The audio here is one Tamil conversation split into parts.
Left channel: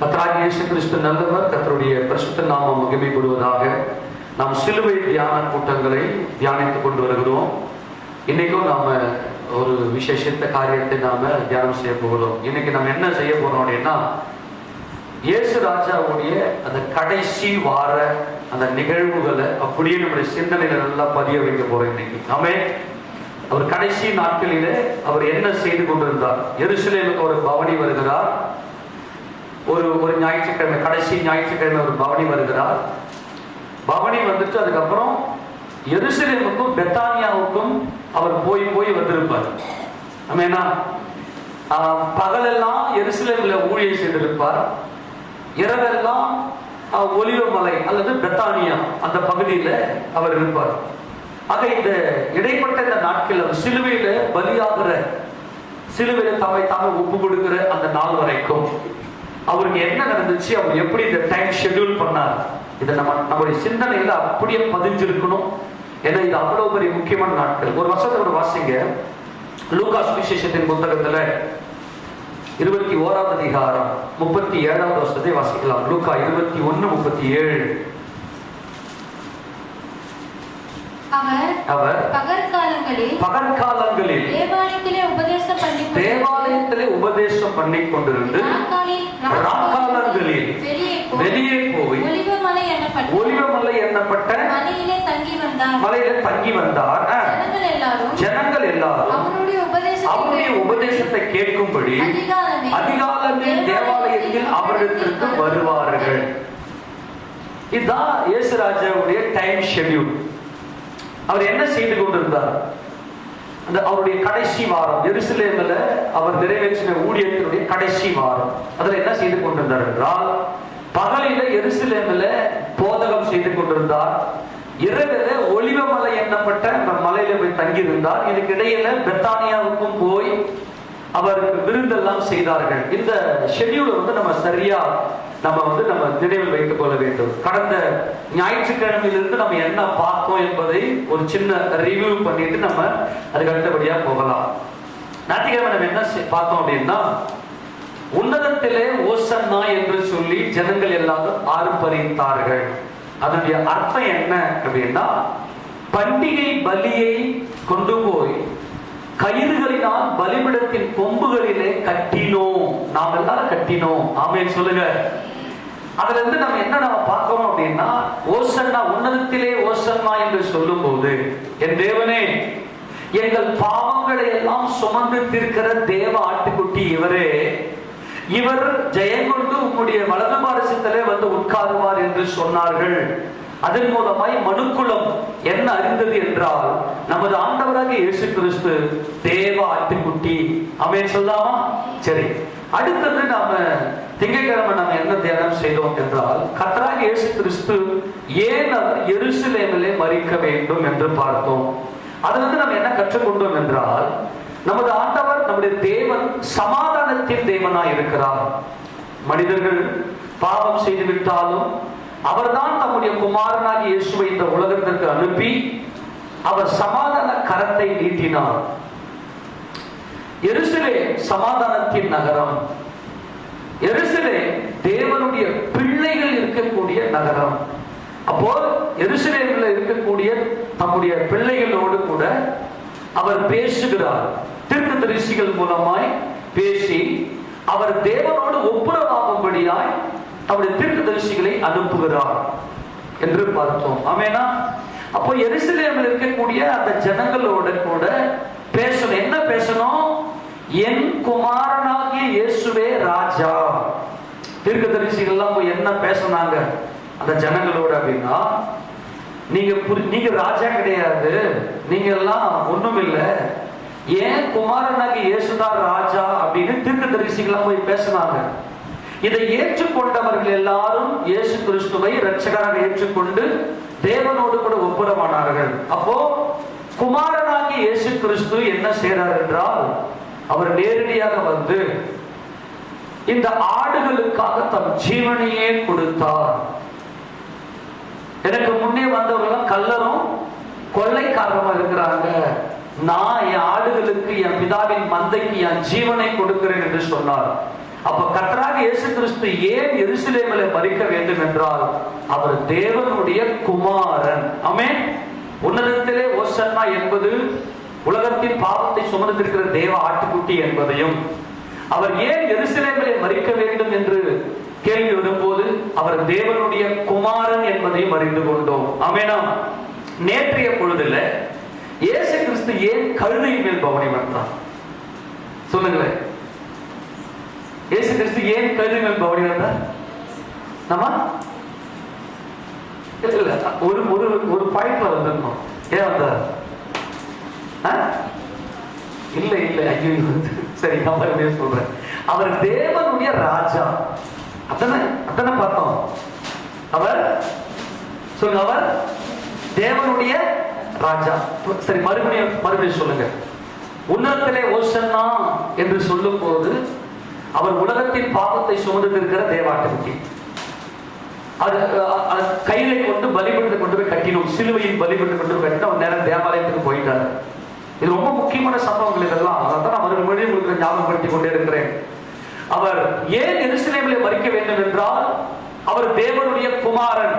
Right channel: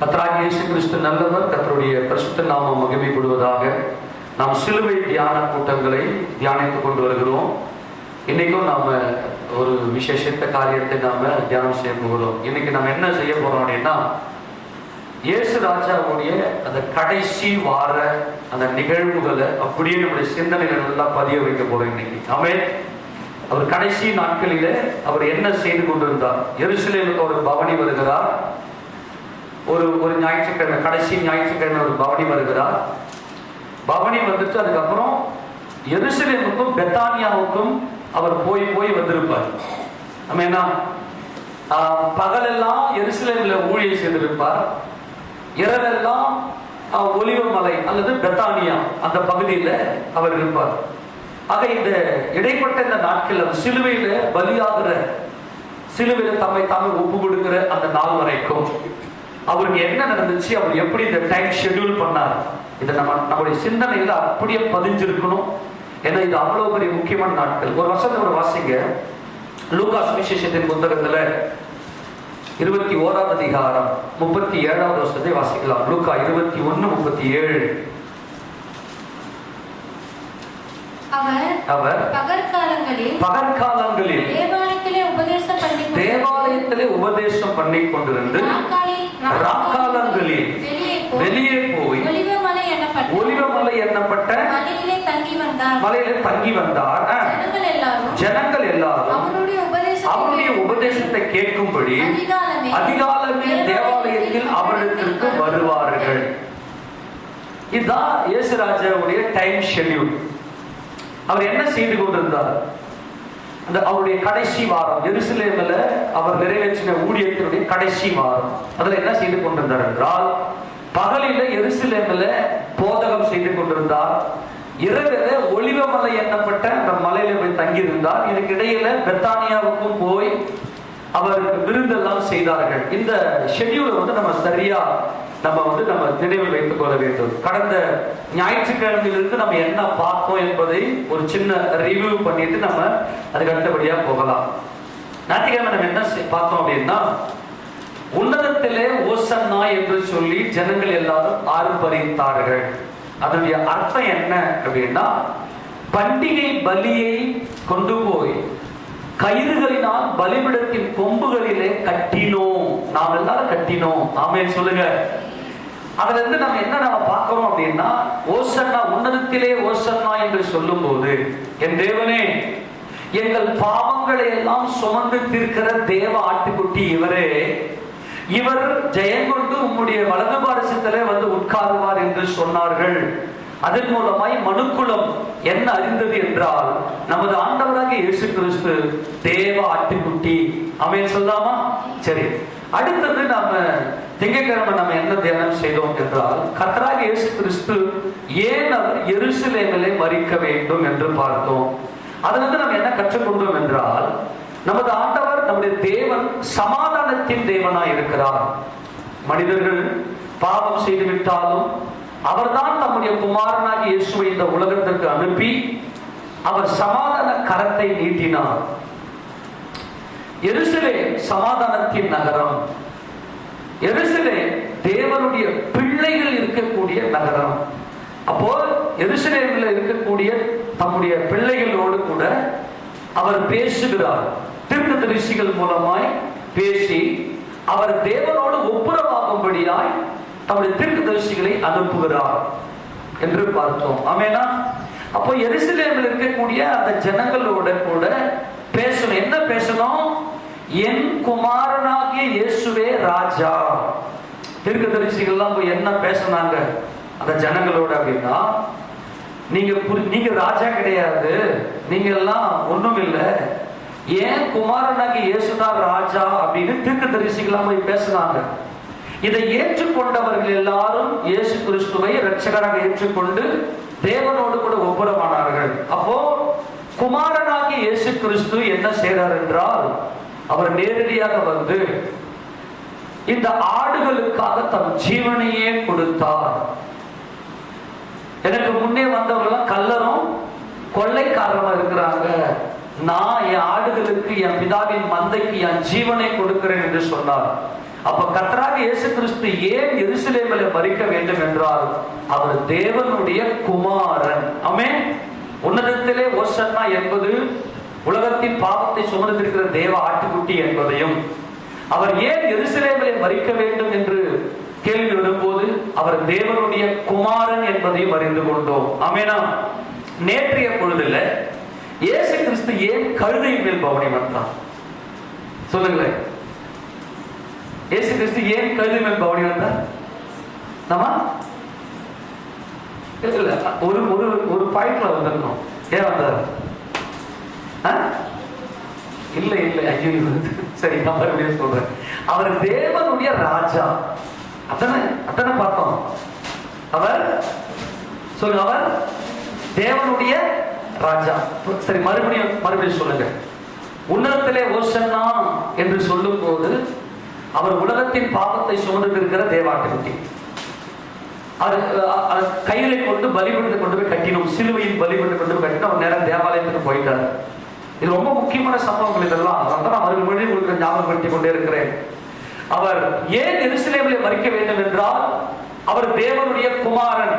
கர்த்தராகிய இயேசு கிறிஸ்து நல்லவர். கர்த்தருடைய பரிசுத்த நாமம் மகிமைப்படுவதாக. நாம் சிலுவை தியான கூட்டங்களை தியானித்துக் கொண்டு வருகிறோம். இன்னைக்கும் நாம ஒரு விசேஷத்த காரியத்தை நாம தியானம் செய்ய போகிறோம். இன்னைக்கு நம்ம என்ன செய்ய போறோம் அப்படின்னா, இயேசு ராஜாவுடைய அந்த கடைசி வார அந்த நிகழ்வுகளை அப்படியே நம்முடைய சிந்தனையில நல்லா பதிய வைக்க போறோம் இன்னைக்கு. ஆமென். அவர் கடைசி நாட்களிலே அவர் என்ன செய்து கொண்டிருந்தார்? எருசலேமுக்கு ஒரு பவனி வருகிறார். ஒரு ஞாயிற்றுக்கிழமை, கடைசி ஞாயிற்றுக்கிழமை ஒரு பவனி வருகிறார். பவனி வந்துட்டு அதுக்கப்புறம் எருசலேமுக்கும் பெத்தானியாவுக்கும் அவர் போய் வந்திருப்பார். ஆமென்னா, பகலெல்லாம் எருசலேமில் ஊழியம் செய்திருப்பார். இரவெல்லாம் ஒலிவ மலை அல்லது பெத்தானியா அந்த பகுதியில அவர் இருப்பார். ஆக இந்த இடைப்பட்ட இந்த நாட்கள் அவர் சிலுவையில பலியாகிற, சிலுவையில தம்மை ஒப்பு கொடுக்கிற அந்த நாள் வரைக்கும் அவருக்கு என்ன நடந்துச்சு, அவர் எப்படி இந்த டைம் ஷெட்யூல் பண்ணார், இதை நம்முடைய சிந்தனையில அப்படியே பதிஞ்சிருக்கணும். ஏன்னா இது அவ்வளவு பெரிய முக்கியமான நாட்கள். ஒரு வருஷத்தோட வாசிங்க, லூக்கா சுவிசேஷத்தின் புத்தகத்துல 21வது அதிகாரம் 37வது வருஷத்தை வாசிக்கலாம். லூக்கா 21:37. அவர் பகற்காலங்களில் தேவாலயத்திலே உபதேசம் பண்ணி கொண்டிருந்து ராக்காலங்களில் வெளியே போய் ஒலிவமலை எண்ணப்பட்ட மலையில தங்கி வந்தார். ஜனங்கள் எல்லாரும் அவருடைய உபதேசத்தை கேட்கும்படி அதிகாலமே தேவாலயத்தில் அவர்களுக்கு வருவார்கள். இதுதான் இயேசு ராஜாவுடைய டைம் ஷெட்யூல். அவர் என்ன செய்து கொண்டிருந்தார்? அவருடைய கடைசி வாரம் எருசலேமில் அவர் நிறைவேற்றின ஊழியத்தினுடைய கடைசி வாரம் அதில் என்ன செய்து கொண்டிருந்தார் என்றால், பகலில எருசலேமில் போதகம் செய்து கொண்டிருந்தார். இரவில ஒலிவமலை எண்ணப்பட்ட அந்த மலையில போய் தங்கியிருந்தார். இதுக்கு இடையில பெத்தானியாவுக்கும் போய் அவருக்கு விருந்தெல்லாம் செய்தார்கள். இந்த ஷெட்யூல் நம்ம சரியா நம்ம நினைவில் வைத்துக் கொள்ள வேண்டும். கடந்த ஞாயிற்றுக்கிழமையிலிருந்து நம்ம என்ன பார்த்தோம் என்பதை ஒரு சின்ன ரிவ்யூ பண்ணிட்டு நம்ம அதுக்கு அடுத்தபடியா போகலாம். ஞாயிற்றுக்கிழமை நம்ம என்ன பார்த்தோம் அப்படின்னா, உன்னதத்திலே ஓசன்னா என்று சொல்லி ஜனங்கள் எல்லாரும் ஆர்ப்பரித்தார்கள். அதனுடைய அர்த்தம் என்ன அப்படின்னா, பண்டிகை பலியை கொண்டு போய் கயிறுகளினால் பலிபீடத்தின் கொம்புகளிலே கட்டினோம். நாம் எல்லாரும் கட்டினோம். ஆமென் சொல்லுங்க. அதுல இருந்து நம்ம பார்க்கிறோம் அப்படின்னா, ஓசன்னா, உன்னதத்திலே ஓசன்னா என்று சொல்லும் போது, என் தேவனே, எங்கள் பாவங்களை எல்லாம் சுமந்து தீர்க்கிற தேவ ஆட்டுக்குட்டி இவரே, இவர் ஜெயம் கொண்டு உம்முடைய வலது பாரசத்திலே வந்து உட்காருவார் என்று சொன்னார்கள். அதன் மூலமாய் மனுக்குலம் என்ன அறிந்தது என்றால், நமது ஆண்டவராக இயேசு கிறிஸ்து தேவ ஆட்டுக்குட்டி. ஆமென் சொல்லாமா? சரி, அடுத்தது நாம திங்கட்கிழமை நம்ம என்ன தியானம் செய்தோம் என்றால், கர்த்தராகிய இயேசு கிறிஸ்து ஏன் அவர் எருசலேமிலே மரிக்க வேண்டும் என்று பார்த்தோம். அதிலிருந்து நம்ம என்ன கற்றுக்கொண்டோம் என்றால், நமது ஆண்டவர், நம்முடைய தேவன் சமாதானத்தின் தேவனாய் இருக்கிறார். மனிதர்கள் பாவம் செய்துவிட்டாலும் அவர்தான் தம்முடைய குமாரனாகிய இயேசுவை இந்த உலகத்திற்கு அனுப்பி அவர் சமாதான கரத்தை நீட்டினார். எருசலேம் சமாதானத்தின் நகரம். எருசலேம் தேவனுடைய பிள்ளைகள் இருக்கக்கூடிய நகரம். அப்போ எருசலேமில் இருக்கக்கூடிய தம்முடைய பிள்ளைகளோடு கூட அவர் பேசுகிறார். தீர்க்கதரிசிகள் மூலமாய் பேசி அவர் தேவனோடு ஒப்புரவாகும்படியாய் தம்முடைய தீர்க்கதரிசிகளை அனுப்புகிறார் என்று பார்த்தோம். ஆமெனா? அப்போ எருசலேமில் இருக்கக்கூடிய அந்த ஜனங்களோட கூட பேசணும். என்ன பேசணும்? என் குமாரனாகிய இயேசுவே ராஜா. தீர்க்கதரிசிகள் எல்லாம் போய் என்ன பேசினாங்க அந்த ஜனங்களோட அப்படின்னா, நீங்க ராஜா கிடையாது, நீங்க எல்லாம் ஒண்ணும் இல்லை, ஏன் குமாரனாகிய இயேசுதான் ராஜா அப்படின்னு தீர்க்கதரிசிகள் போய் பேசினாங்க. இதை ஏற்றுக்கொண்டவர்கள் எல்லாரும் இயேசு கிறிஸ்துவை இரட்சகராக ஏற்றுக்கொண்டு தேவனோடு கூட ஒப்புரவானார்கள். அப்போ குமாரனாகிய இயேசு கிறிஸ்து என்ன செய்றார் என்றால், அவர் நேரடியாக வந்து இந்த ஆடுகளுக்காக தம் ஜீவனையே கொடுத்தார். எனக்கு முன்னே வந்தவர்கள் கள்ளரும் கொள்ளைக்காரமா இருக்கிறாங்க, நான் என் ஆடுகளுக்கு, என் பிதாவின் மந்தைக்கு என் ஜீவனை கொடுக்கிறேன் என்று சொன்னார். அப்ப கர்த்தராகிய இயேசு கிறிஸ்து ஏன் எருசலேமிலே மரிக்க வேண்டும் என்றால் அவர் தேவனுடைய குமாரன். ஆமென். உன்னதத்திலே ஓசன்னா என்பது உலகத்தின் பாவத்தை சுமந்திருக்கிற தேவ ஆட்டுக்குட்டி என்பதையும், அவர் ஏன் எருசலேமிலே மரிக்க வேண்டும் என்று கேள்வி வரும்போது அவர் தேவனுடைய குமாரன் என்பதையும் அறிந்து கொண்டோம். ஆமெனா. நேற்றைய பொழுதுல இயேசு கிறிஸ்து ஏன் கழுதையின் மேல் பவனி வந்தார்? சொல்லுங்களேன். இயேசு கிறிஸ்து ஏன் கழுதை மேல் பவனி வந்தார்? இல்ல, ஒரு பாயிண்ட்ல வந்துடணும். ஏன் வந்தார்? இல்ல ஐயோ, சரி சொல்றேன். அவர் தேவனுடைய ராஜா. அத்தனை பார்த்தோம். அவர் சொல்லுங்க, அவர் தேவனுடைய ராஜா. சரி, மறுபடியும் சொல்லுங்க. உன்னதத்திலே ஓசன்னா என்று சொல்லும் போது அவர் உலகத்தின் பாவத்தை சுமந்து இருக்கிற தேவாட்டுக்குட்டி. கையில கொண்டு பலிபீடத்தை கொண்டு போய் கட்டினோம். சிலுவையில் பலிபீடத்தை கொண்டு போய் கட்டினோம். அவர் நேரம் தேவாலயத்துக்கு போயிட்டார். இது ரொம்ப முக்கியமான சம்பவங்கள் இதெல்லாம். அதான் நான் மறுபடியும் உங்களுக்கு ஞாபகப்படுத்திக் கொண்டே இருக்கிறேன். அவர் ஏன் எருசலேமிலே மரிக்க வேண்டும் என்றால் அவர் தேவனுடைய குமாரன்.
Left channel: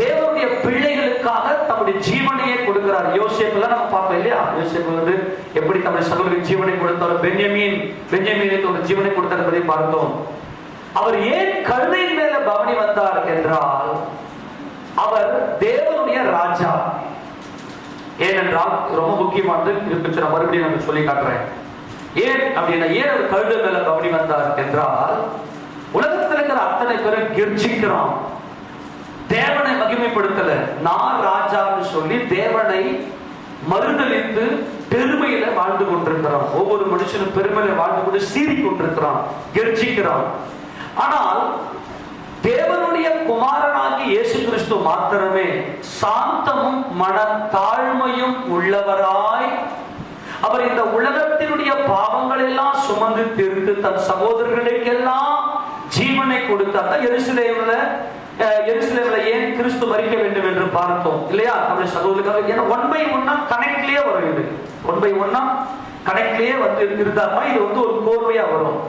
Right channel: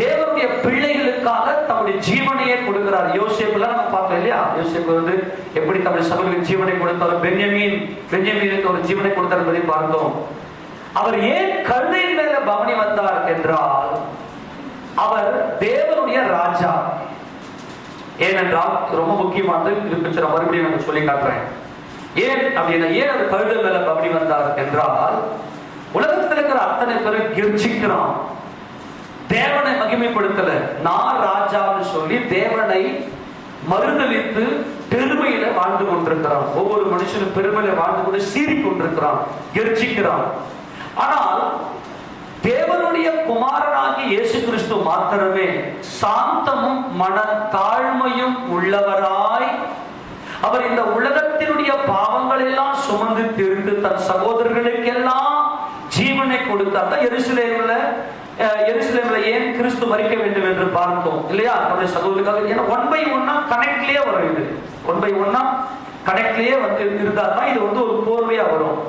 தேவனுடைய பிள்ளைகளுக்காக தம்முடைய ஜீவனையே கொடுக்கிறார். யோசேப்புல நம்ம பார்க்கல இல்லையா? யோசேப்பு எப்படி தம்முடைய சகோதரருக்கு ஜீவனை கொடுத்தார், பென்யமீனுக்கு ஒரு ஜீவனை கொடுத்தார் என்பதை பார்த்தோம். அவர் ஏன் கழுதையின் மேல பவனி வந்தார் என்றால் அவர் தேவனுடைய ராஜா. ஏனென்றால் ரொம்ப முக்கியமானது இருக்கு, மறுபடியும் நான் சொல்லி காட்டுறேன். ஏன் அப்படின்னா, ஏன் அவர் கழுதை மேல பவனி வந்தார் என்றால் உலகத்தில் இருக்கிற அத்தனை பேரும் கெர்ச்சிக்கிறான், தேவனை மகிமைப்படுத்தல. நான் ராஜான்னு சொல்லி தேவனை மறுதலித்து பெருமையில வாழ்ந்து கொண்டிருக்கிறான். ஒவ்வொரு மனுஷனும் பெருமையில வாழ்ந்து கொண்டு சீறி கொண்டிருக்கிறான், கெர்ச்சிக்கிறான். ஆனால் தேவனுடைய குமாரனாகி இயேசு கிறிஸ்து மாத்திரமே சாந்தமும் மனத்தாழ்மையும் உள்ளவராய் அவர் இந்த உலகத்தினுடைய பாவங்கள் எல்லாம் சுமந்து தீர்த்து தன் சகோதரர்களுக்கெல்லாம் ஜீவனை கொடுத்தார். எருசலேமில் ஏன் கிறிஸ்து மரிக்க வேண்டும் என்று பார்த்தோம் இல்லையா? சகோதரர்களுக்காக ஒன் பை ஒன்னா கனெக்ட்லயே வருது. ஒன் பை ஒன்னா கனெக்ட்லயே இருந்தாதான் இது ஒரு கோர்வையா வரும்.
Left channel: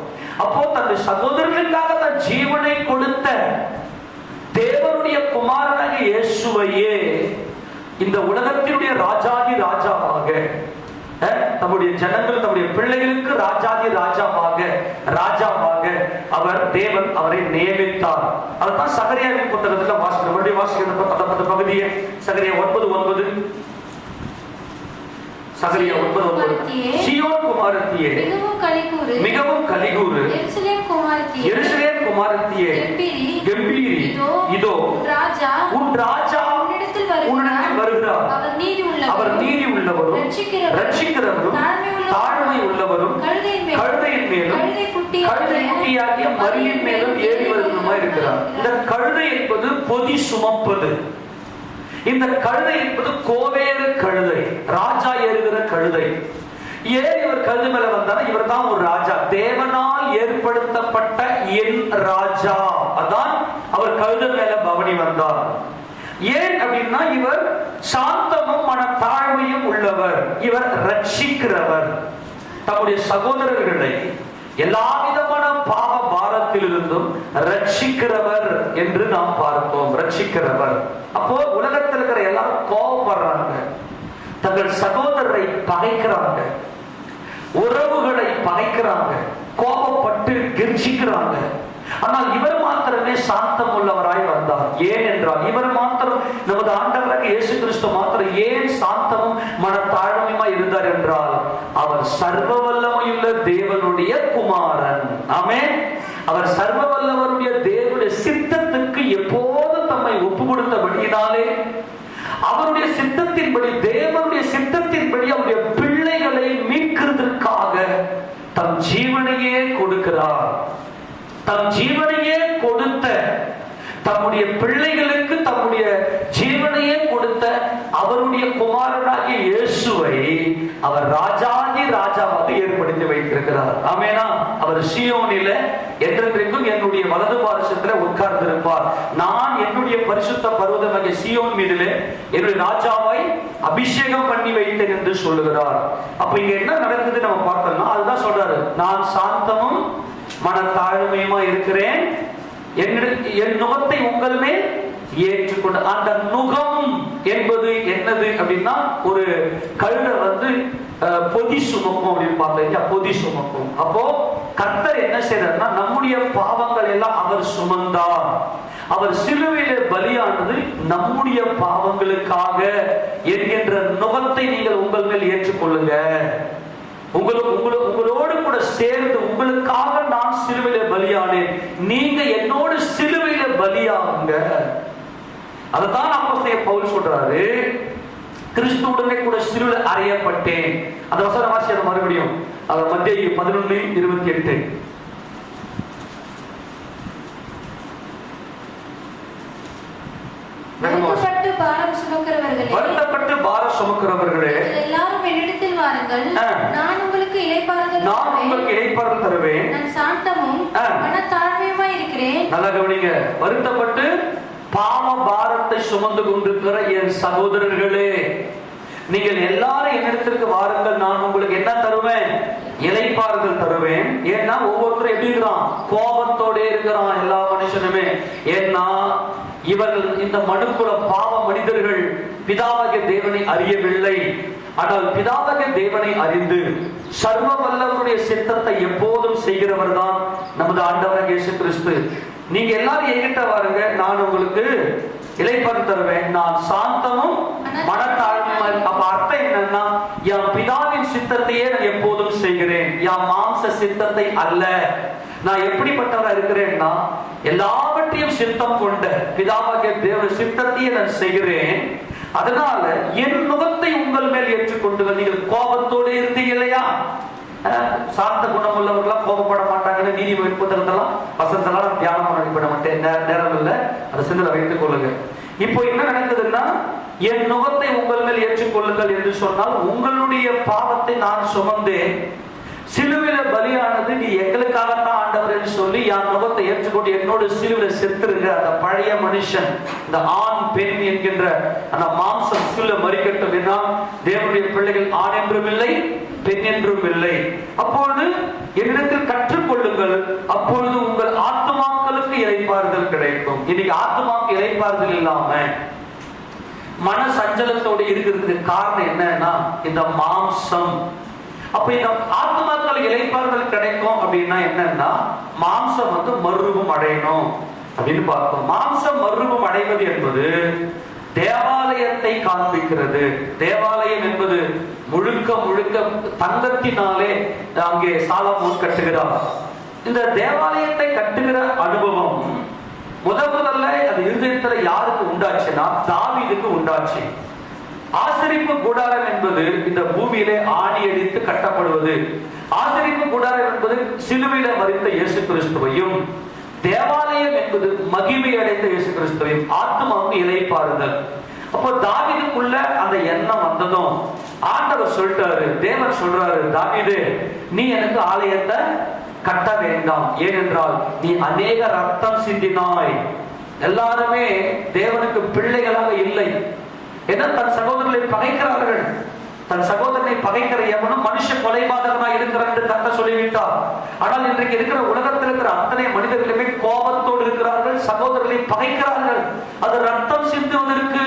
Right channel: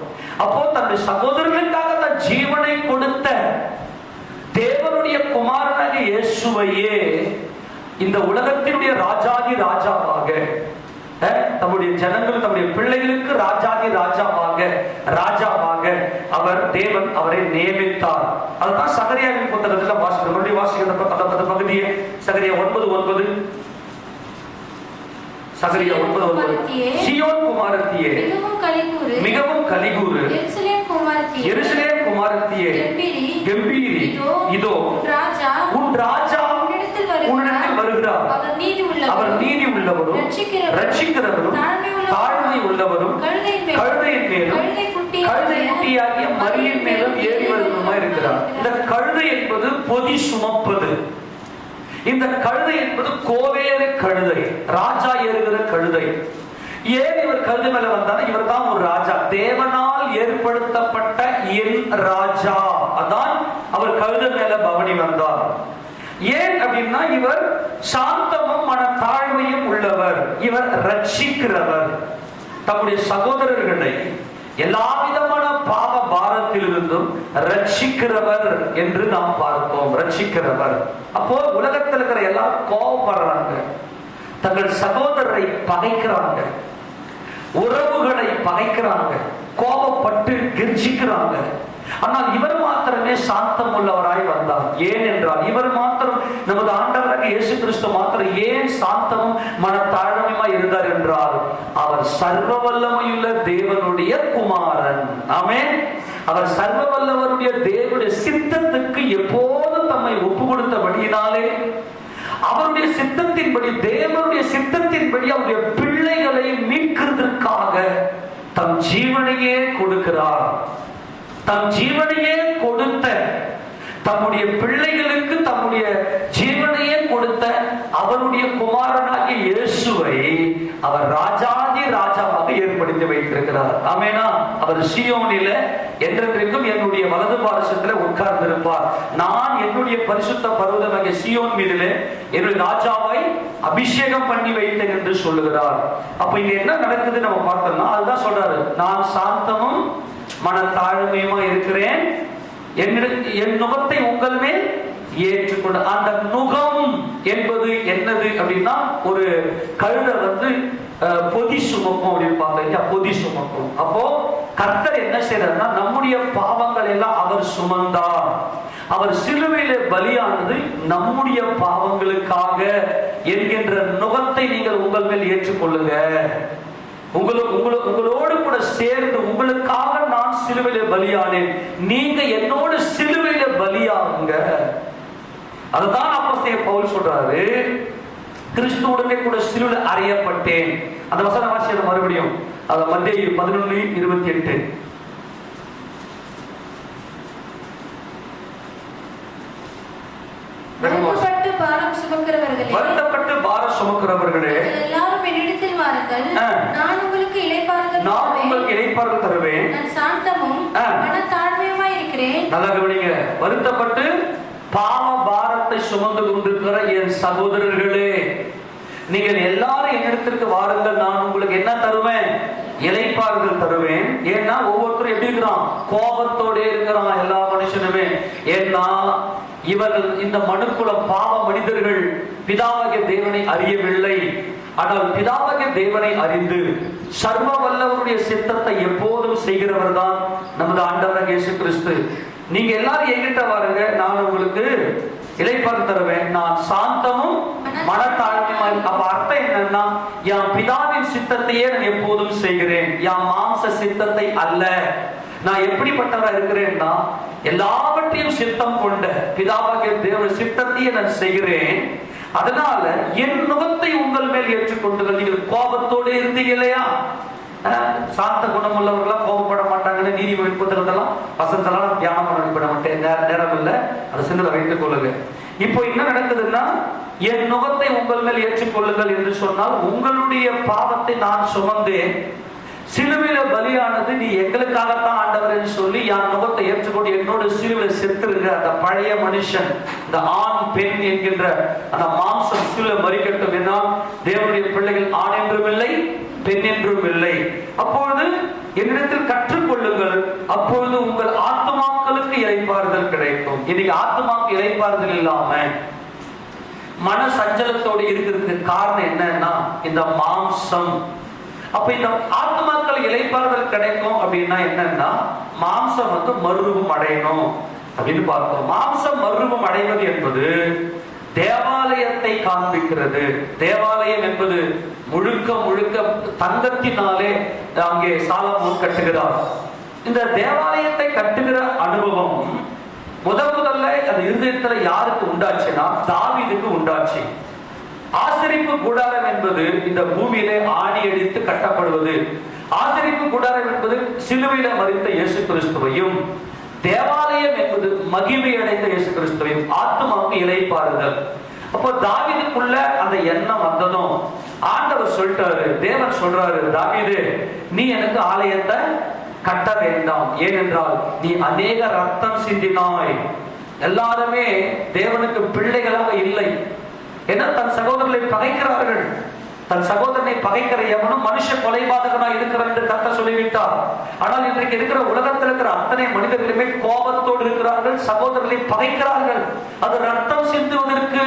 அப்போ தன்னுடைய சகோதரர்களுக்காக தன் ஜீவனை கொடுத்த தேவனுடைய குமாரனாக இயேசுவையே இந்த உலகத்தினுடைய ராஜாதி ராஜாவாக, தம்முடைய ஜனங்கள் தம்முடைய பிள்ளைகளுக்கு ராஜாதி ராஜாவாக அவர் தேவன் அவரை நியமித்தார். அதுதான் சகரியாவின் புத்தகத்தில் வாசிக்கிற பகுதியை சகரியா 9:9. சகரியா 9:9. சீயோன் குமாரத்தியே மிகவும் கலிகூறு, எருசலேம் குமாரத்தியே கெம்பீரி, இதோ உன் ராஜா உன்னிடத்தில் வருகிறார். அவர் நீதி உள்ளவரும் ரட்சிக்கிறவரும் தாழ்மை உள்ளவரும் கழுதையின் மேலும் கழுதை குட்டியாகிய மரியின் மேலும் ஏறி வருவதுமாய் இருக்கிறார். இந்த கழுதை என்பது பொதி சுமப்பது. இந்த கழுதை என்பது கோவேறு கழுதை, ராஜா ஏறுகிற கழுதை. ஏன் இவர் கழுதை மேல வந்தார்? இவர் தான் ஒரு ராஜா, தேவனால் ஏற்படுத்தப்பட்ட என் ராஜா. அதான் அவர் கழுதை மேல பவனி வந்தார். ஏன் அப்படின்னா இவர் சாந்தமும் மன தாழ்மையும் உள்ளவர், இவர் ரட்சிக்கிறவர். தம்முடைய சகோதரர்களை எல்லா விதமான பாவ பாரத்திலிருந்தும் ரட்சிக்கிறவர் என்று நாம் பார்த்தோம். ரட்சிக்கிறவர். அப்போ உலகத்தில் இருக்கிற எல்லாரும் கோபப்படுறாங்க, தங்கள் சகோதரரை பகைக்கிறாங்க, உறவுகளை பகைக்கிறாங்க, கோபப்பட்டு கெர்ச்சிக்கிறாங்க. ஆனால் இவர் மாத்திரமே சாந்தம் உள்ளவராய் வந்தார். ஏன் என்றால் இவர் மாத்திரம், நமது ஆண்டவராக இயேசு கிறிஸ்து மாத்திரம் ஏன் சாந்தமும் மனத்தாழ்மையுமாய் இருந்தார் என்றால் அவர் சர்வ வல்லமையுள்ள தேவனுடைய குமாரன். ஆமென். அவர் சர்வ வல்லவருடைய தேவனுடைய சித்தத்துக்கு எப்போதும் தம்மை ஒப்பு கொடுத்தபடியினாலே அவருடைய சித்தத்தின்படி, தேவனுடைய சித்தத்தின்படி அவருடைய பிள்ளைகளை மீட்கிறதுக்காக தம் ஜீவனையே கொடுக்கிறார். தம் ஜீவனையே கொடுத்த, தம்முடைய பிள்ளைகளுக்கு தம்முடைய ஜீவனையே கொடுத்த அவருடைய குமாரனாகிய இயேசுவை அவர் ராஜாதி ராஜாவாக ஏற்படுத்தி வைத்திருக்கிறார். ஆமெனா. அவர் சீயோனில என்றென்றைக்கும் என்னுடைய வலது பாரசத்தில் உட்கார்ந்திருப்பார். நான் என்னுடைய பரிசுத்த பர்வதமாகிய சீயோன் மீதிலே என்னுடைய ராஜாவை அபிஷேகம் பண்ணி வைத்தேன் என்று சொல்லுகிறார். அப்ப இங்க என்ன நடக்குது நம்ம பார்த்தோம்னா, அதுதான் சொல்றாரு, நான் சாந்தமும் மனத்தாழ்மையுமா இருக்கிறேன், என் நுகத்தை உங்கள் மேல் ஏற்றுக்கொண்டு. அந்த நுகம் என்பது என்னது அப்படின்னா, ஒரு கழுதை பொதி சுமக்கும் அப்படின்னு பார்த்தா பொதி சுமக்கும். அப்போ கர்த்தர் என்ன செய்யறாருன்னா, நம்முடைய பாவங்கள் எல்லாம் அவர் சுமந்தார். அவர் சிலுவையிலே பலியானது நம்முடைய பாவங்களுக்காக என்கின்ற நுகத்தை நீங்கள் உங்கள் மேல் ஏற்றுக்கொள்ளுங்க. உங்களோடு கூட சேர்ந்து உங்களுக்காக நான் சிலுவையிலே பலியானேன், நீங்க என்னோடு சிலுவையிலே பலியாகுங்க. அதுதான் அப்போஸ்தலன் பவுல் சொல்றாரு, கிறிஸ்துவுடனே கூட சிலுவையில் அறையப்பட்டேன். அந்த வசனம் வாசிக்க மறுபடியும், அது மத்தேயு 11:28. வருத்தப்பட்டு பாரம் சுமக்கிறவர்களே, எல்லாரும் என்னிடத்தில் வாருங்கள், நான் உங்களுக்கு இளைப்பாறுதல் தருவேன். நான் சாந்தமும் மனத்தாழ்மையுமாய் இருக்கிறேன். நல்லா கவனிங்க. வருத்தப்பட்டு பாவ பாரத்தை சுமந்து கொண்டிருக்கிற என் சகோதரர்களே, நீங்கள் எல்லாரும் என்னிடத்திற்கு வாருங்கள், நான் உங்களுக்கு என்ன தருவேன்? இளைப்பாறுதல் தருவேன். ஏன்னா ஒவ்வொருத்தரும் எப்படி இருக்கிறான்? கோபத்தோட இருக்கிறான் எல்லா மனுஷனுமே. ஏன்னா இவர்கள் இந்த மனுக்குல பாவ மனிதர்கள் பிதாவாகிய தேவனை அறியவில்லை. ஆனால் பிதாவாகிய தேவனை அறிந்து சர்வ வல்லவருடைய சித்தத்தை எப்போதும் செய்கிறவர் தான் நமது ஆண்டவராகிய இயேசு கிறிஸ்து. நீங்க எல்லாரும் என்கிட்ட வாருங்க, நான் உங்களுக்கு இளைப்பாறுதல் தருவேன். நான் சாந்தமும் மனத்தாழ்மையும். அப்ப அர்த்தம் என்னன்னா, என் பிதாவின் சித்தத்தையே எப்போதும் செய்கிறேன், என் மாம்ச சித்தத்தை அல்ல. நான் எப்படிப்பட்டவரா இருக்கிறேன்னா, எல்லாவற்றையும் சித்தம் கொண்ட பிதாவாகிய தேவனுடைய சித்தத்தையே நான் செய்கிறேன். அதனால என் நுகத்தை உங்கள் மேல் ஏற்றுக்கொண்டு, நீங்கள் கோபத்தோடு இருந்தீங்க இல்லையா? சாந்த குணம் உள்ளவர்களா கோபப்பட மாட்டாங்கன்னு நீதி புத்தகத்தெல்லாம் வசனத்தெல்லாம் தியானம் பண்ண மாட்டேன், நேரம் இல்லை, அதை சில வைத்துக் கொள்ளுங்க. இப்போ என்ன நடக்குதுன்னா, என் நுகத்தை உங்கள் மேல் ஏற்றுக்கொள்ளுங்கள் என்று சொன்னால், உங்களுடைய பாவத்தை நான் சுமந்தேன், சிலுவையில பலியானது நீ எங்களுக்காகத்தான் ஆண்டவரை சொல்லி என் நுகத்தை ஏற்றுக்கொண்டு என்னோட சிலுவையில செத்துருங்க. அந்த பழைய மனுஷன், இந்த ஆண் பெண் என்கின்ற அந்த மாம்சம் சிலுவை மறிக்கட்டும். என்ன, தேவனுடைய பிள்ளைகள் ஆண் என்றும் இல்லை, பெண் என்றும் இல்லை. அப்பொழுது என்னிடத்தில் கற்றுக்கொள்ளுங்கள், அப்பொழுது உங்கள் ஆத்துமாக்களுக்கு இளைப்பாறுதல் கிடைக்கும். இன்னைக்கு ஆத்துமாக்கு இளைப்பாறுதல் இல்லாம மன சஞ்சலத்தோடு இருக்கிறதுக்கு காரணம் என்னன்னா, இந்த மாம்சம். அப்ப இந்த ஆத்துமாக்கள் இளைப்பாறுதல் கிடைக்கும் அப்படின்னா என்னன்னா, மாம்சம் மறுரூபம் அடையணும் அப்படின்னு பார்க்கணும். மாம்சம் மறுரூபம் அடைவது என்பது தேவாலயத்தை காண்பிக்கிறது. தேவாலயம் என்பது முழுக்க முழுக்க தங்கத்தினாலே அங்கே சாலமோன் கட்டுகிறார். இந்த தேவாலயத்தை கட்டுகிற அனுபவம் முதல்ல அது இருதயத்துல யாருக்கு உண்டாச்சுன்னா, தாவீதுக்கு உண்டாச்சு. ஆசரிப்பு கூடாரம் என்பது இந்த பூமியிலே ஆணி அடித்து கட்டப்படுவது. ஆசரிப்பு கூடாரம் என்பது சிலுவையில மரித்த இயேசு கிறிஸ்துவையும், தேவாலயம் என்பது மகிமை அடைந்த இயேசு கிறிஸ்துவையும், ஆத்துமாவுக்கு இளைப்பாறுதல். அப்போ தாவீதுக்குள்ள அந்த எண்ணம் வந்ததும் ஆண்டவர் சொல்லிட்டாரு, தேவன் சொல்றாரு, தாவீது நீ எனக்கு ஆலயத்தை கட்ட வேண்டாம், ஏனென்றால் நீ அநேக ரத்தம் சிந்தினாய். எல்லாருமே தேவனுக்கு பிள்ளைகளாக இல்லை. ஏன்னா தன் சகோதரர்களை பகைக்கிறார்கள். தன் சகோதரனை பகைக்கிற எவனும் மனுஷ கொலைபாதகனாக இருக்கிறார் என்று கர்த்தர் சொல்லிவிட்டார். ஆனால் இன்றைக்கு இருக்கிற உலகத்தில் இருக்கிற அத்தனை மனிதர்களுமே கோபத்தோடு இருக்கிறார்கள், சகோதரர்களை பகைக்கிறார்கள். அது ரத்தம் சிந்துவதற்கு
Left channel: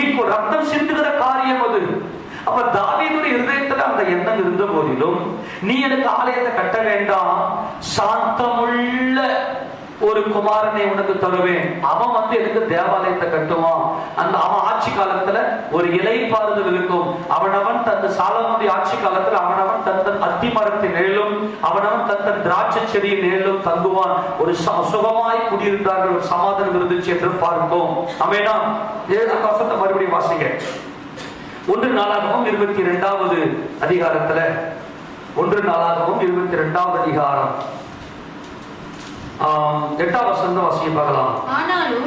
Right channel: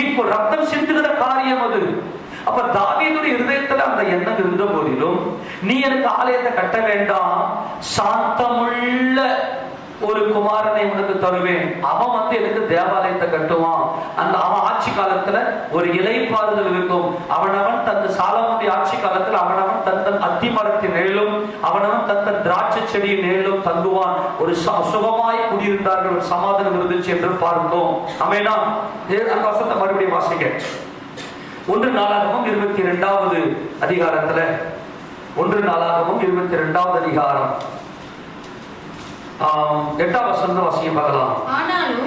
ஈக்குவல், ரத்தம் சிந்துகிற காரியம் அது. அப்ப தாவீதுடைய இருதயத்துல அந்த எண்ணம் இருந்த போதிலும், நீ எனக்கு ஆலயத்தை கட்ட வேண்டாம், சாந்தமுள்ள ஒரு குமாரனை உனக்கு தருவேன், அவன் எனக்கு தேவாலயத்தை கட்டுவான். அந்த அவன் ஆட்சி காலத்துல ஒரு இளைப்பாறுதல் இருக்கும். அவனவன் தன் சாலமோனுடைய ஆட்சி காலத்துல அவனவன் தன் அத்திமரத்தின் நிழலும் அவனவன் தன் திராட்சை செடியின் நிழலும் தங்குவான். ஒரு சுகமாய் குடியிருந்தார்கள், ஒரு சமாதானம் இருந்துச்சு என்று பார்ப்போம். ஆமெனா? வசனத்தை மறுபடியும் வாசிங்க. 1 நாளாகமம் 22வது அதிகாரத்துல, 1 நாளாகமம் 22வது அதிகாரம் 8வது வசனம் வாசிக்க பார்க்கலாம்.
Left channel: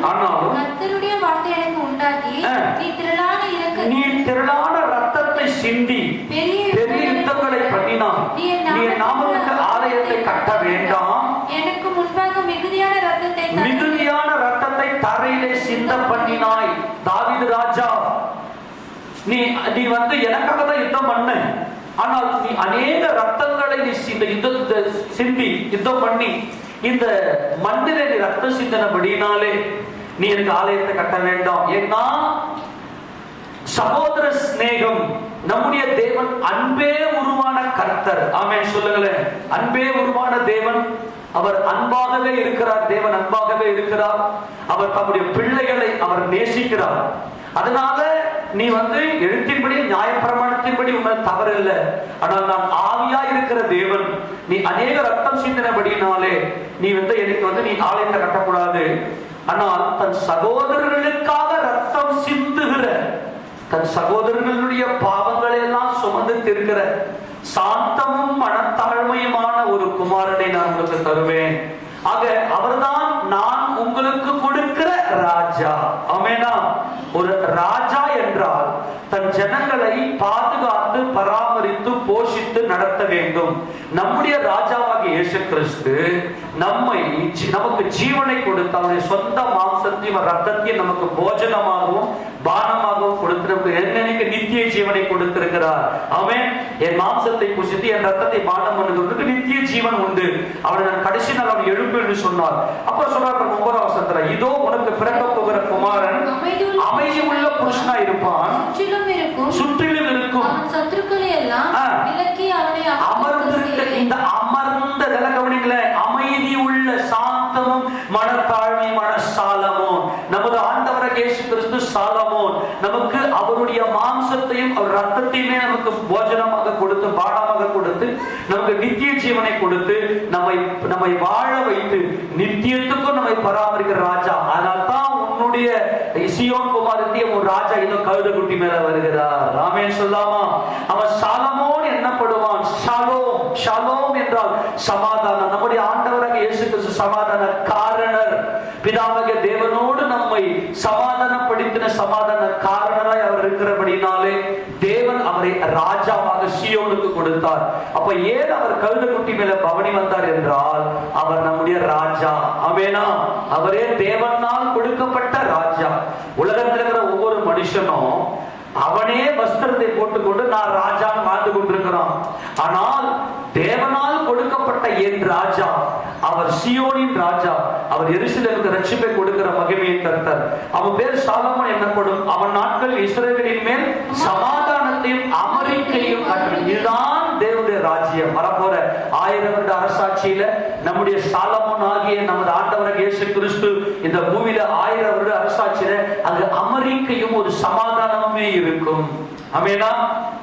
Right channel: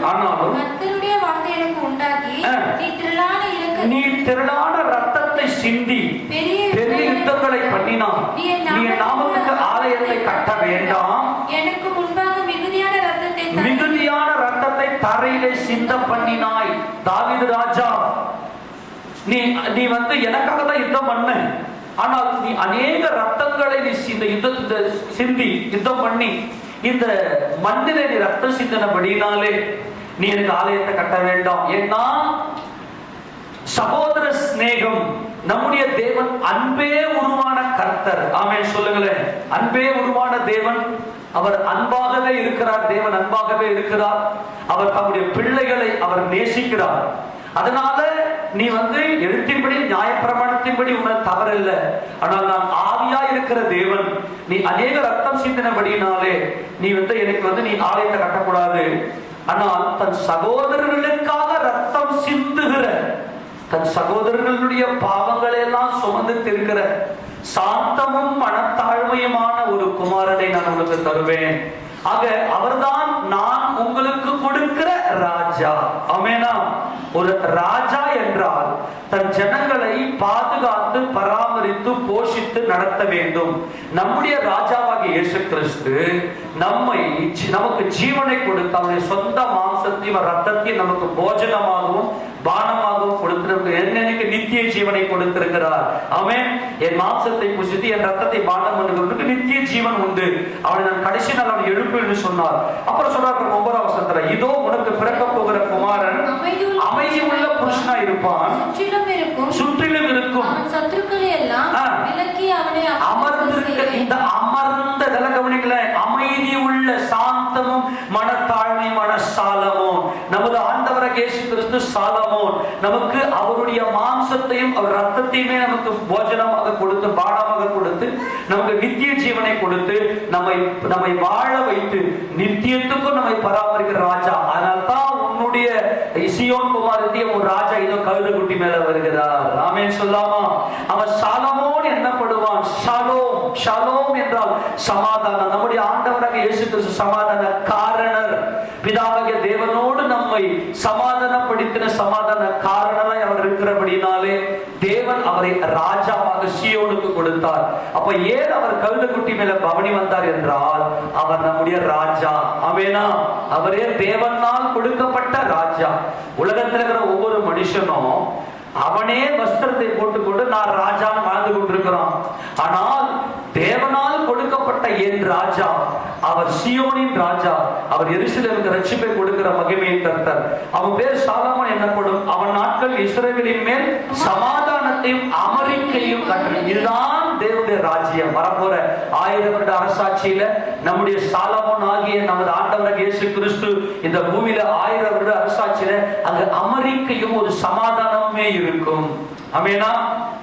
ஆனாலும் கர்த்தருடைய வார்த்தை எனக்கு உண்டாகி, நீ திரளான ரத்தத்தை சிந்தி பெரிய யுத்தங்களை பண்ணினான், நீ என் நாமத்துக்கு ஆலயத்தை கட்ட வேண்டாம், எனக்கு முன்பாக மிகுதியான ரத்தத்தை தரையிலே சிந்த பண்ணினாய். தாவீது ராஜா, நீ எனக்காக தான் யுத்தம் பண்ண, ஆனால் நீ அநேக ரத்தங்களை நீ சிந்தி யுத்தம் பண்ணி இந்த மண்ணில நீ ரத்தம் சிந்தனபடினாலே நீ எனக்கு ஆலயத்தை கட்ட வேண்டாம். ஏன்னா சகோதர சிநேகம், நம்முடைய தேவன் அன்பே உருவான கர்த்தர். ஆமென் சொல்லுங்களேன். அன்பே உருவான தேவன், அவர் அன்பாகவே இருக்கிறார். தேவன் அன்பாகவே இருக்கிறார். அவர் தம்முடைய பிள்ளைகளை அவர் நேசிக்கிறார். அதனால நீ எழுத்தின்படி நியாயப்பிரமாணத்தின்படி உன்னை தவறல்ல, ஆனால் நான் ஆவியா இருக்கிற தேவன், நீ அநேக ரத்தம் சிந்தினபடினாலே நீ எனக்கு நீ ஆலயத்தை கட்டக்கூடாது. ஆனால் தன் சகோதரர்களுக்காக ரத்தம் சிந்துகிற, தன் சகோதரர்களுடைய பாவங்களை எல்லாம் சுமந்து திருக்கிற சாந்தமும் மனத்தாழ்மையுமான ஒரு குமாரனை நான் உங்களுக்கு தருவேன். ஆக அவர்தான் நான் உங்களுக்கு கொடுக்கிற ராஜா. ஆமெனா. ஒரு ராஜா என்றால் தன் ஜனங்களை பாதுகாத்து பராமரித்து போஷித்து நடத்த வேண்டும். நம்முடைய ராஜாவாகிய இயேசு கிறிஸ்து நமக்கு ஜீவனை கொடுத்து அவருடைய சொந்த மாம்சத்தையும் ரத்தத்தையும் நமக்கு போஜனமாகவும் பானமாகவும் கொடுத்திருக்கிறார். எனக்கு நித்திய ஜீவனை கொடுத்திருக்கிறார். ஆமென். என் மாம்சத்தை புசித்து என் ரத்தத்தை பானம் பண்ணுவதற்கு நித்திய ஜீவன் உண்டு. அவன் கடைசி நாள் அவன் எழுப்பு என்று சொன்னார். அப்போ சொல்றார் 9ஆம் வசனத்துல, இதோ உனக்கு பிறக்க போகிற குமாரன் அமைதி உள்ள புருஷனா இருப்பான், சுற்றிலும் இருக்கும் சத்துருக்களை எல்லாம் விலக்கி அவனை அமர்ந்திருக்க. இந்த அமர்ந்த கவனிக்கல, அமைதி உள்ள சாந்தமும் மனத்தாழ்மை மனசாலமும். நமது ஆண்டவராகிய இயேசு கிறிஸ்து சாலமோன், நமக்கு அவருடைய மாம்சத்தையும் அவர் ரத்தத்தையுமே நமக்கு போஜனமாக கொடுத்து பானமாக கொடுத்து நமக்கு நித்திய ஜீவனை கொடுத்து நம்மை வாழ வைத்து நித்தியத்துக்கும் நம்மை பராமரிக்கிற ராஜா. அதனால்தான் உன்னுடைய சீயோன் குமாரத்திய ஒரு ராஜா இதோ கழுதை குட்டி மேல வருகிறார். ஆமென் சொல்லாமா? அவன் சாலமோன் என்னப்படுவான். ஷாலோம், ஷாலோம் என்றால் சமாதானம். நம்முடைய ஆண்டவராக இயேசு கிறிஸ்து சமாதான காரணர். பிதாவாகிய தேவனோடு நம்மை சமாதானப்படுத்தின சமாதான காரணராய் அவர் இருக்கிறபடினாலே தேவன் அவரை ராஜாவாக சீயோனுக்கு கொடுத்தார். அப்ப ஏன் அவர் கழுதை குட்டி மேல பவனி வந்தார் என்றால் அவர் நம்முடைய ராஜா. ஆமெனா. அவரே தேவனால் கொடுக்கப்பட்ட ராஜா. உலகத்தில் இருக்கிற ஒவ்வொரு மனுஷனும் அவனே வஸ்திரத்தை போட்டுக்கொண்டு நான் ராஜா வாழ்ந்து கொண்டிருக்கிறான். ஆனால் தேவனால் கொடுக்கப்பட்ட என் ராஜா, அவர் சீயோனின் ராஜா, அவர் எருசலேமுக்கு ரட்சிப்பை கொடுக்கிற மகிமையின் கர்த்தர். அவன் பேர் சாலமோன் என்னப்படும். அவன் நாட்கள் இஸ்ரவேலின் மேல் சமாதானத்தையும் அமெரிக்கையும் கட்டளை. இதுதான் தேவனுடைய ராஜ்யம். வரப்போற 1000 வருட அரசாட்சியில நம்முடைய சாலமோன் ஆகிய நமது ஆண்டவர் இயேசு கிறிஸ்து இந்த பூமியில 1000 வருட அரசாட்சியில அங்கு அமெரிக்கையும் ஒரு சமாதானமே இருக்கும். ஆமெனா.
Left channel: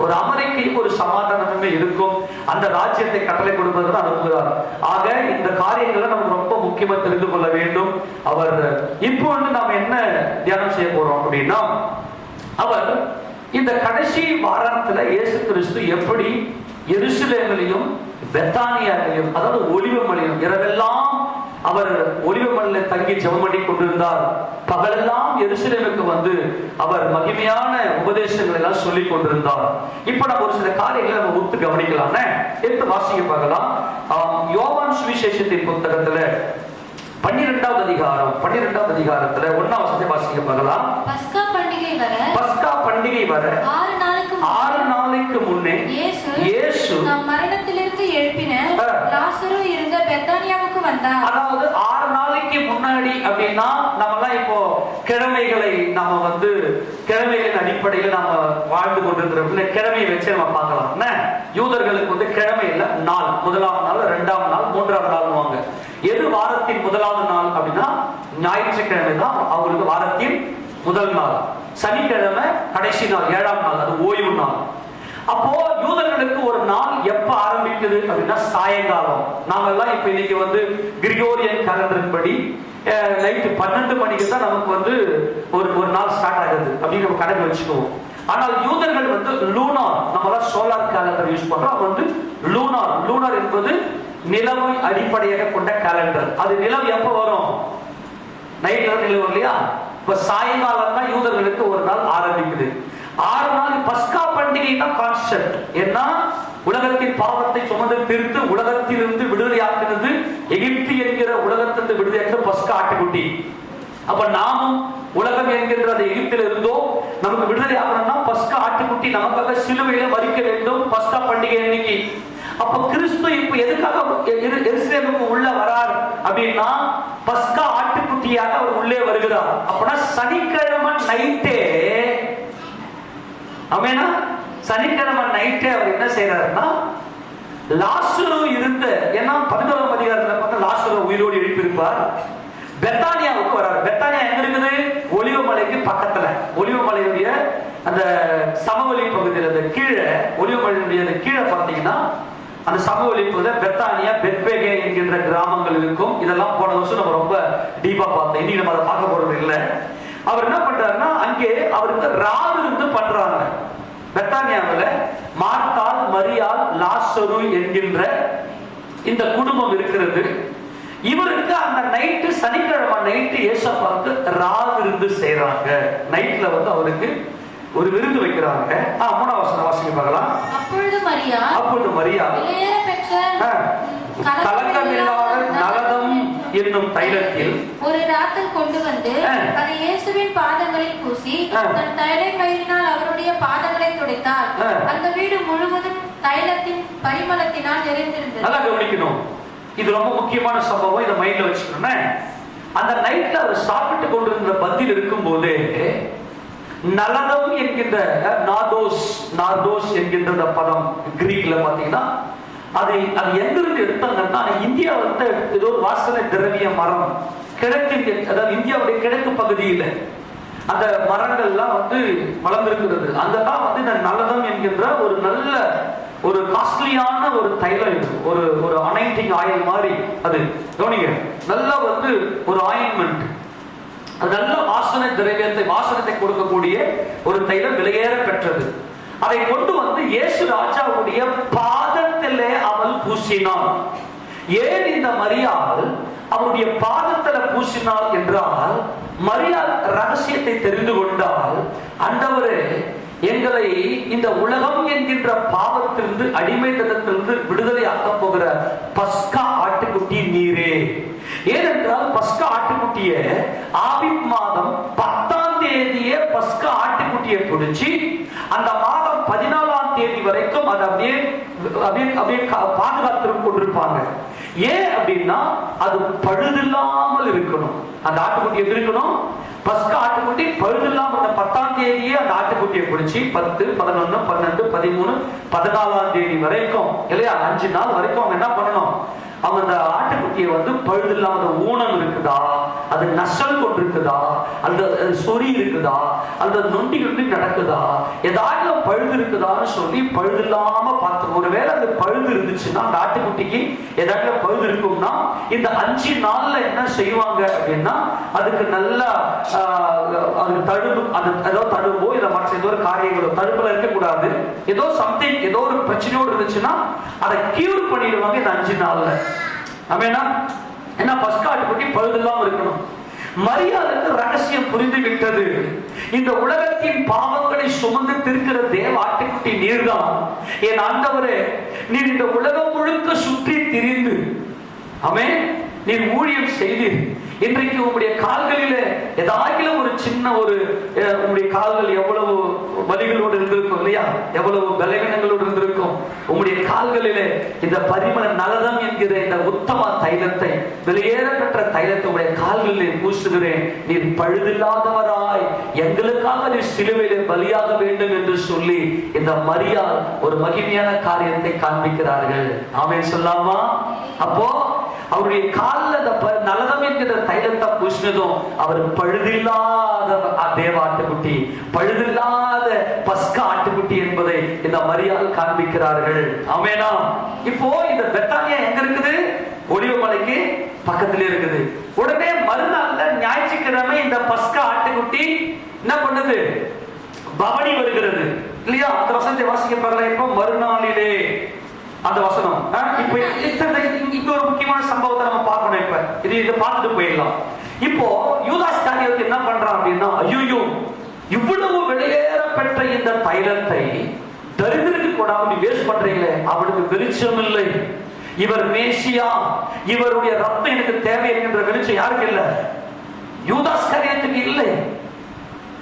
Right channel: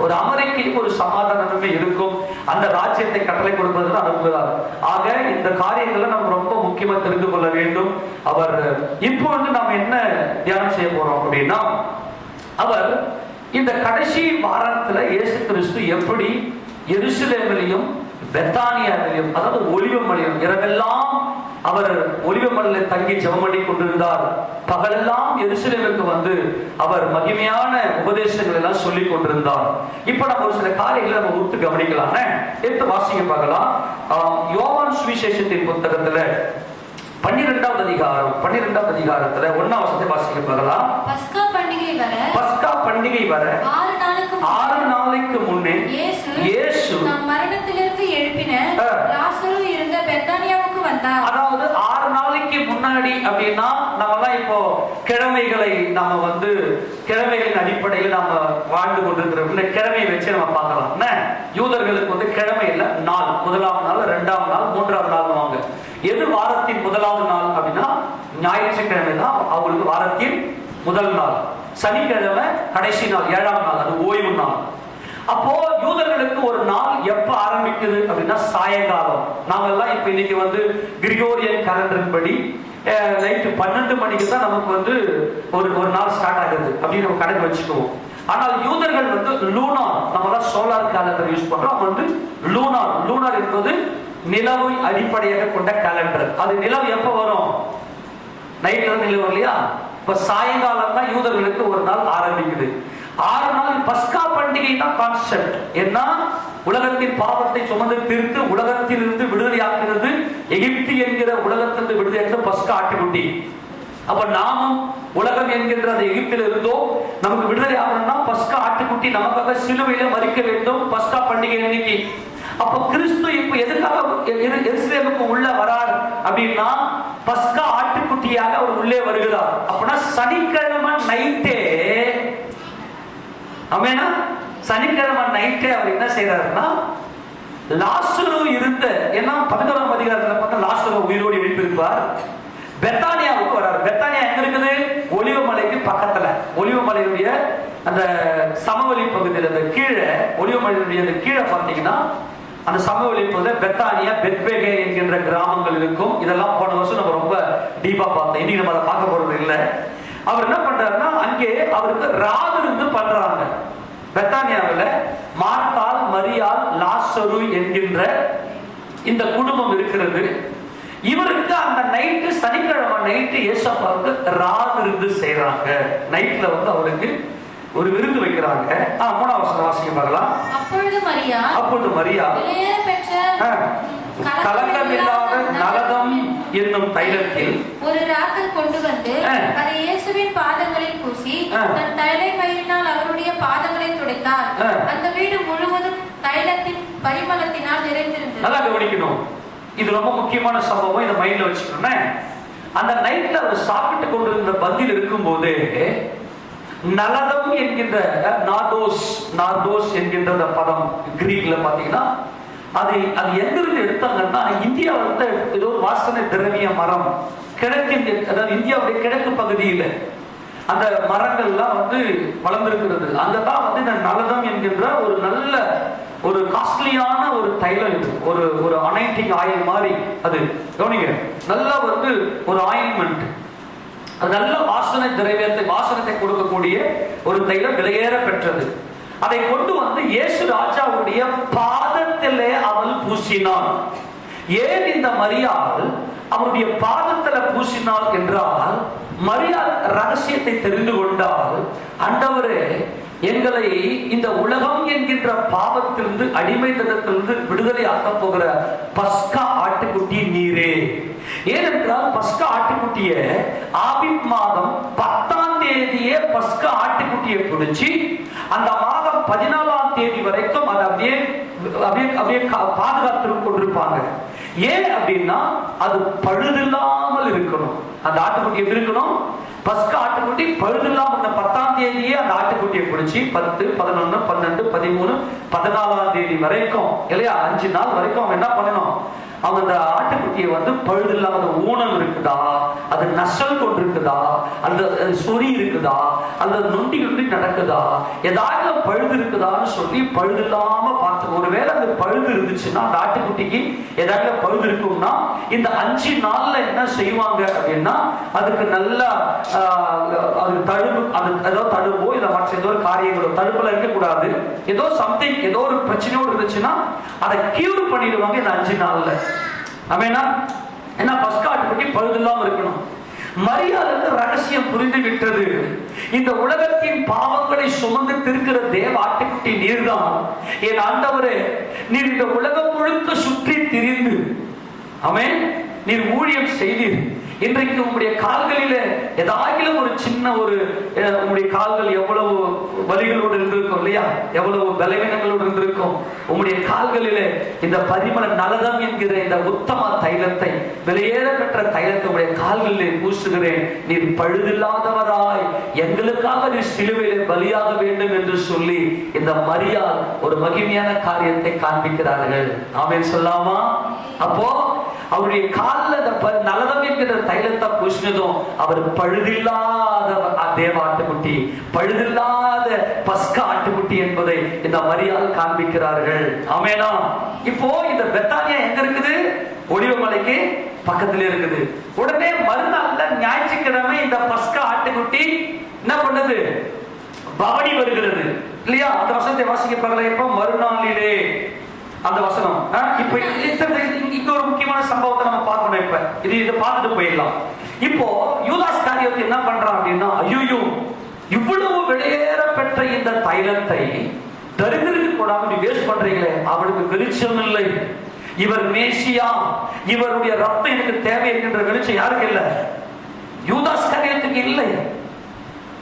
ஒரு அமெரிக்கையும் ஒரு சமாதானமே இருக்கும். அந்த ராஜ்யத்தை கட்டளை கொடுப்பது அனுப்புகிறார். ஆக இந்த காரியங்களை நம்ம ரொம்ப முக்கியமா தெரிந்து கொள்ள வேண்டும். அவர் இப்பொழுது நாம் என்ன தியானம் செய்ய போறோம் அப்படின்னா, அவர் இந்த கடைசி வாரத்துல இயேசு கிறிஸ்து எப்படி எருசலேமிலும் பெத்தானியாவிலும், அதாவது ஒலிவமலையும் இரவெல்லாம் அவர் ஒலிவமலையில தங்கி ஜெபம் பண்ணி கொண்டிருந்தார். பகலெல்லாம் எருசலேமுக்கு அவர் மகிமையான உபதேசங்கள் எல்லாம் சொல்லிக் கொண்டிருந்தார். இப்ப நம்ம ஒரு சில காரியங்களை நம்ம ஒத்து கவனிக்கலாம். எடுத்து வாசிக்க பார்க்கலாம். யோவான் சுவிசேஷத்தின் புத்தகத்துல 12ஆம் அதிகாரத்துல 1ஆம் வசனத்தை வாசிக்க பார்க்கலாம். பஸ்கா பண்டிகை வர 6 நாளைக்கு முன்னே இயேசு மரணத்திலிருந்து எழுப்பின லாசரு இருந்த பெத்தானியாவுக்கு வந்தார். அதாவது 6 நாளைக்கு முன்னாடி அப்படின்னா நம்மலாம் இப்போ கிழமைகளை நாம கிழமைகளின் அடிப்படையில் நாம வாழ்ந்து கொண்டிருக்கிறோம். கிழமையை வச்சு நம்ம பார்க்கலாம். யூதர்களுக்கு கிழமை இல்ல நாள், 1ஆம் நாள், 2ஆம் நாள், 3ஆம் நாள் வாங்க. எது வாரத்தின் 1வது நாள் அப்படின்னா ஞாயிற்றுக்கிழமை தான் அவங்களுக்கு வாரத்தின் முதல் நாள். சனிக்கிழமை கடைசி நாள், 7ஆம் நாள், அது ஓய்வு நாள். அப்போ யூதர்களுக்கு ஒரு நாள் எப்ப ஆரம்பிக்குது அப்படின்னா சாயங்காலம். நாங்கெல்லாம் இப்ப இன்னைக்கு கிரிகோரியன் கேலண்டர் படி நைட்டு 12 மணிக்கு தான் நமக்கு ஒரு நாள் ஸ்டார்ட் ஆகுது அப்படின்னு நம்ம கணக்கு வச்சுக்குவோம். ஆனால் யூதர்கள் லூனார், நம்மளாம் சோலார் கேலண்டர் யூஸ் பண்றோம். அவங்க லூனார் என்பது நிலவை அடிப்படையாக கொண்ட கேலண்டர். அது நிலவு எப்ப வரும்? நைட்ல நிலவு இல்லையா? இப்ப சாயங்காலம் தான் யூதர்களுக்கு ஒரு நாள் ஆரம்பிக்குது. 6 நாள் பஸ்கா பண்டிகை தான் கான்செப்ட். ஏன்னா உலகத்தின் பாவத்தை சுமந்து தீர்த்து உலகத்திலிருந்து விடுதலையாக்குறது, எகிப்து என்கிற உலகத்திலிருந்து விடுதலையாக்குறது பஸ்கா ஆட்டுக்குட்டி. அப்ப நாமும் உலகம் என்கின்ற அந்த எகிப்தில் இருந்தோ நமக்கு விடுதலை ஆகணும்னா பஸ்கா ஆட்டுக்குட்டி நமக்காக சிலுவையில மறிக்க வேண்டும். பஸ்கா பண்டிகை அன்னைக்கு. அப்ப கிறிஸ்து இப்ப எதுக்காக எருசலேமுக்கு உள்ள வரார் அப்படின்னா பஸ்கா ஆட்டுக்குட்டியாக அவர் உள்ளே வருகிறார். அப்படின்னா சனிக்கிழமை நைட்டே, ஆமென், சனிக்கிழமை நைட்டே அவர் என்ன செய்யறாருன்னா லாசரு இருந்த, ஏன்னா 11ஆம் அதிகாரத்துல பார்த்தா லாசரு உயிரோடு எழுப்பியிருப்பார், பெத்தானியாவுக்கு வர்றார். பெத்தானியா எங்க இருக்குது? ஒலிவ மலைக்கு பக்கத்துல. ஒலிவ மலையுடைய அந்த சமவெளி பகுதியில், அந்த கீழே ஒலிவ மலையுடைய அந்த கீழே பார்த்தீங்கன்னா அந்த சமவெளி பகுதியில் பெத்தானியா, பெத்பேகே என்கின்ற கிராமங்கள் இருக்கும். இதெல்லாம் போன வருஷம் நம்ம ரொம்ப டீப்பா பார்த்தோம். இன்னைக்கு நம்ம அதை பார்க்க போறது இல்லை. அவர் என்ன பண்றாருன்னா அங்கே அவருக்கு ராவு இருந்து பண்றாங்க. பெத்தானியாவில் மார்த்தாள், மரியாள், லாசரு என்கின்ற இந்த குடும்பம் இருக்கிறது. இவருக்கு அந்த நைட்டு, சனிக்கிழமை நைட்டு ஏசப்பாவுக்கு ராவு இருந்து செய்யறாங்க. நைட்ல வந்து அவருக்கு ஒரு விருந்து வைக்கிறாங்க. 3ஆம் வசனம் வாசிக்க பார்க்கலாம். அப்பொழுது மரியா கலக்கமில்லாத நலதம் என்னும் தைலத்தில் ஒரு ராத்தல் கொண்டு வந்து அதை இயேசுவின் பாதங்களில் பூசி தன் தைல மயிரினால் அவருடைய பாதங்களை துடைத்தார். அந்த வீடு முழுவதும் தைலத்தின் பரிமளத்தினால் நிறைந்திருந்தது. நல்லா கவனிக்கணும், இது ரொம்ப முக்கியமான சம்பவம். இதை மைண்ட்ல வச்சுக்கணும். அந்த நைட்ல அவர் சாப்பிட்டு கொண்டிருந்த பந்தியில் இருக்கும் போது நலதம் என்கின்ற நார்தோஸ் என்கின்ற பதம் கிரீக்ல பாத்தீங்கன்னா அது எங்கிருந்து எடுத்தாங்கன்னா இந்தியா வந்து ஏதோ ஒரு வாசனை திரவிய மரம் கிழக்கின், அதாவது இந்தியாவுடைய கிழக்கு பகுதியில் அந்த மரங்கள் எல்லாம் வந்து வளர்ந்திருக்கிறது. அங்கதான் வந்து இந்த நலதம் என்கின்ற ஒரு நல்ல ஒரு காஸ்ட்லியான ஒரு தைலம், ஒரு அனைட்டிங் ஆயில் மாதிரி. அது கவனிங்க, நல்லா வந்து ஒரு ஆயின்மெண்ட், நல்ல வாசனை திரவியத்தை, வாசனத்தை கொடுக்கக்கூடிய ஒரு தைலம், விலையேற பெற்றது. அதை கொண்டு வந்து இயேசு ராஜாவுடைய பாதத்திலே அவள் பூசினாள். ஏன் இந்த மரியாள் அவருடைய பாதத்தில பூசினாள் என்றால், மரியாள் ரகசியத்தை தெரிந்து கொண்டால், ஆண்டவரே எங்களை இந்த உலகம் என்கின்ற பாவத்திலிருந்து, அடிமைத்தனத்திலிருந்து விடுதலை ஆக்க போகிற பஸ்கா ஆட்டுக்குட்டி நீரே. ஏனென்றால் பஸ்கா ஆட்டுக்குட்டிய ஆபிப் மாதம் 10ஆம் தேதியே பஸ்கா ஆட்டுக்குட்டியை பிடிச்சி அந்த மாதம் 14ஆம் தேதி வரைக்கும் அதை அப்படியே பாதுகாத்து கொண்டிருப்பாங்க. ஏன் அப்படின்னா அது பழுதில்லாமல் இருக்கணும். அந்த ஆட்டுக்குட்டி எப்படி இருக்கணும்? பஸ்கா ஆட்டுக்குட்டி பழுதில்லாமல் 10ஆம் தேதியே அந்த ஆட்டுக்குட்டியை பிடிச்சி 10, 11, 12, 13, 14ஆம் தேதி வரைக்கும் இல்லையா, 5 நாள் வரைக்கும் அவங்க என்ன பண்ணணும்? அவங்க அந்த ஆட்டுக்குட்டியை வந்து பழுதில்லாத ஊனம் இருக்குதா, அது நசல் கொண்டு இருக்குதா, அந்த சொறி இருக்குதா, அந்த நொண்டி நடக்குதா, ஏதாவது பழுது இருக்குதான்னு சொல்லி பழுதில்லாம பார்த்து, ஒருவேளை அந்த பழுது இருந்துச்சுன்னா அந்த ஆட்டுக்குட்டிக்கு ஏதாவது பழுது இருக்கும்னா இந்த 5 நாள்ல என்ன செய்வாங்க அப்படின்னா அதுக்கு நல்லா தடுப்பு, அது ஏதோ தடுப்போ இதை மற்ற ஏதோ ஒரு காரியங்களோ தடுப்புல இருக்கக்கூடாது, ஏதோ சம்திங், ஏதோ ஒரு பிரச்சனையோடு இருந்துச்சுன்னா அதை கியூர் பண்ணிடுவாங்க இந்த 5 நாள்ல. ஏன்னா பஸ்கா ஆட்டுக்குட்டி பழுதில்லாம இருக்கணும். மரியாளுக்கு ரகசியம் புரிந்து விட்டது. இந்த உலகத்தின் பாவங்களை சுமந்து திருக்கிற தேவ ஆட்டுக்குட்டி நீர்தான். என் ஆண்டவரே, நீர் இந்த உலகம் முழுக்க சுற்றி திரிந்து ஆமென் நீர் ஊழியம் செய்தீர். இன்றைக்கு உங்களுடைய கால்களில ஏதாவது ஒரு சின்ன ஒரு, உங்களுடைய கால்கள் எவ்வளவு வலிகளோடு இருந்திருக்கும் இல்லையா, எவ்வளவு பலவீனங்களோடு இருந்திருக்கும். உங்களுடைய கால்களில இந்த பரிமள நலதம் என்கிற இந்த உத்தம தைலத்தை, விலையேற பெற்ற தைலத்தை உங்களுடைய கால்களில் பூசுகிறேன். நீர் பழுதில்லாதவராய் எங்களுக்காக நீர் சிலுவையிலே பலியாக வேண்டும் என்று சொல்லி இந்த மரியாள் ஒரு மகிமையான காரியத்தை காண்பிக்கிறார்கள். ஆமென் சொல்லாமா? அப்போ அவருடைய காலில் நலதம் என்கிற தைலத்தை பூசினதும் அவர் பழுதில்லாத தேவ ஆட்டுக்குட்டி, பழுதில்லாத பஸ்கா ஆட்டுக்குட்டி என்பதை இந்த மரியாள் காண்பிக்கிறார்கள். ஆமெனா? இப்போ இந்த பெத்தானியா எங்க இருக்குது? ஒலிவமலைக்கு பக்கத்துல இருக்குது. உடனே மறுநாள்ல ஞாயிற்றுக்கிழமை இந்த பஸ்கா ஆட்டுக்குட்டி என்ன பண்ணுது? பவனி வருகிறது இல்லையா? அந்த வசனத்தை வாசிக்க பாருங்க. இப்போ மறுநாளிலே அந்த வசனம். இப்ப இங்க ஒரு முக்கியமான சம்பவத்தை நம்ம பார்க்கணும். இப்ப இதை பார்த்துட்டு போயிடலாம். இப்போ யூதாஸ் காரியத்தை என்ன பண்றான் அப்படின்னா, ஐயோ இவ்வளவு விலையேற பெற்ற இந்த தைலத்தை தரித்திரத்துக்கு கொடாம வேஸ்ட் பண்றீங்களே, அவனுக்கு வெளிச்சம் இல்லை. இவர் மேசியா, இவருடைய ரத்தம் எனக்கு தேவை என்கின்ற வெளிச்சம் யாருக்கு இல்லை? யூதாஸ் காரியத்துக்கு இல்லை.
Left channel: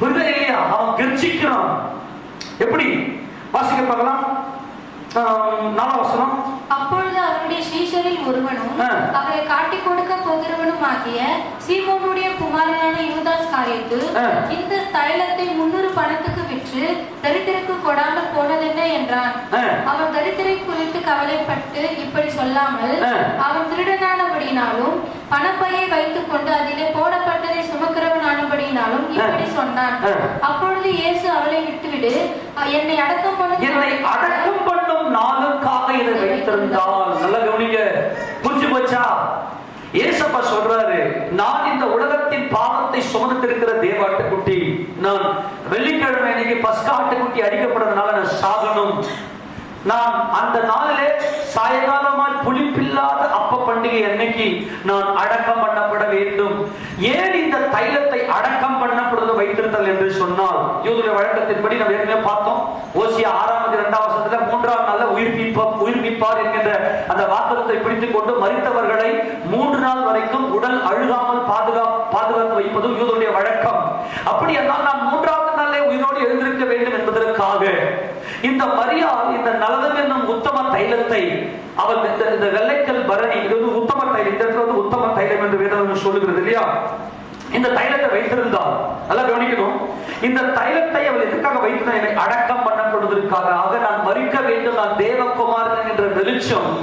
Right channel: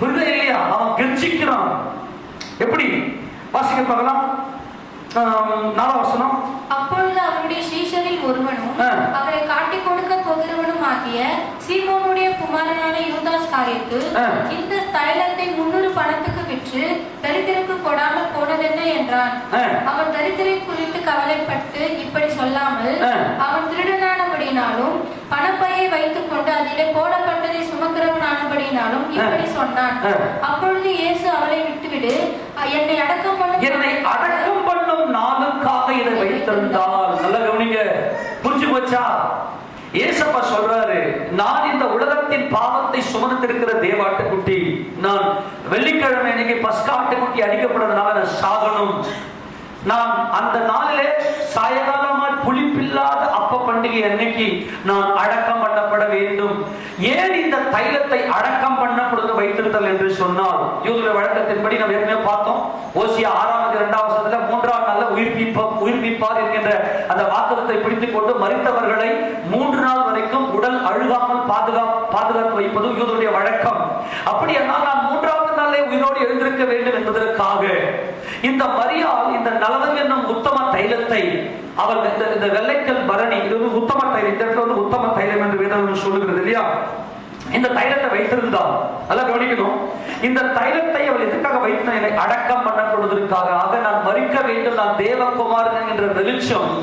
புரியல இல்லையா? அவன் கெஞ்சிக்கிறான். எப்படி வாசிக்க பார்க்கலாம்? 4ஆம் வசனம். அப்பொழுது அவருடைய சீஷரில் ஒருவனும் அவரை காட்டிக் கொடுக்க போகிறவனும் ஆகிய சீமோனுடைய குமாரனான யூதாஸ் காரியத்து இந்த தைலத்தை 300 பணத்துக்கு விற்று தரித்திரருக்கு கொடாமல் போனதென்ன என்றான். அவன் தரித்திரை குறித்து கவலைப்பட்டு இப்படி சொல்லாமல், அவன் திருடனானபடினாலும் பணப்பையை வைத்துக் கொண்டு அதிலே போடப்பட்டதை சுமக்கிறவனானபடினாலும் இப்படி சொன்னான். அப்பொழுது இயேசு அவளை விட்டுவிடு, என்னை அடக்கம் பண்ணும் நாளுக்காக இதை வைத்திருந்தால். நல்லா கவனிங்க, புரிஞ்சு போச்சா? ஏசப்பா சொல்றாரு, நான் இந்த உலகத்தின் பாவத்தை சுமந்திருக்கிற தேவாட்டுக்குட்டி, நான் வெள்ளிக்கிழமை இன்னைக்கு பஸ்கா ஆட்டுக்குட்டி அடிக்கப்படுறதுனால நான் சாகணும். நான் அந்த நாளிலே சாயங்காலமால் புளிப்பில்லாத அப்ப பண்டிகை அன்னைக்கு நான் அடக்கம் பண்ணப்பட வேண்டும். ஏன் இந்த தைலத்தை அடக்கம் பண்ணப்படுவது வைத்திருத்தல் என்று சொன்னால், யூதருடைய வழக்கத்தின்படி நாம் ஏற்கனவே பார்த்தோம். ஓசியா 6:2 3ஆம் நாள்ல உயிர்ப்பிப்பார் என்கின்ற அந்த வாக்குறுதியை பிடித்துக் கொண்டு மரித்தவர்களை 3 நாள் வரைக்கும் உடல் அழுகாமல் பாதுகாத்து வைப்பது யூதருடைய வழக்கம். அப்படியானால் நான் 3ஆவது நாளே உயிரோடு எழுந்திருக்க வேண்டும் என்பதற்காக இந்த மரியாள் இந்த நலதம் என்னும் உத்தம தைலத்தை அவள் இந்த வெள்ளைக்கல் பரணி, இது உத்தம தைலம், இந்த இடத்துல உத்தம தைலம் என்று வேதம் சொல்லுகிறது இல்லையா? இந்த தைலத்தை வைத்திருந்தால் நல்லா கவனிக்கணும். இந்த தைலத்தை அவள் எதுக்காக வைத்திருந்தால், என்னை அடக்கம் பண்ணப்படுவதற்காக. ஆக நான் மரிக்க வேண்டும், நான் தேவகுமாரன் என்ற வெளிச்சம்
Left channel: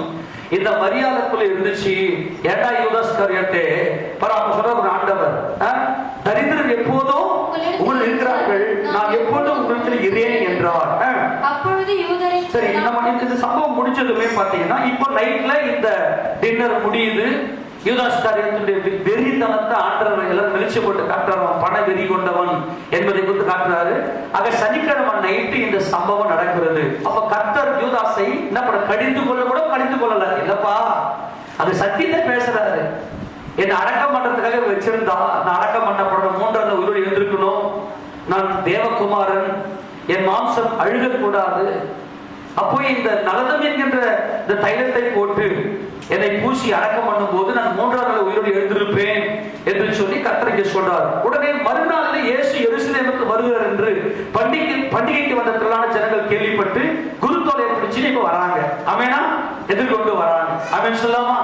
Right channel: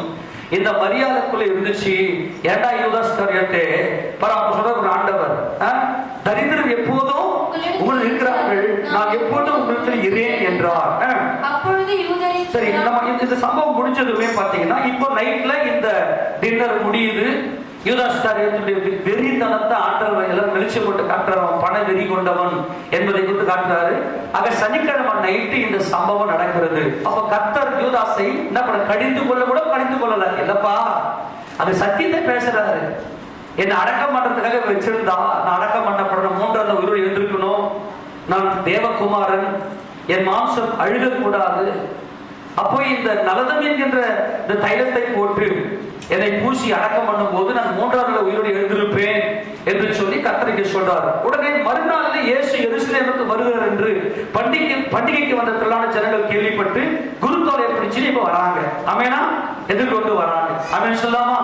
இந்த மரியாதைக்குள்ள இருந்துச்சு. ஏண்டா யூதாஸ் காரியத்தே சொல்ற ஒரு ஆண்டவர், தரித்திரம் எப்போதும் உங்கள் இருக்கிறார்கள், நான் எப்போதும் உங்களுக்கு இரேன் என்றார். சரி, இந்த சம்பவம் முடிஞ்சதுமே பாத்தீங்கன்னா இப்ப நைட்ல இந்த டின்னர் முடியுது. யூதாஸ் காரியத்துடைய வெறித்தனத்தை ஆண்டவர் எல்லாம் வெளிச்சம் போட்டு காட்டுறவன், பண வெறி கொண்டவன் என்பதை குறித்து காட்டுறாரு. ஆக சனிக்கிழமை நைட்டு இந்த சம்பவம் நடக்கிறது. அப்ப கர்த்தர் யூதாஸை என்ன பண்ண, கடிந்து கொள்ளல இல்லப்பா, அது சத்தியத்தை பேசுறாரு. என்னை அடக்கம் பண்றதுக்காக வச்சிருந்தா நான் அடக்கம் பண்ணப்படணும், 3ஆவது உயிரோடு எழுந்திருக்கணும், நான் தேவகுமாரன், என் மாம்சம் அழுகக்கூடாது. அப்போ இந்த நலதம் என்கின்ற இந்த தைலத்தை போட்டு என்னை பூசி அடக்கம் பண்ணும் போது நான் 3ஆவது உயிரோடு எழுந்திருப்பேன் என்று சொல்லி கர்த்தர் சொல்றார். உடனே மறுநாள் இயேசு எருசலேமுக்கு வருகிறார் என்று பண்டிகைக்கு வந்த திரளான ஜனங்கள் கேள்விப்பட்டு குருத்தோலையை பிடிச்சு இப்ப வராங்க. ஆமெனா, எதிர்கொண்டு வராங்க. ஆமென் சொல்லாமா?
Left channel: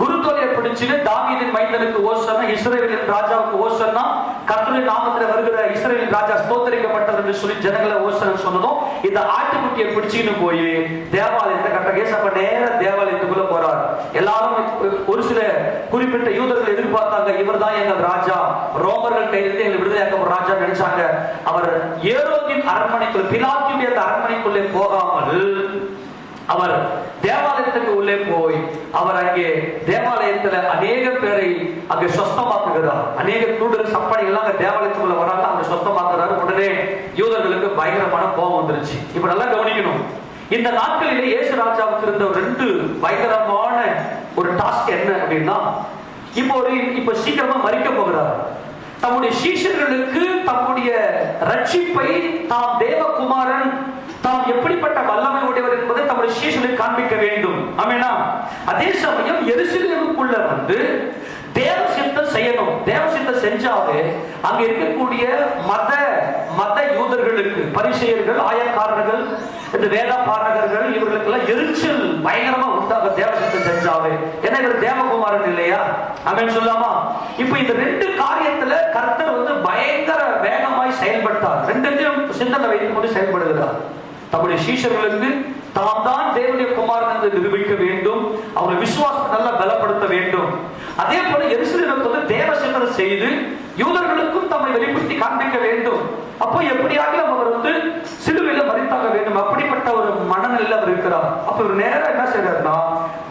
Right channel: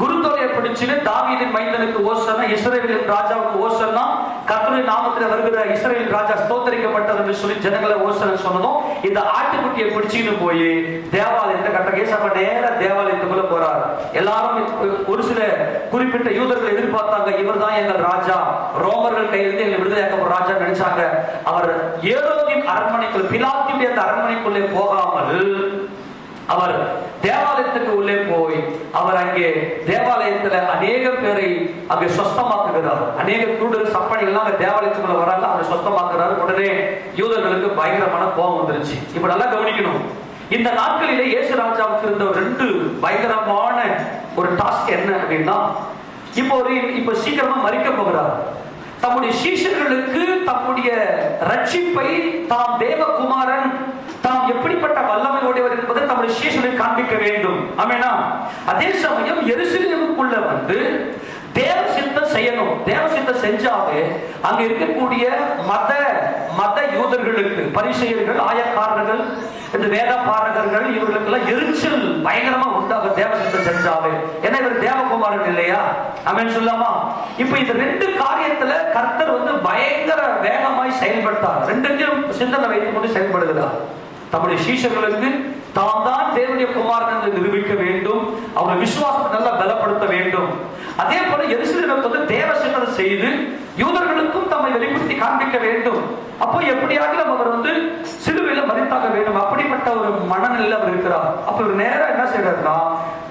குருத்தோலையை பிடிச்சு தாவீதின் மைந்தனுக்கு ஓசன்னா, இஸ்ரவேலின் ராஜாவுக்கு ஓசன்னா, கர்த்தருடைய நாமத்தில் வருகிற இஸ்ரவேலின் ராஜா ஸ்தோத்திரிக்கப்பட்டது என்று சொல்லி ஜனங்களை ஓசனை சொன்னதும் இந்த ஆட்டுக்குட்டியை பிடிச்சிட்டு போய் தேவாலயத்தை கட்ட கேசப்ப நேர தேவாலயத்துக்குள்ள போறார். எல்லாரும் ஒரு சில குறிப்பிட்ட யூதர்கள் எதிர்பார்த்தாங்க, இவர் தான் எங்கள் ராஜா, ரோமர்கள் கையிலிருந்து எங்களை விடுதலையாக்க ராஜா நினைச்சாங்க. அவர் ஏரோதின் அரண்மனைக்குள், பிலாத்துடைய அரண்மனைக்குள்ளே போகாமல் அவர் தேவாலயத்துக்கு உள்ளே போய் அவர் அங்கே தேவாலயத்துல அநேக பேரை அங்கே சொஸ்தமாக்குகிறார். அநேக தூடல் சப்பாடிகள் அங்க தேவாலயத்துக்குள்ள வராங்க, அவங்க சொஸ்தமாக்குறாரு. உடனே யூதர்களுக்கு பயங்கரமான கோபம் வந்துருச்சு. இப்ப நல்லா கவனிக்கணும், இந்த நாட்களிலே இயேசு ராஜாவுக்கு இருந்த 2 பயங்கரமான ஒரு டாஸ்க் என்ன அப்படின்னா, இப்போ சீக்கிரமா மரிக்க போகிறார். தம்முடைய சீஷர்களுக்கு தம்முடைய ரட்சிப்பை, தாம் தேவகுமாரன், தாம் எப்படிப்பட்ட வல்லமை உடையவர் என்பதை தம்முடைய சீஷர்களுக்கு காண்பிக்க வேண்டும். ஆமெனா? அதே சமயம் எருசலேமுக்குள்ள வந்து தேவ சித்தம் செய்யணும். தேவ சித்தம் செஞ்சாலே அங்க இருக்கக்கூடிய மத யூதர்களுக்கு, பரிசேயர்கள், ஆயக்காரர்கள், இந்த வேத பாரகர்கள், இவர்களுக்கெல்லாம் எரிச்சல் பயங்கரமா உண்டாக தேவ சித்தம் செஞ்சாவே. ஏன்னா இவர் தேவகுமாரன் இல்லையா? ஆமென் சொல்லாமா? இப்ப இந்த 2 காரியத்துல கர்த்தர் வந்து பயங்கர வேகமாய் செயல்பட்டார். 2 சிந்தனை வைத்துக் கொண்டு செயல்படுகிறார். தம்முடைய சீஷர்களுக்கு தாம் தான் தேவனுடைய குமாரன் என்று நிரூபிக்க வேண்டும், அவருடைய விசுவாசத்தை நல்லா பலப்படுத்த வேண்டும். அதே போல எருசலேமுக்கு வந்து தேவ சிந்தனை செய்து யூதர்களுக்கும் தம்மை வெளிப்படுத்தி காண்பிக்க வேண்டும். அப்போ எப்படியாக அவர் வந்து சிலுவையில மரித்தாக வேண்டும், அப்படிப்பட்ட ஒரு மனநிலையில் அவர் இருக்கிறார். அப்ப நேரம் என்ன செய்யறாருன்னா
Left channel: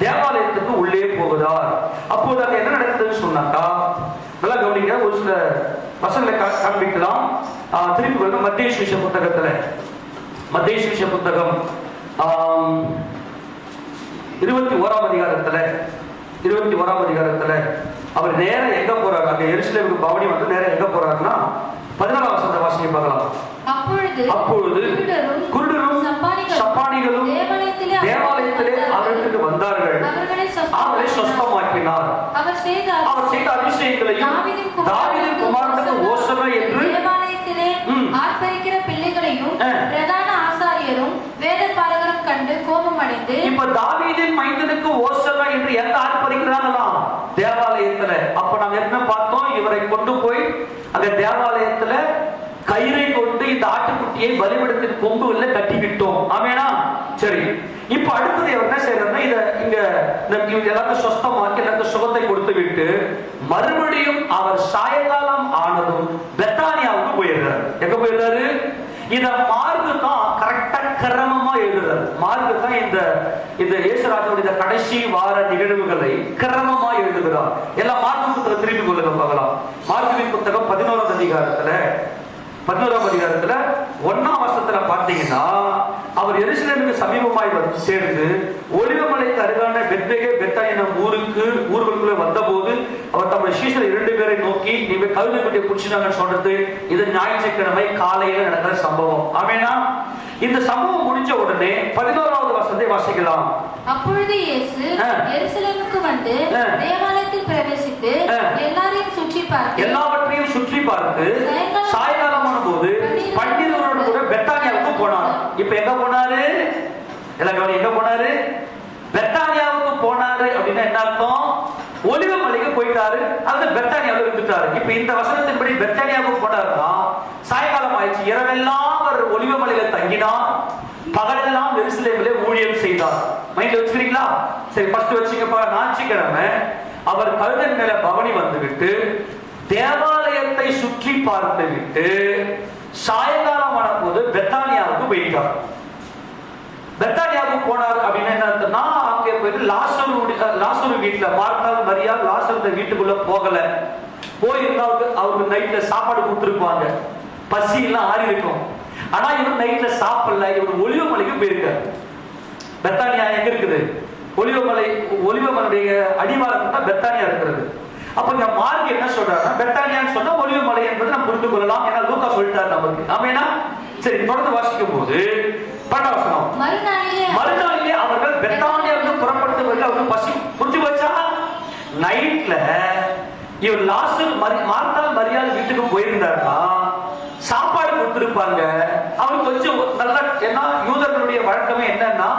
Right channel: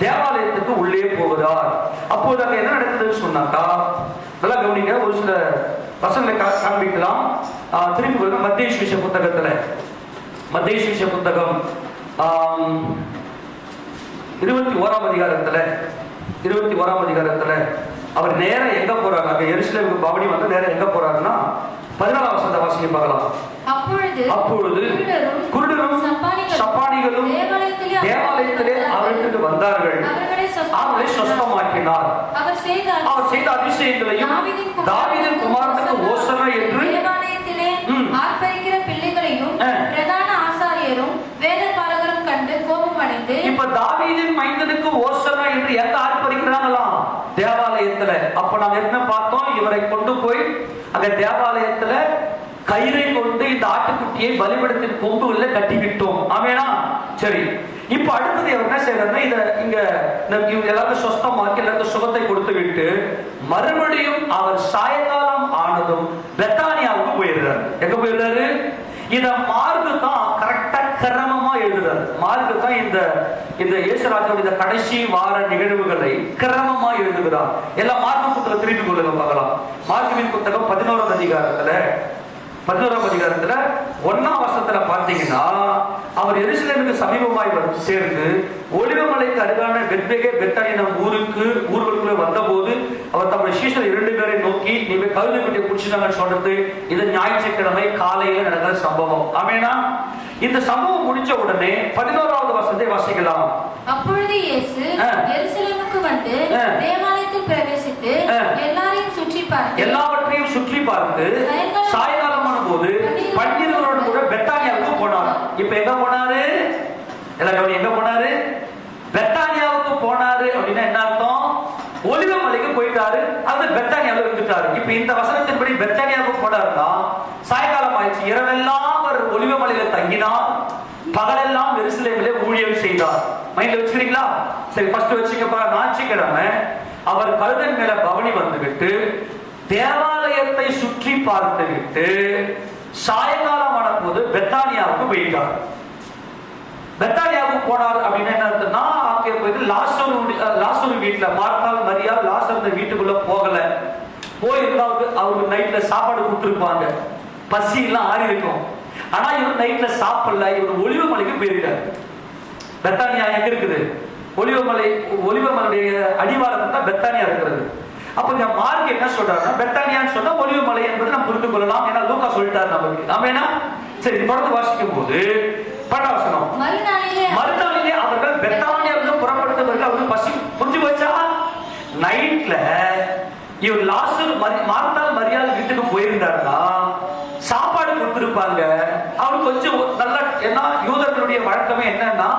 தேவாலயத்துக்கு உள்ளே போகிறார். அப்போது அங்க என்ன நடக்குதுன்னு சொன்னாக்கா, நல்லா கவனிங்க, ஒரு சில வசனங்களை காண்பிக்கலாம். திருப்பி கொள்ளுங்க, மத்தேயு சுவிசேஷ புத்தகத்துல, மத்தேயு சுவிசேஷ புத்தகம் 21ஆம் அதிகாரத்துல அவர் நேரம் எங்க போறாங்க, அங்க எருசலேமுக்கு பவனி வந்து நேரம் எங்க போறாருன்னா 14ஆம் வசனத்தை வாசிக்க பார்க்கலாம். அப்பொழுது குருடரும் சப்பானிகளும் தேவாலயத்திலே அவருக்கு வந்தார்கள், அவர்களை சொஸ்தமாக்கினார். அவர் செய்த அதிசயங்களையும் தாவீதின் குமாரனுக்கு ஓசனை என்று ஆர்ப்பரிக்கிற பிள்ளைகளையும் பிரதான ஆசாரியரும் வேதபாரகரும் கண்டு கோபம் அங்க தேவாலயத்துல கயிறை கொண்டு இந்த ஆட்டுக்குட்டியை பலிபீடத்தின் கொம்புல கட்டிக்கிட்டோம். ஆமேனா? சரி, இப்ப அடுத்தது என்ன செய்யறாங்க, இங்க எல்லாரும் சொஸ்தமாக்கி எல்லாரும் சுகத்தை கொடுத்து விட்டு மறுபடியும் அவர் சாயங்காலம் ஆனதும் பெத்தானியாவுக்கு போயிடுறாரு. எங்க போயிடுறாரு? இத மார்க்கு தான் கரெக்டா கிரமமா எழுதுறாரு. மார்க்கு தான் இந்த இயேசுராஜனுடைய கடைசி வார நிகழ்வுகளை கிரமமா எழுதுகிறார். எல்லாம் மார்க்கு புத்தகம் திருப்பி கொள்ளுங்க பார்க்கலாம். மார்க்குவின் புத்தகம் 11ஆம் அதிகாரத்துல 1ஆம் வசனத்துல பாத்தீங்கன்னா, அவர் எருசலேமுக்கு சமீபமாய் சேர்ந்து ஒலிவமலைக்கு அருகான பெத்தானியா ஊருக்குள்ள வந்த போது அவர் தம்முடைய சீஷர்கள் 2 பேரை நோக்கி, நீங்க கழுதை குட்டியை குடிச்சிட்டாங்கன்னு சொன்னது இது ஞாயிற்றுக்கிழமை காலையில நடக்கிற சம்பவம். ஆமேனா? இந்த சம்பவம் முடிஞ்ச உடனே 11ஆவது வசனத்தை வாசிக்கலாம். அப்பொழுது இயேசு எருசலேமுக்கு வந்து தேவாலயத்தில் பிரவேசித்து எல்லாவற்றையும் சுற்றி பார்த்து சாயங்காலமான போது 12 கூட பெத்தானியாவுக்கு போனார். இப்ப எங்க போனாரு? எல்லாரும் எங்க போனாரு? பெத்தானியாவுக்கு போனாரு. அப்படின்னா என்ன அர்த்தம்? ஒலிவமலைக்கு போயிட்டாரு, அது பெத்தானியாவில் இருந்துட்டாரு. இப்ப இந்த வசனத்தின்படி பெத்தானியாவுக்கு போனாருன்னா சாயங்காலம் ஆயிடுச்சு. இரவெல்லாம் அவர் ஒலிவமலையில தங்கினார், பகலெல்லாம் எருசலேமிலே ஊழியம் செய்தார். மைண்ட்ல வச்சுக்கிறீங்களா? சரி, ஃபர்ஸ்ட் வச்சுக்கப்பா. ஞாயிற்றுக்கிழமை அவர் கழுதன் மேல பவனி வந்துவிட்டு தேவாலயத்தை சுற்றி பார்த்து விட்டு சாயங்காலமான போது பெத்தானியாவுக்கு போயிட்டார். பெத்தானியாவுக்கு போனார் அப்படின்னு என்ன அர்த்தம்னா, அங்கே போயிட்டு லாசரு வீட்டுல மார்த்தாள் மரியாள் லாசரு வீட்டுக்குள்ள போகல. போயிருந்தா அவருக்கு நைட்ல சாப்பாடு கொடுத்துருப்பாங்க, பசி எல்லாம் ஆறி இருக்கும். ஆனா இவர் நைட்ல சாப்பிடல. இவர் ஒலிவமலைக்கு போயிருக்காரு. பெத்தானியா எங்க இருக்குது? ஒலிவமலையுடைய அடிவாரத்துல தான் பெத்தானியா இருக்கிறது. அப்ப இந்த மார்க் என்ன சொல்றாருன்னா, பெத்தானியான்னு சொன்னா ஒலிவமலை என்பது நம்ம புரிந்து கொள்ளலாம். ஏன்னா லூக்கா சொல்லிட்டாரு நமக்கு. நாம என்ன சரி தொடர்ந்து வாசிக்கும் போது படவசனம், மறுநாளிலே அவர்கள் பெத்தானியாவிலிருந்து புறப்படுத்தவர்கள் அவங்க பசி புரிஞ்சு போச்சா? நைட்ல இவர் மார்த்தாள் மரியாள் வீட்டுக்கு போயிருந்தாருன்னா சாப்பாடு கொடுத்திருப்பாங்க. அவருக்கு கொஞ்சம் நல்லா, என்ன யூதர்களுடைய வழக்கமே என்னன்னா,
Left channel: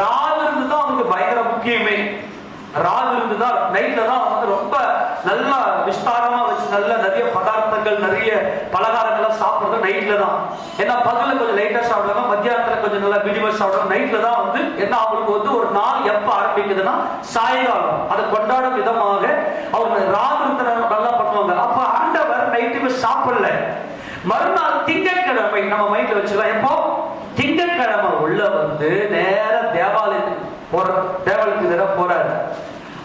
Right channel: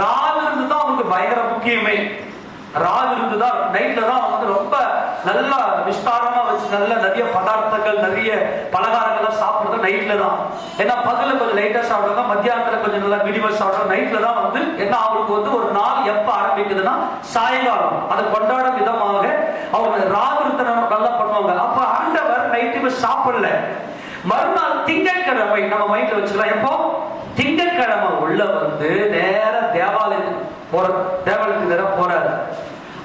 ராவு இருந்து தான் அவங்களுக்கு பயங்கர முக்கியமே. ராவு இருந்துதான் நைட்ல தான் அவங்க ரொம்ப நல்லா விஸ்தாரமா வச்சு நல்ல நிறைய பதார்த்தங்கள் நிறைய பலகாரங்கள் சாப்பிடுறது நைட்ல தான். ஏன்னா பகல கொஞ்சம் லைட்டா சாப்பிடுறாங்க, மத்தியானத்துல கொஞ்சம் நல்லா மினிமம் சாப்பிடுறாங்க. நைட்ல தான் வந்து ஏன்னா அவங்களுக்கு வந்து ஒரு நாள் எப்ப ஆரம்பிக்குதுன்னா சாயங்காலம். அதை கொண்டாடும் விதமாக அவங்க ராவு இருந்து நல்லா பண்ணுவாங்க. அப்ப ஆண்டவர் நைட்டுக்கு சாப்பிடல. மறுநாள் திங்கட்கிழமை நம்ம மைண்ட்ல வச்சுக்கலாம். எப்போ? திங்கட்கிழமை உள்ள வந்து நேர தேவாலயத்துக்கு போறாரு.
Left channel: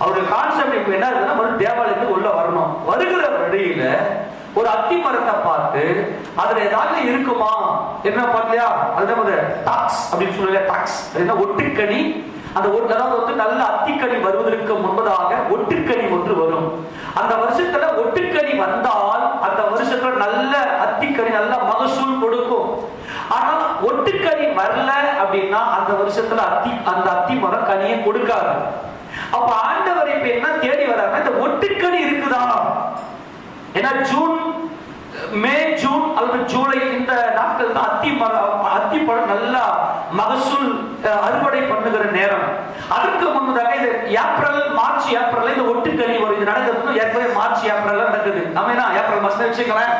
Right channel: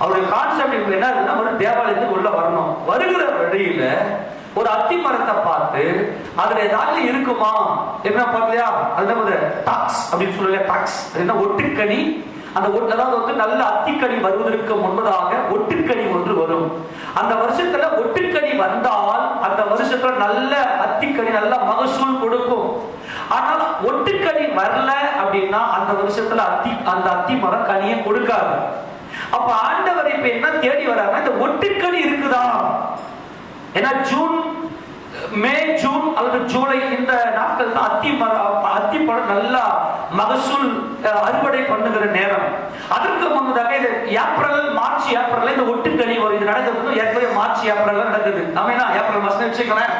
அவருடைய கான்செப்ட் இப்ப என்ன இருக்குன்னா, ஒரு தேவாலயத்துக்கு உள்ள வரணும். வருகிற வழியில ஒரு அத்தி மரத்தை பார்த்து அதுல ஏதாவது இருக்குமா என்ன பார்க்கலையா? அது டாக்ஸ் அப்படின்னு சொல்லலையா? டாக்ஸ் அப்படின்னா ஒட்டுக்கணி. அந்த அதாவது வந்து நல்ல அத்திக்கனி வருவதற்கு முன்பதாக ஒட்டுக்கணி ஒன்று வரும். அந்த வருஷத்துல ஒட்டுக்கனி வந்தால் அந்த வருஷத்துல நல்ல அத்திக்கனி நல்ல மகசூல் கொடுக்கும். ஆனா ஒட்டுக்கனி வரல அப்படின்னா அந்த வருஷத்துல அந்த அத்தி மரம் கனியை கொடுக்காது. அப்ப ஆண்டவர் இப்ப என்ன தேடி வர்றாருன்னா, இந்த ஒட்டுக்கனி இருக்குதா? ஏன்னா மே ஜூன் அல்லது ஜூலை இந்த நாட்கள் தான் அத்திப்பழம் நல்லா மகசூல் அறுவடை பண்ணுகிற நேரம். அதற்கு முன்னதாக இது மார்ச் ஏப்ரல் இந்த ஒட்டுக்கனி இது நடக்குது. ஏற்கனவே மார்ச் ஏப்ரல் நடக்குது. நம்ம ஏப்ரல் மாசம் வச்சுக்கலாம்.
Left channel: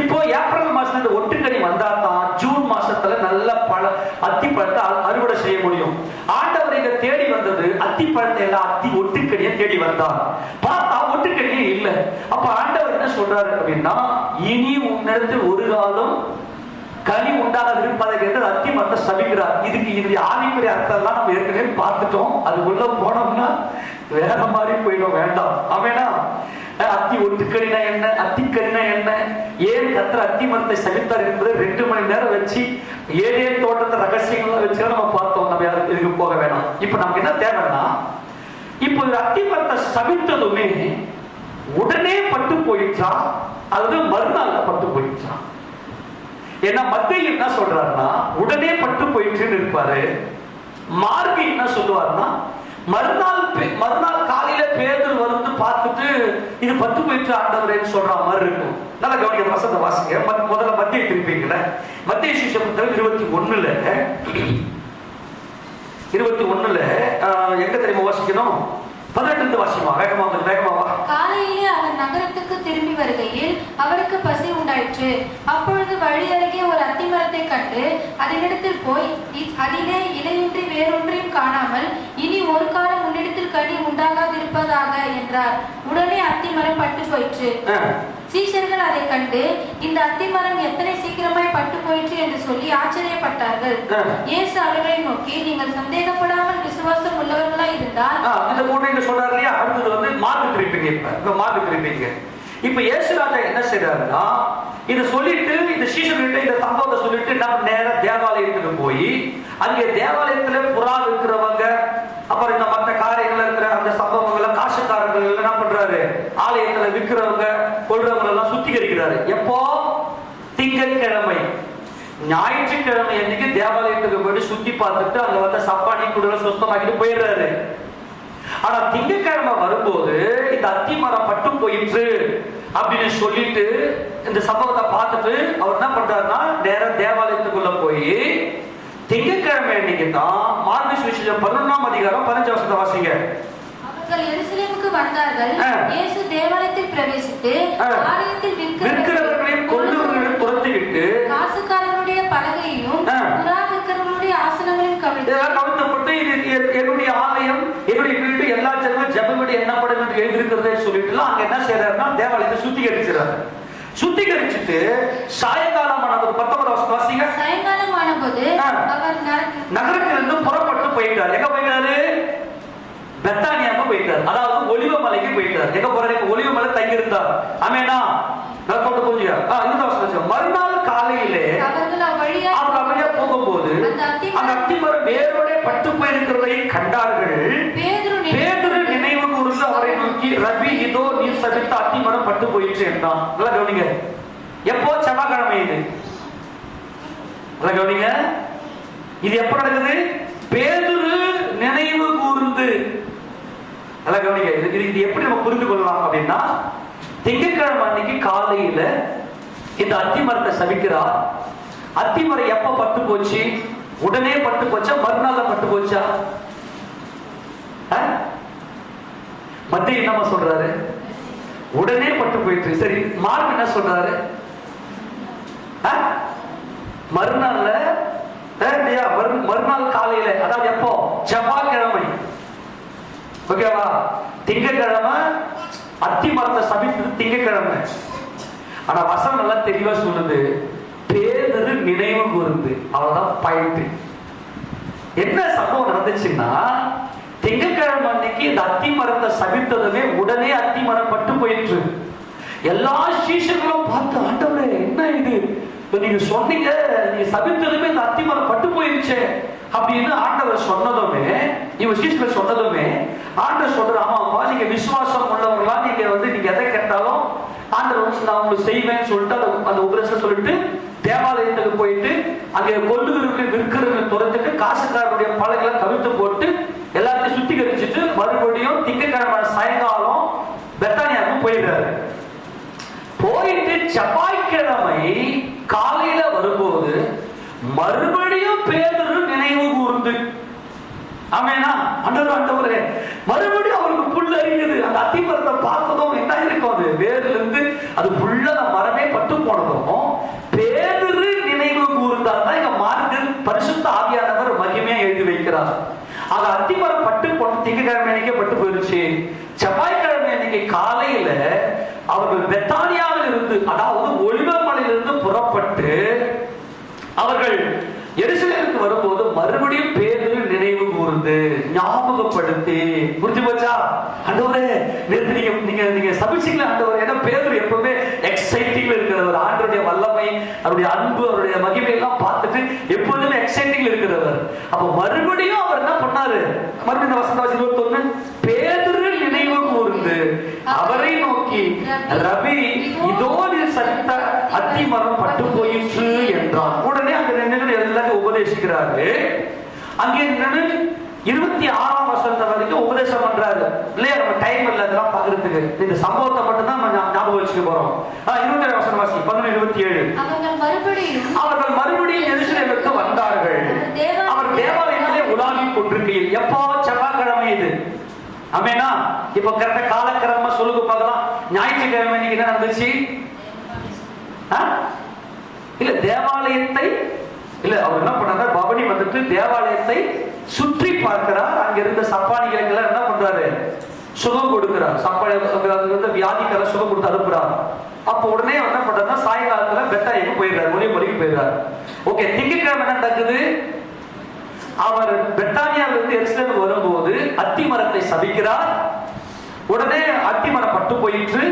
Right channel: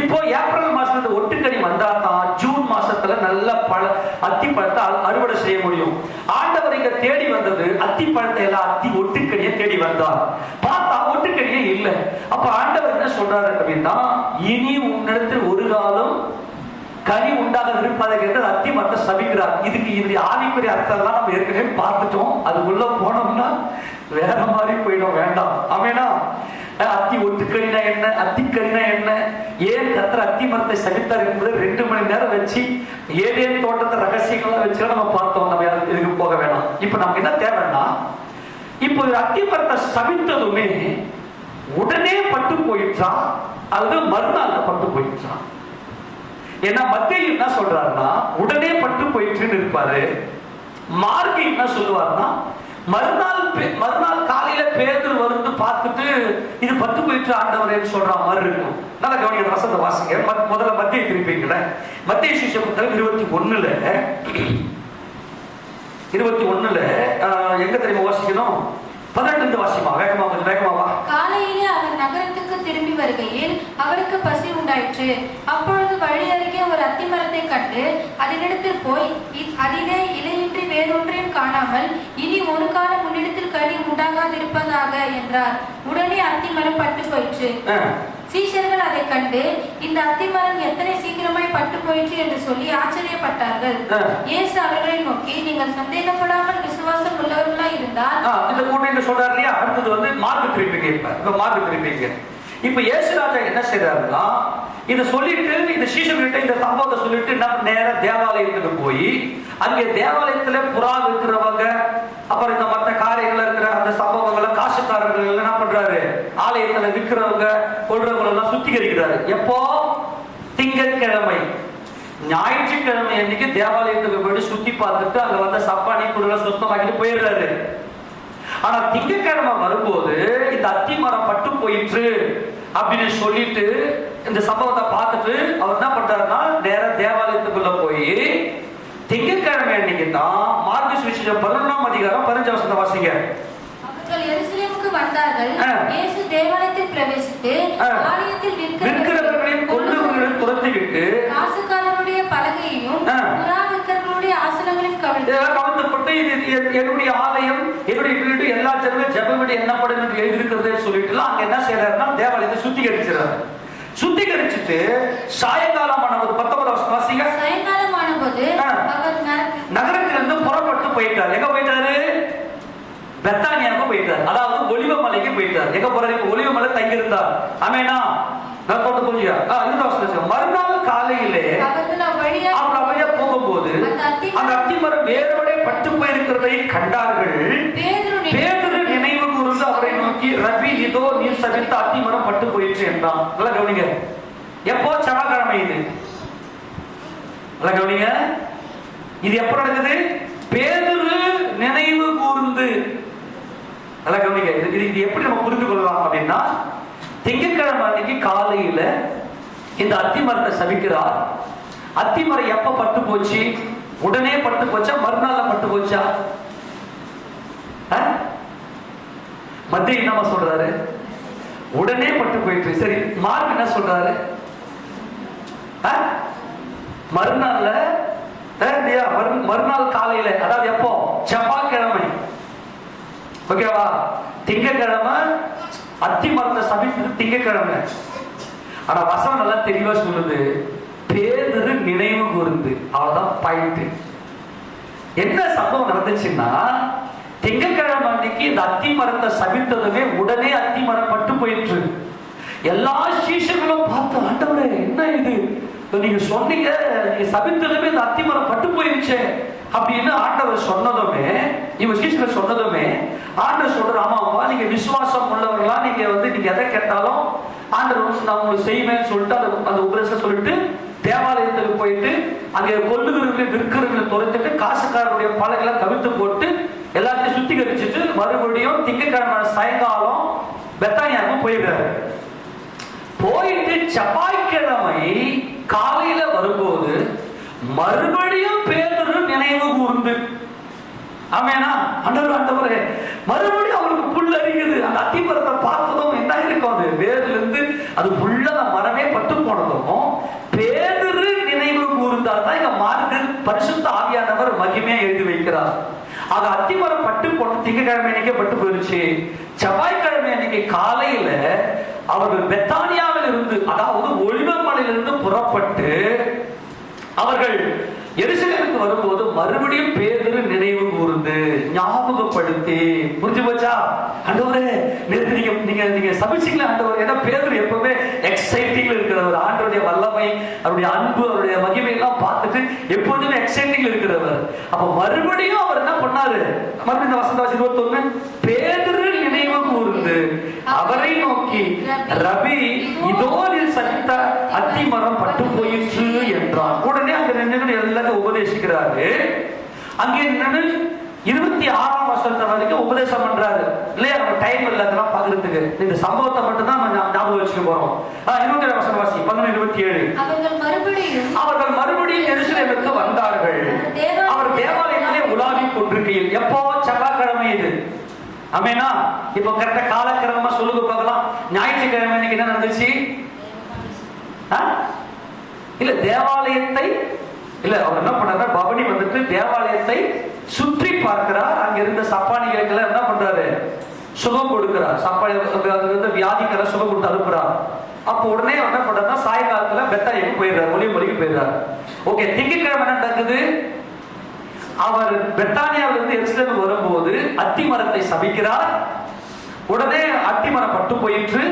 இப்போ ஏப்ரல் மாசம் இந்த ஒட்டுக்கனி வந்தா தான் ஜூன் மாசத்துல நல்ல அத்திப்பழத்தை அறுவடை செய்ய முடியும். ஆண்டவர் இங்க தேடி வந்தது அத்திப்பழத்தை எல்லாம் ஒட்டுக்கனியை தேடி வந்தார். பார்த்தா ஒட்டுக்கனியே இல்லை. அப்ப ஆண்டவர் என்ன சொல்றாரு அப்படின்னா, இனி உன்னிடத்தில் ஒரு காலம் கனி உண்டாக விரும்பாத என்று அத்தி மரத்தை சபிக்கிறார். இதுக்கு இந்த ஆவிக்குரிய அர்த்தம் எல்லாம் நம்ம ஏற்கனவே பார்த்துட்டோம். அதுக்குள்ள போனோம்னா வேற மாதிரி போயிடும். வேண்டாம். அவனா அத்தி ஒட்டுக்கணினா என்ன, அத்திக்கணினா என்ன, ஏன் கத்திர அத்தி மரத்தை சபித்தார் என்பது 2 மணி நேரம் வச்சு ஏதேன் தோட்டத்தை ரகசியங்கள்லாம் வச்சு நம்ம பார்த்தோம். நம்ம இதுக்கு போக வேணாம். இப்ப நமக்கு என்ன தேவைன்னா, இப்போ ஒரு அத்தி மரத்தை சபித்ததுமே உடனே பட்டு போயிடுச்சா அல்லது மறுநாள் பட்டு போயிடுச்சா? ஏன்னா மத்திய என்ன சொல்றாருன்னா உடனே பட்டு போயிடுச்சுன்னு இருப்பாரு. மார்க் என்ன சொல்லுவாருன்னா மறுநாள் காலையில பேதுரு வந்து பார்த்துட்டு இது பட்டு போயிட்டு ஆண்டவரேன்னு சொல்ற மாதிரி இருக்கும். நல்லா கவனிக்க வசந்த வாசிங்க. முதல்ல மத்திய திருப்பிங்கள மத்திய சுவிசேஷ புத்தகம் 21 எங்க தெரியுமா வாசிக்கணும்? 18 வாசிமா. வேகமா வேகமாவா. காலையிலே அவர் நகரத்துக்கு திரும்பி வருகையில் அவருக்கு பசி உண்டாயிற்று. அப்பொழுது வழி அருகே ஒரு அத்தி மரத்தை கண்டு அதனிடத்தில் போய் அதிலே இலையின்றி வேறொன்றையும் காணாமல் இனி ஒரு காலம் உன்னிடத்தில் கனி உண்டாகாதிருப்பதாக என்றார். உடனே அத்தி மரம் பட்டு போயிற்று. சீஷர்கள் அதை கண்டு இந்த அத்தி மரம் எத்தனை சீக்கிரமாய் பட்டு போயிற்று என்று சொல்லி ஆச்சரியப்பட்டார்கள். இயேசு அவர்களை நோக்கி, நீங்கள் சந்தேகப்படாமல் விசுவாசம் உள்ளவர்களா இருந்தால் சொல்றாரு இல்லையா, அடுத்தது வந்து மார்க்கு திருப்பிங்க. இப்ப மார்க்கு திருப்பிங்க. இப்ப இயேசுராஜா என்ன செய்யறாருன்னா, இதை சொல்லிட்டு இந்த சீஷர்கிட்ட இந்த சம்பவத்தை சொல்லிட்டு நான் நேர தேவாலயத்துக்கு போய் அங்கே தேவாலயத்துல புறா இருக்கிறவங்க, அப்புறம் இந்த மற்ற காரியங்கள் இருக்கிற அந்த சம்பவங்களை காசுக்காரர்கள் என்ன பண்றாரு, ஆலயத்துல விற்கிறவங்க கொள்றவங்க எல்லாம் சுத்திகரிக்கிறாரு. எப்போ? திங்கட்கிழமை. ஞாயிற்றுக்கிழமை அன்னைக்கு தேவாலயத்துக்கு போய் சுத்தி பார்த்துட்டு அங்க வந்து சப்பானி குடுல சுத்தமாக்கிட்டு போயிடுறாரு. ஆனா திங்கட்கிழமை வரும்போது இந்த அத்தி மரம் பட்டு போயிற்று அப்படின்னு சொல்லிட்டு இந்த சம்பவத்தை பார்த்துட்டு அவர் என்ன பண்றாருன்னா நேர தேவாலயத்துக்குள்ள போய் திங்கட்கிழமை அன்னைக்கு தான் மார்க்கு சுவிசேஷம் 11ஆம் அதிகாரம் 15 வசனத்தை வாசிங்க. அவர்கள் எருசலேமுக்கு வந்தார்கள். இயேசு தேவாலயத்தில் பிரவேசித்து ஆலயத்தில் விற்கிறவர்களையும் கொள்ளுகிறவர்களையும் துரத்திவிட்டு காசுக்காரனுடைய பலகையையும் புறா விற்கிறவர்களுடைய ஆசனங்களையும் கவிழ்த்துப்பட்டு என்னுடைய ஆலயம் என்னுடைய வீடு எல்லா ஜனங்களும் ஜெபப்படி என்னப்படும் என்று எழுதியிருக்கிறதே சொல்லிட்டு அங்க என்ன செய்யறாருன்னா தேவாலயத்தை சுத்திகரிக்கிறார். சுத்திகரிச்சுட்டு சாயங்காலமான ஒரு 19 வாசிங்க. சாயங்காலமான போது நகரத்திலிருந்து புறப்பட்டு போயிட்டார். எங்க போயிட்டாரு? பெத்தானியாவுக்கு போயிட்டார். அதாவது ஒலிவ மலைக்கு போயிட்டார். எங்க போறாரு? ஒலிவ மலை தங்கி இருந்தார். ஆமேனா? மறுநாள் காலையிலே அவர் வழியா போகும்போது அந்த அத்திமரம் வேரோட பட்டு போயிருக்கிறதை கண்டார்கள். பேதுரு நினைவு கூர்ந்து அவரை நோக்கி, ரபி, இதோ நீர் சபித்த அத்திமரம் பட்டு போயிற்று என்றான். கவனிங்க, எப்போ? செவ்வாய்க்கிழமை. இது கவனிங்க, இது எப்ப நடக்குது? பேதுரு நினைவு கூர்ந்து. கவனிங்க, இது எப்படி நம்ம புரிந்து கொள்ளலாம் அப்படின்னா, திங்கட்கிழமை அன்னைக்கு காலையில இந்த அத்திமரத்தை சபிக்கிறார். அத்திமரம் எப்ப பட்டு போச்சு? உடனே பட்டு போச்சா, மறுநாள் பட்டு போச்சா? மத்திய என்ன சொல்றாரு? உடனே பட்டு போயிட்டு. சரி, மார்க் என்ன சொல்றாரு? மறுநாள்ல மறுநாள் காலையில, அதாவது எப்போ? செவ்வாய்க்கிழமை. ஓகேவா? திங்கட்கிழமை அத்திமரத்தை சபித்தது திங்கட்கிழமை. ஆனா வசனம் நல்லா தெளிவா சொல்லுது, பேதுரு நினைவு கூர்ந்து. அவ்வளவுதான் பாயிண்ட். என்ன சம்பவம் நடந்துச்சுன்னா, திங்கட்கிழமை அன்னைக்கு இந்த அத்திமரத்தை சபித்ததுமே உடனே அத்திமரம் பட்டு போயிற்று. எல்லா சீஷர்களும் பார்த்து, ஆண்டவரே என்ன இது, நீங்க சொன்னீங்க, நீங்க சபித்ததுமே இந்த அத்திமரம் பட்டு போயிடுச்சு அப்படின்னு ஆண்டவர் சொன்னதுமே, இவங்க சீஷர்கள் சொன்னதுமே ஆண்டவர் சொல்ற, ஆமாப்பா, நீங்க விசுவாசம் உள்ளவர்களா, நீங்க வந்து நீங்க எதை கேட்டாலும் ஆண்டவர் நான் உங்களுக்கு செய்வேன்னு சொல்லிட்டு அந்த உபதேசம் சொல்லிட்டு தேவாலயத்துக்கு போயிட்டு அங்கே கொள்ளுகிறவர்கள் விற்கிறவர்கள் துரத்துட்டு காசுக்காரருடைய பழங்களை கவிழ்த்து போட்டு எல்லாத்தையும் சுத்திகரிச்சுட்டு மறுபடியும் திங்கட்கிழமை சாயங்காலம் பெத்தானியாவுக்கு போயிடுறாரு. போயிட்டு செவ்வாய்க்கிழமை காலையில வரும்போது மறுபடியும் பேதுரு நினைவு கூர்ந்து. ஆமேனா? ஆண்டவரே, மறுபடியும் அவருக்கு புல் அறியுது. அந்த அத்திமரத்தை பார்த்ததும் என்ன இருக்கும், அது வேர்ல இருந்து அது புல்ல மரமே பட்டு போனதும் பேதுரு நினைவு கூர்ந்தாதான் இங்க மார்க்கு பரிசுத்த ஆவியானவர் மகிமையா எழுதி வைக்கிறார். அது அத்திமரம் பட்டு போன திங்கட்கிழமை அன்னைக்கு பட்டு போயிருச்சு. செவ்வாய்க்கிழமை அன்னைக்கு காலையில அவர்கள் பெத்தானியாவில் இருந்து, அதாவது ஒலிவ மலையிலிருந்து புறப்பட்டு அவர்கள் எருசலேமுக்கு வரும்போது மறுபடியும் பேதுரு நினைவு கூர்ந்து ஞாபகப்படுத்தி. புரிஞ்சு போச்சா? ஆண்டவரே, நீங்க சபிச்சீங்களா ஆண்டவரே? ஏன்னா பேதுரு எப்பவுமே எக்ஸைட்டிங்ல இருக்கிறவர். ஆண்டவருடைய வல்லமை, அவருடைய அன்பு, அவருடைய மகிமை எல்லாம் பார்த்துட்டு எப்பொழுதுமே எக்ஸைட்டிங்ல இருக்கிறவர். அப்ப மறுபடியும் அவர் என்ன பண்ணாரு? மறுபடியும் வசனம் 21, பேதுரு நினைவு கூர்ந்து அவரை நோக்கி, ரபி, இதோ நீர் சபித்த அத்திமரம் பட்டு போயிற்று என்றான். உடனே அந்த நின்று எல்லாத்தையும் உபதேசிக்கிறாரு. அங்கே நின்று 26ஆம் வசனத்தை வரைக்கும் உபதேசம் பண்றாரு இல்லையா? நம்ம டைம் இல்ல அதெல்லாம் பாக்குறதுக்கு. இந்த சம்பவத்தை மட்டும் தான் நம்ம ஞாபகம் வச்சுக்க போறோம். 27 வசனம் வாசி. 11:27. அவர்கள் மறுபடியும் எருசலேமுக்கு வந்தார்கள். அவர் தேவாலயத்திலே உலாவிக் கொண்டிருக்கையில். எப்போ? செவ்வாய்க்கிழமை. இது ஆமேனா? இப்போ கரெக்டா காலக்கிழமை சொல்லுங்க பார்க்கலாம். ஞாயிற்றுக்கிழமை இன்னைக்கு என்ன நடந்துச்சு? இல்ல தேவாலயத்தை இல்ல அவர் என்ன பண்றாரு, பவனி வந்துட்டு தேவாலயத்தை சுற்றி பார்க்கிறார். அங்க இருந்த சப்பானிகளுக்கு என்ன பண்றாரு, சுகம் கொடுக்கிறார். சப்பானி வியாதிக்கார சுகம் கொடுத்து அனுப்புறார். அப்ப உடனே என்ன பண்றாருன்னா சாயங்காலத்துல பெத்தானிக்கு போயிடுறாரு, ஒலிவமலைக்கு போயிடுறாரு. ஓகே, திங்கட்கிழமை என்ன நடக்குது, அவர் பெத்தானியாவிலிருந்து எருசலேமுக்கு வரும்போது அத்தி மரத்தை சபிக்கிறார். உடனே அத்தி மரம் பட்டு போயிட்டு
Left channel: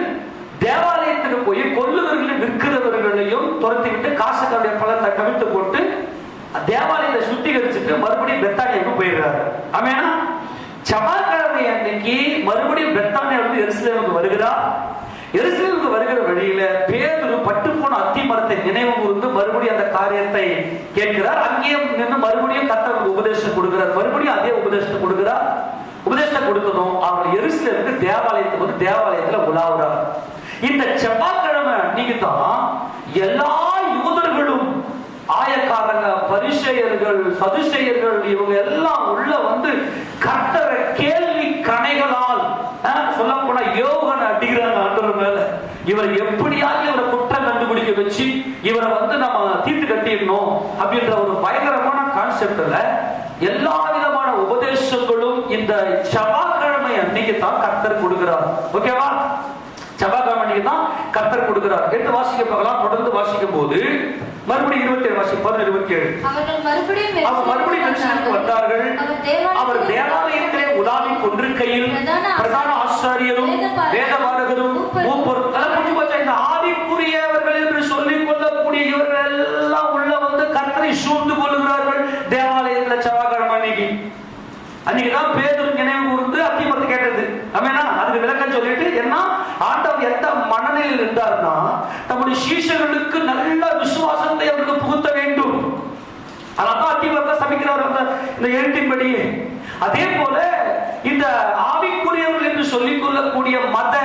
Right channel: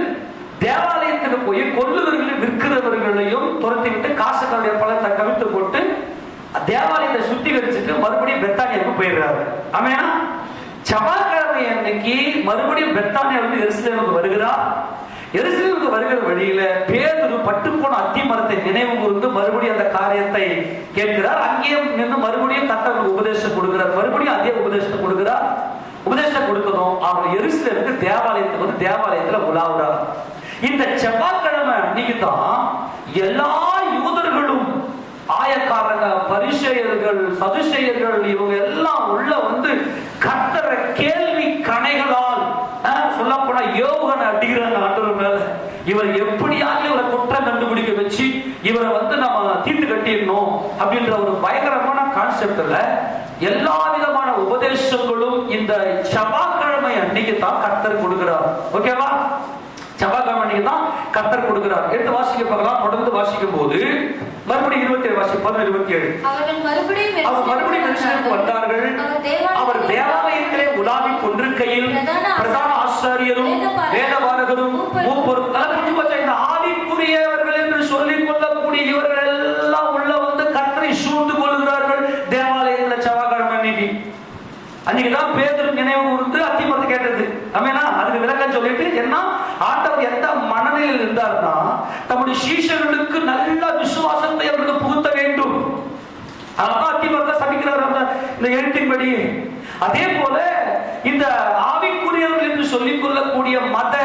தேவாலயத்துக்கு போய் கொள்ளுவர்களையும் விற்கிறவர்களையும் துரத்தி விட்டு காசுகளுடைய பழத்தை கவிழ்த்து போட்டு தேவாலயத்தை சுத்திகரிச்சுட்டு மறுபடியும் பெத்தானியாவுக்கு போயிடுறாரு. ஆமென். செவ்வாய்க்கிழமை அன்னைக்கு மறுபடியும் பெத்தானியாவிலிருந்து எருசலேமுக்கு வருகிறார். எருசலேமுக்கு வருகிற வழியில பேதுரு பட்டுப்போன அத்தி மரத்தை நினைவு கூர்ந்து மறுபடியும் அந்த காரியத்தை கேட்கிறார். அங்கேயே நின்று மறுபடியும் கர்த்தர் உபதேசம் கொடுக்கிறார். மறுபடியும் அதே உபதேசத்தை கொடுக்கிறார். உபதேசம் கொடுக்கணும். அவர் எருசலேமுக்கு தேவாலயத்துக்கு வந்து தேவாலயத்துல உலாவுறார். இந்த செவ்வாய்க்கிழமை அன்னைக்கு தான் எல்லா யூதர்களும், ஆயக்காரங்க, பரிசேயர்கள், சதுசேயர்கள், இவங்க எல்லாம் உள்ள வந்து கர்த்தரை கேள்வி கணைகளால் சொல்ல போனா யோகனை அடிக்கிறாங்க ஆண்டவர் மேல. இவர் எப்படியாவது இவரை குற்றம் கண்டுபிடிக்க வச்சு இவரை வந்து நம்ம தீர்த்து கட்டிடணும் அப்படின்ற ஒரு பயங்கரமான கான்செப்ட்ல எல்லா விதமான உபதேசங்களும் இந்த செவ்வாய்க்கிழமை அன்னைக்கு தான் கர்த்தர் கொடுக்கிறார். ஓகேவா? செவ்வாய்க்கிழமை அன்னைக்கு தான் கர்த்தர் கொடுக்கிறார். எடுத்து வாசிக்க பார்க்கலாம். தொடர்ந்து வாசிக்கும் போது மறுபடியும் 27 வாசிப்போம். 27 அவர்கள் மறுபடியும் எருசலேமுக்கு வந்தார்கள். அவர் தேவாலயத்திலே உலாவிக் கொண்டிருக்கையில் பிரதான ஆசாரியரும் வேதபாரகரும் மூப்பரும் இந்த ஆவிக்குரியவர்கள் என்று சொல்லிக் கொள்ளக்கூடிய இவர்கள் எல்லாம் உள்ள வந்து கர்த்தரை சூழ்ந்து கொள்கிறார்கள். தேவாலயத்தில் செவ்வாய்க்கிழமை அன்னைக்குதான் பேதுரு நினைவு கூர்ந்து அத்திமரத்தை கேட்டது. ஆமென். அதுக்கு விளக்கம் சொல்லிட்டு என்ன ஆண்டவர் எந்த மனநிலையில் இருந்தார்னா தம்முடைய சீஷர்களுக்கு நல்ல விசுவாசத்தை அவருக்கு புகுத்த வேண்டும். அதனால அத்திமரத்தை சபிக்கிறார் இந்த எழுத்தின்படி. அதே போல இந்த ஆவிக்குரியவர்கள் என்று சொல்லிக் கொள்ளக்கூடிய மத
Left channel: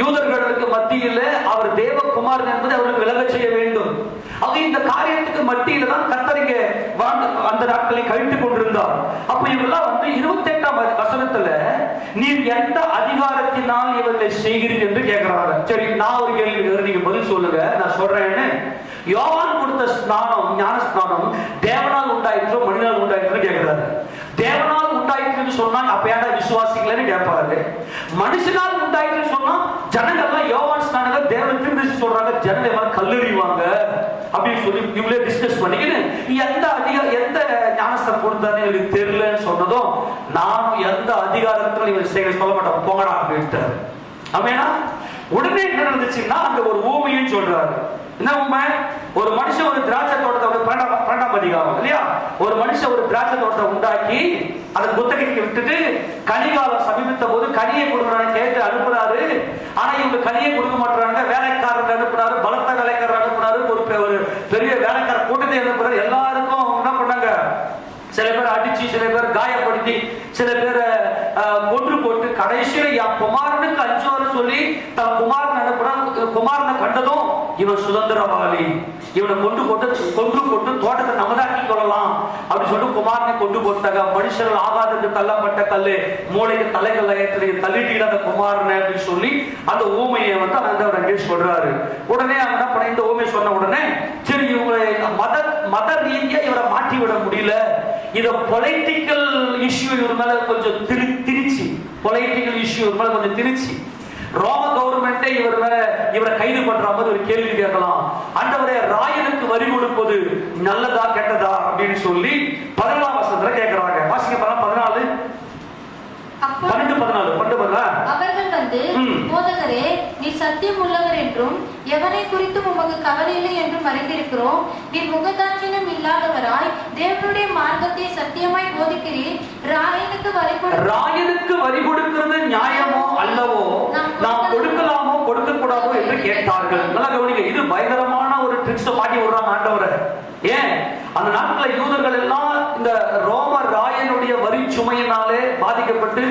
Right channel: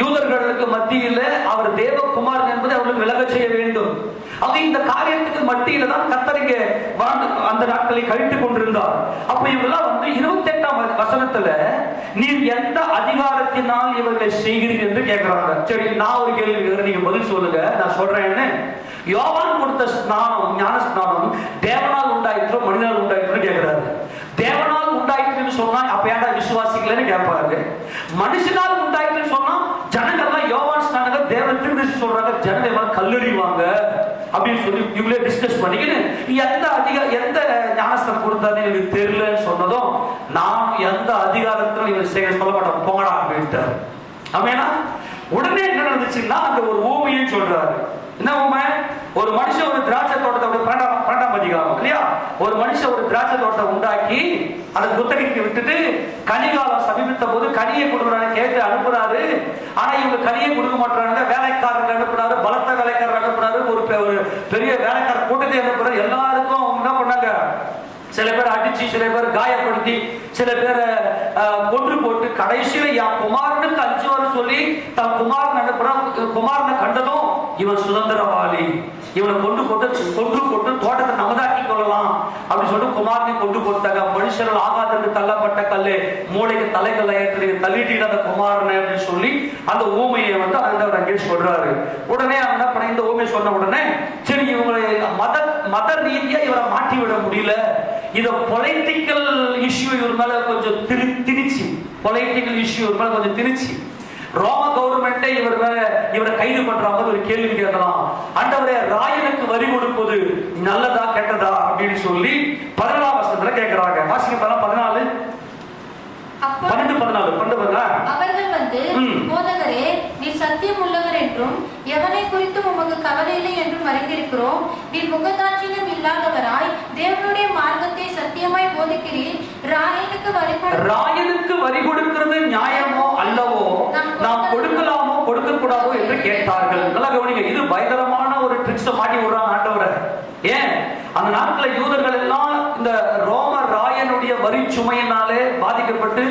யூதர்களுக்கு மத்தியில் அவர் தேவகுமாரன் என்பதை அவர்களுக்கு விலக செய்ய வேண்டும். அது இந்த காரியத்துக்கு மத்தியில தான் கர்த்தர் இங்கே அந்த நாட்களை கழித்துக் கொண்டிருந்தார். அப்ப இவெல்லாம் வந்து 28ஆம் வசனத்துல நீர் எந்த அதிகாரத்தினால் இவர்களை செய்கிறீர்கள் என்று கேட்கிறாங்க. சரி, நான் ஒரு கேள்வி நீங்க பதில் சொல்லுங்க, நான் சொல்றேன்னு. யோவான் கொடுத்த ஸ்நானம், ஞான ஸ்நானம் தேவனால் உண்டாயிற்றோ மனிதனால் உண்டாயிற்றோ கேட்கிறாரு. தேவனால் உண்டாயிற்றுன்னு சொன்னா அப்ப ஏன்டா விசுவாசிக்கலன்னு கேட்பாரு. மனுஷனால் உண்டாயிற்றுன்னு சொன்னா ஜனங்கள்லாம் யோவான் ஸ்நானங்கள் தேவன் திரும்பி சொல்றாங்க, ஜனங்கள் கல்லறிவாங்க அப்படின்னு சொல்லி இவங்களே டிஸ்கஸ் பண்ணிக்கிட்டு எந்த ஞானஸ்தானம் கொடுத்தாரு எனக்கு தெரியலன்னு சொன்னதும் நான் எந்த அதிகாரத்திலும் இவர் சொல்ல மாட்டேன், போங்கடா அப்படின்ட்டாரு. ஆமென். உடனே என்ன நடந்துச்சுன்னா அங்க ஒரு ஊமையும் சொல்றாரு. என்ன ஊமை? ஒரு மனுஷன் ஒரு திராட்சை தோட்டத்தை 12ஆம் அதிகாரம் இல்லையா, ஒரு மனுஷன் ஒரு திராட்சை தோட்டத்தை உண்டாக்கி அதை குத்தகைக்கு விட்டுட்டு கனிகாலம் சமீபித்த போது கனியை கொடுக்கணும் கேட்டு அனுப்புறாரு. ஆனா இவங்க கனியை கொடுக்க மாட்டாங்க. வேலைக்காரங்க அனுப்புறாரு, பலத்த வேலைக்காரர் அனுப்புறாரு, ஒரு பெரிய வேலைக்கார கூட்டத்தை அனுப்புறாரு. எல்லாருக்கும் என்ன பண்ணாங்க, சில பேர் அடிச்சு, சில பேர் காயப்படுத்தி, சில பேரை கொன்று போட்டு கடைசியில என் குமாரனுக்கு 5 வருஷம் சொல்லி தன் குமாரன் அனுப்புறான். குமாரனை கண்டதும் இவன் சுதந்திரவாளி, இவனை கொண்டு போட்டு தோட்டத்தை நமதாக்கி கொள்ளலாம் அப்படின்னு சொல்லிட்டு குமாரனை கொண்டு போட்டாங்க. மனுஷர்கள் ஆகாதற்கு தள்ளப்பட்ட கல்லு மூளைக்கு தலைகளை தள்ளிட்டு அந்த குமாரனை அப்படின்னு சொல்லி அந்த ஊமையை வந்து ஆண்டவர் அங்கே சொல்றாரு. உடனே என்ன பண்ண, இந்த ஊமையை சொன்ன உடனே சரி இவங்களை மத ரீதியா இவரை மாற்றி விட முடியல, இத பொலிட்டிக்கல் இஷ்யூ இவர் மேல கொஞ்சம் திரிச்சு, பொலிட்டிக்கல் இஷ்யூ இவர் மேல கொஞ்சம் திரிச்சு ரோம கவர்மெண்டே இவரை கைது பண்ற மாதிரி ஒரு கேள்வி கேட்கலாம். ஆண்டவரே, ராயனுக்கு வரி கொடுப்பது நல்லதா கெட்டதா அப்படின்னு சொல்லி 14ஆம் வசனத்துல கேட்கிறாங்க. வாசிக்க 14 அவர்கள் வந்து போதகரே, நீ சத்தியம் உள்ளவர் என்றும் எவனை குறித்தும் உமக்கு கவலை இல்லை என்றும் அறிந்திருக்கிறோம். நீ முகதாட்சியம் இல்லாதவராய் தேவனுடைய மார்க்கத்தை சத்தியமாய் போதிக்கிறீர். ராயனுக்கு வரி கொடுக்கிறது நியாயமோ அல்லவோ, நாம் கொடுக்கலாமோ கொடுக்க கூடாதோ என்று கேட்பார்கள். நல்லா கவனிங்க, இது பயங்கரமான ஒரு ட்ரிக்ஸ் மாட்டி விடுறாங்க ஆண்டவரை. ஏன் அந்த நாட்கள் யூதர்கள் எல்லாம் இந்த ரோம ராயனுடைய வரி சுமையினாலே பாதிக்கப்பட்டு,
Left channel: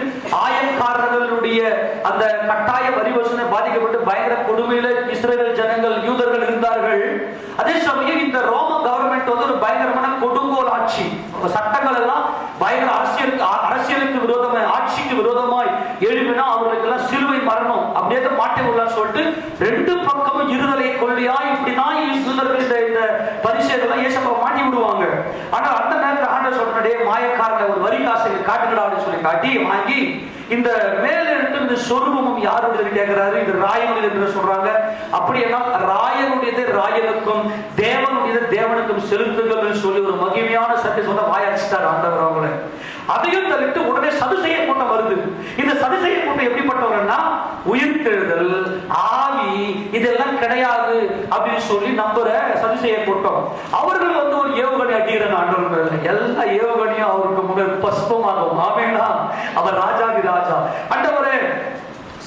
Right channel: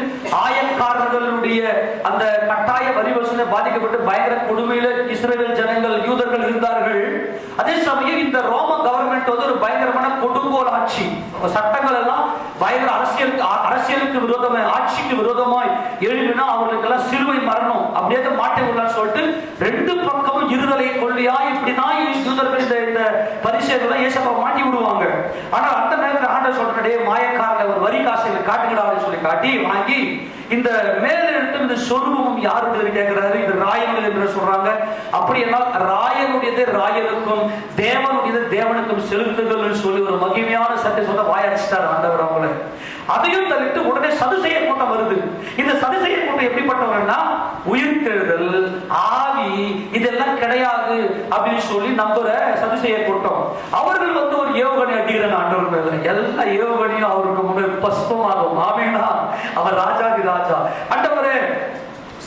ஆயக்காரர்களுடைய அந்த கட்டாய வரி வசூலை பாதிக்கப்பட்டு பயங்கர கொடுமையில இஸ்ரவேல் ஜனங்கள் யூதர்கள் இருந்தார்கள். அதே சமயம் இந்த ரோம கவர்மெண்ட் வந்து ஒரு பயங்கரமான கொடுங்கோல் ஆட்சி. சட்டங்கள் எல்லாம் பயங்கர அரசியலுக்கு விரோதமாய், ஆட்சிக்கு விரோதமாய் எழுப்பினா அவர்களுக்கு எல்லாம் சிலுவை மரணம் அப்படியே மாட்டி விடலாம்னு சொல்லிட்டு 2 பக்கமும் இருதலை கொள்ளையா இப்படிதான் யூதர்கள் இந்த இந்த மேலெழுத்து இந்த சொருபமும் யாருடைய கேட்கிறாரு? இது ராயங்கள் என்று சொல்றாங்க. அப்படின்னா ராயனுடையது ராயனுக்கும் தேவனுடையது தேவனுக்கும் செலுத்துதல் சொல்லி ஒரு மகிமையான சட்டை சொல்ல வாயாச்சிட்டார் ஆண்டவர் அவங்கள. அதையும் தவிர்த்து உடனே சதுசேய கூட்டம் வருது. இந்த சதுசேய கூட்டம் எப்படிப்பட்டவங்கன்னா உயிர்த்தெழுதல், ஆவி இதெல்லாம் கிடையாது அப்படின்னு சொல்லி நம்புற சதுசேய கூட்டம். அவர்கள் வந்து ஒரு ஏவுகணை அடிக்கிறாங்க ஆண்டவர்கள். எல்லா ஏவுகணையும் அவருக்கு முன்னாடி பஸ்தமாகும். ஆமேனா, அவர் ராஜாதி ராஜா. ஆண்டவரே,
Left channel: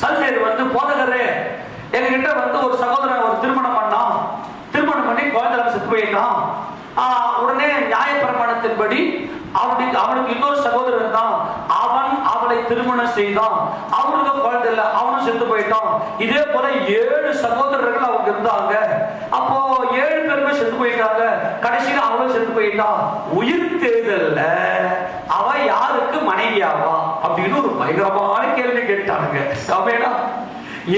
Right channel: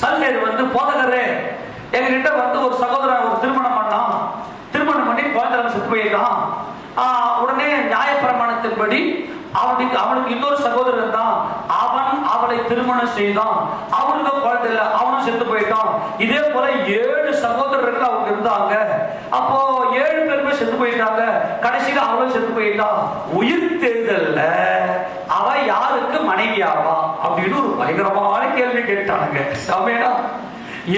சதுசேயர் வந்து போதகரே, என்கிட்ட வந்து ஒரு சகோதரன் ஒரு திருமணம் பண்ணான், திருமணம் பண்ணி குழந்தை செத்து போயிட்டான். உடனே நியாயப்பிரமாணத்தின்படி அவனுக்கு இன்னொரு சகோதரன் தான், அவன் அவளை திருமணம் செய்தான், அவனுக்கு குழந்தை இல்லை, அவனும் செத்து போயிட்டான். இதே போல 7 சகோதரர்கள் அவங்க இருந்தாங்க. அப்போ 7 பேருமே செத்து போயிட்டாங்க. கடைசியில அவளும் செத்து போயிட்டான். உயிர் தேர்தல்ல அவ யாருக்கு மனைவியாவா அப்படின்னு ஒரு பயங்கரமான கேள்வி கேட்டாங்க.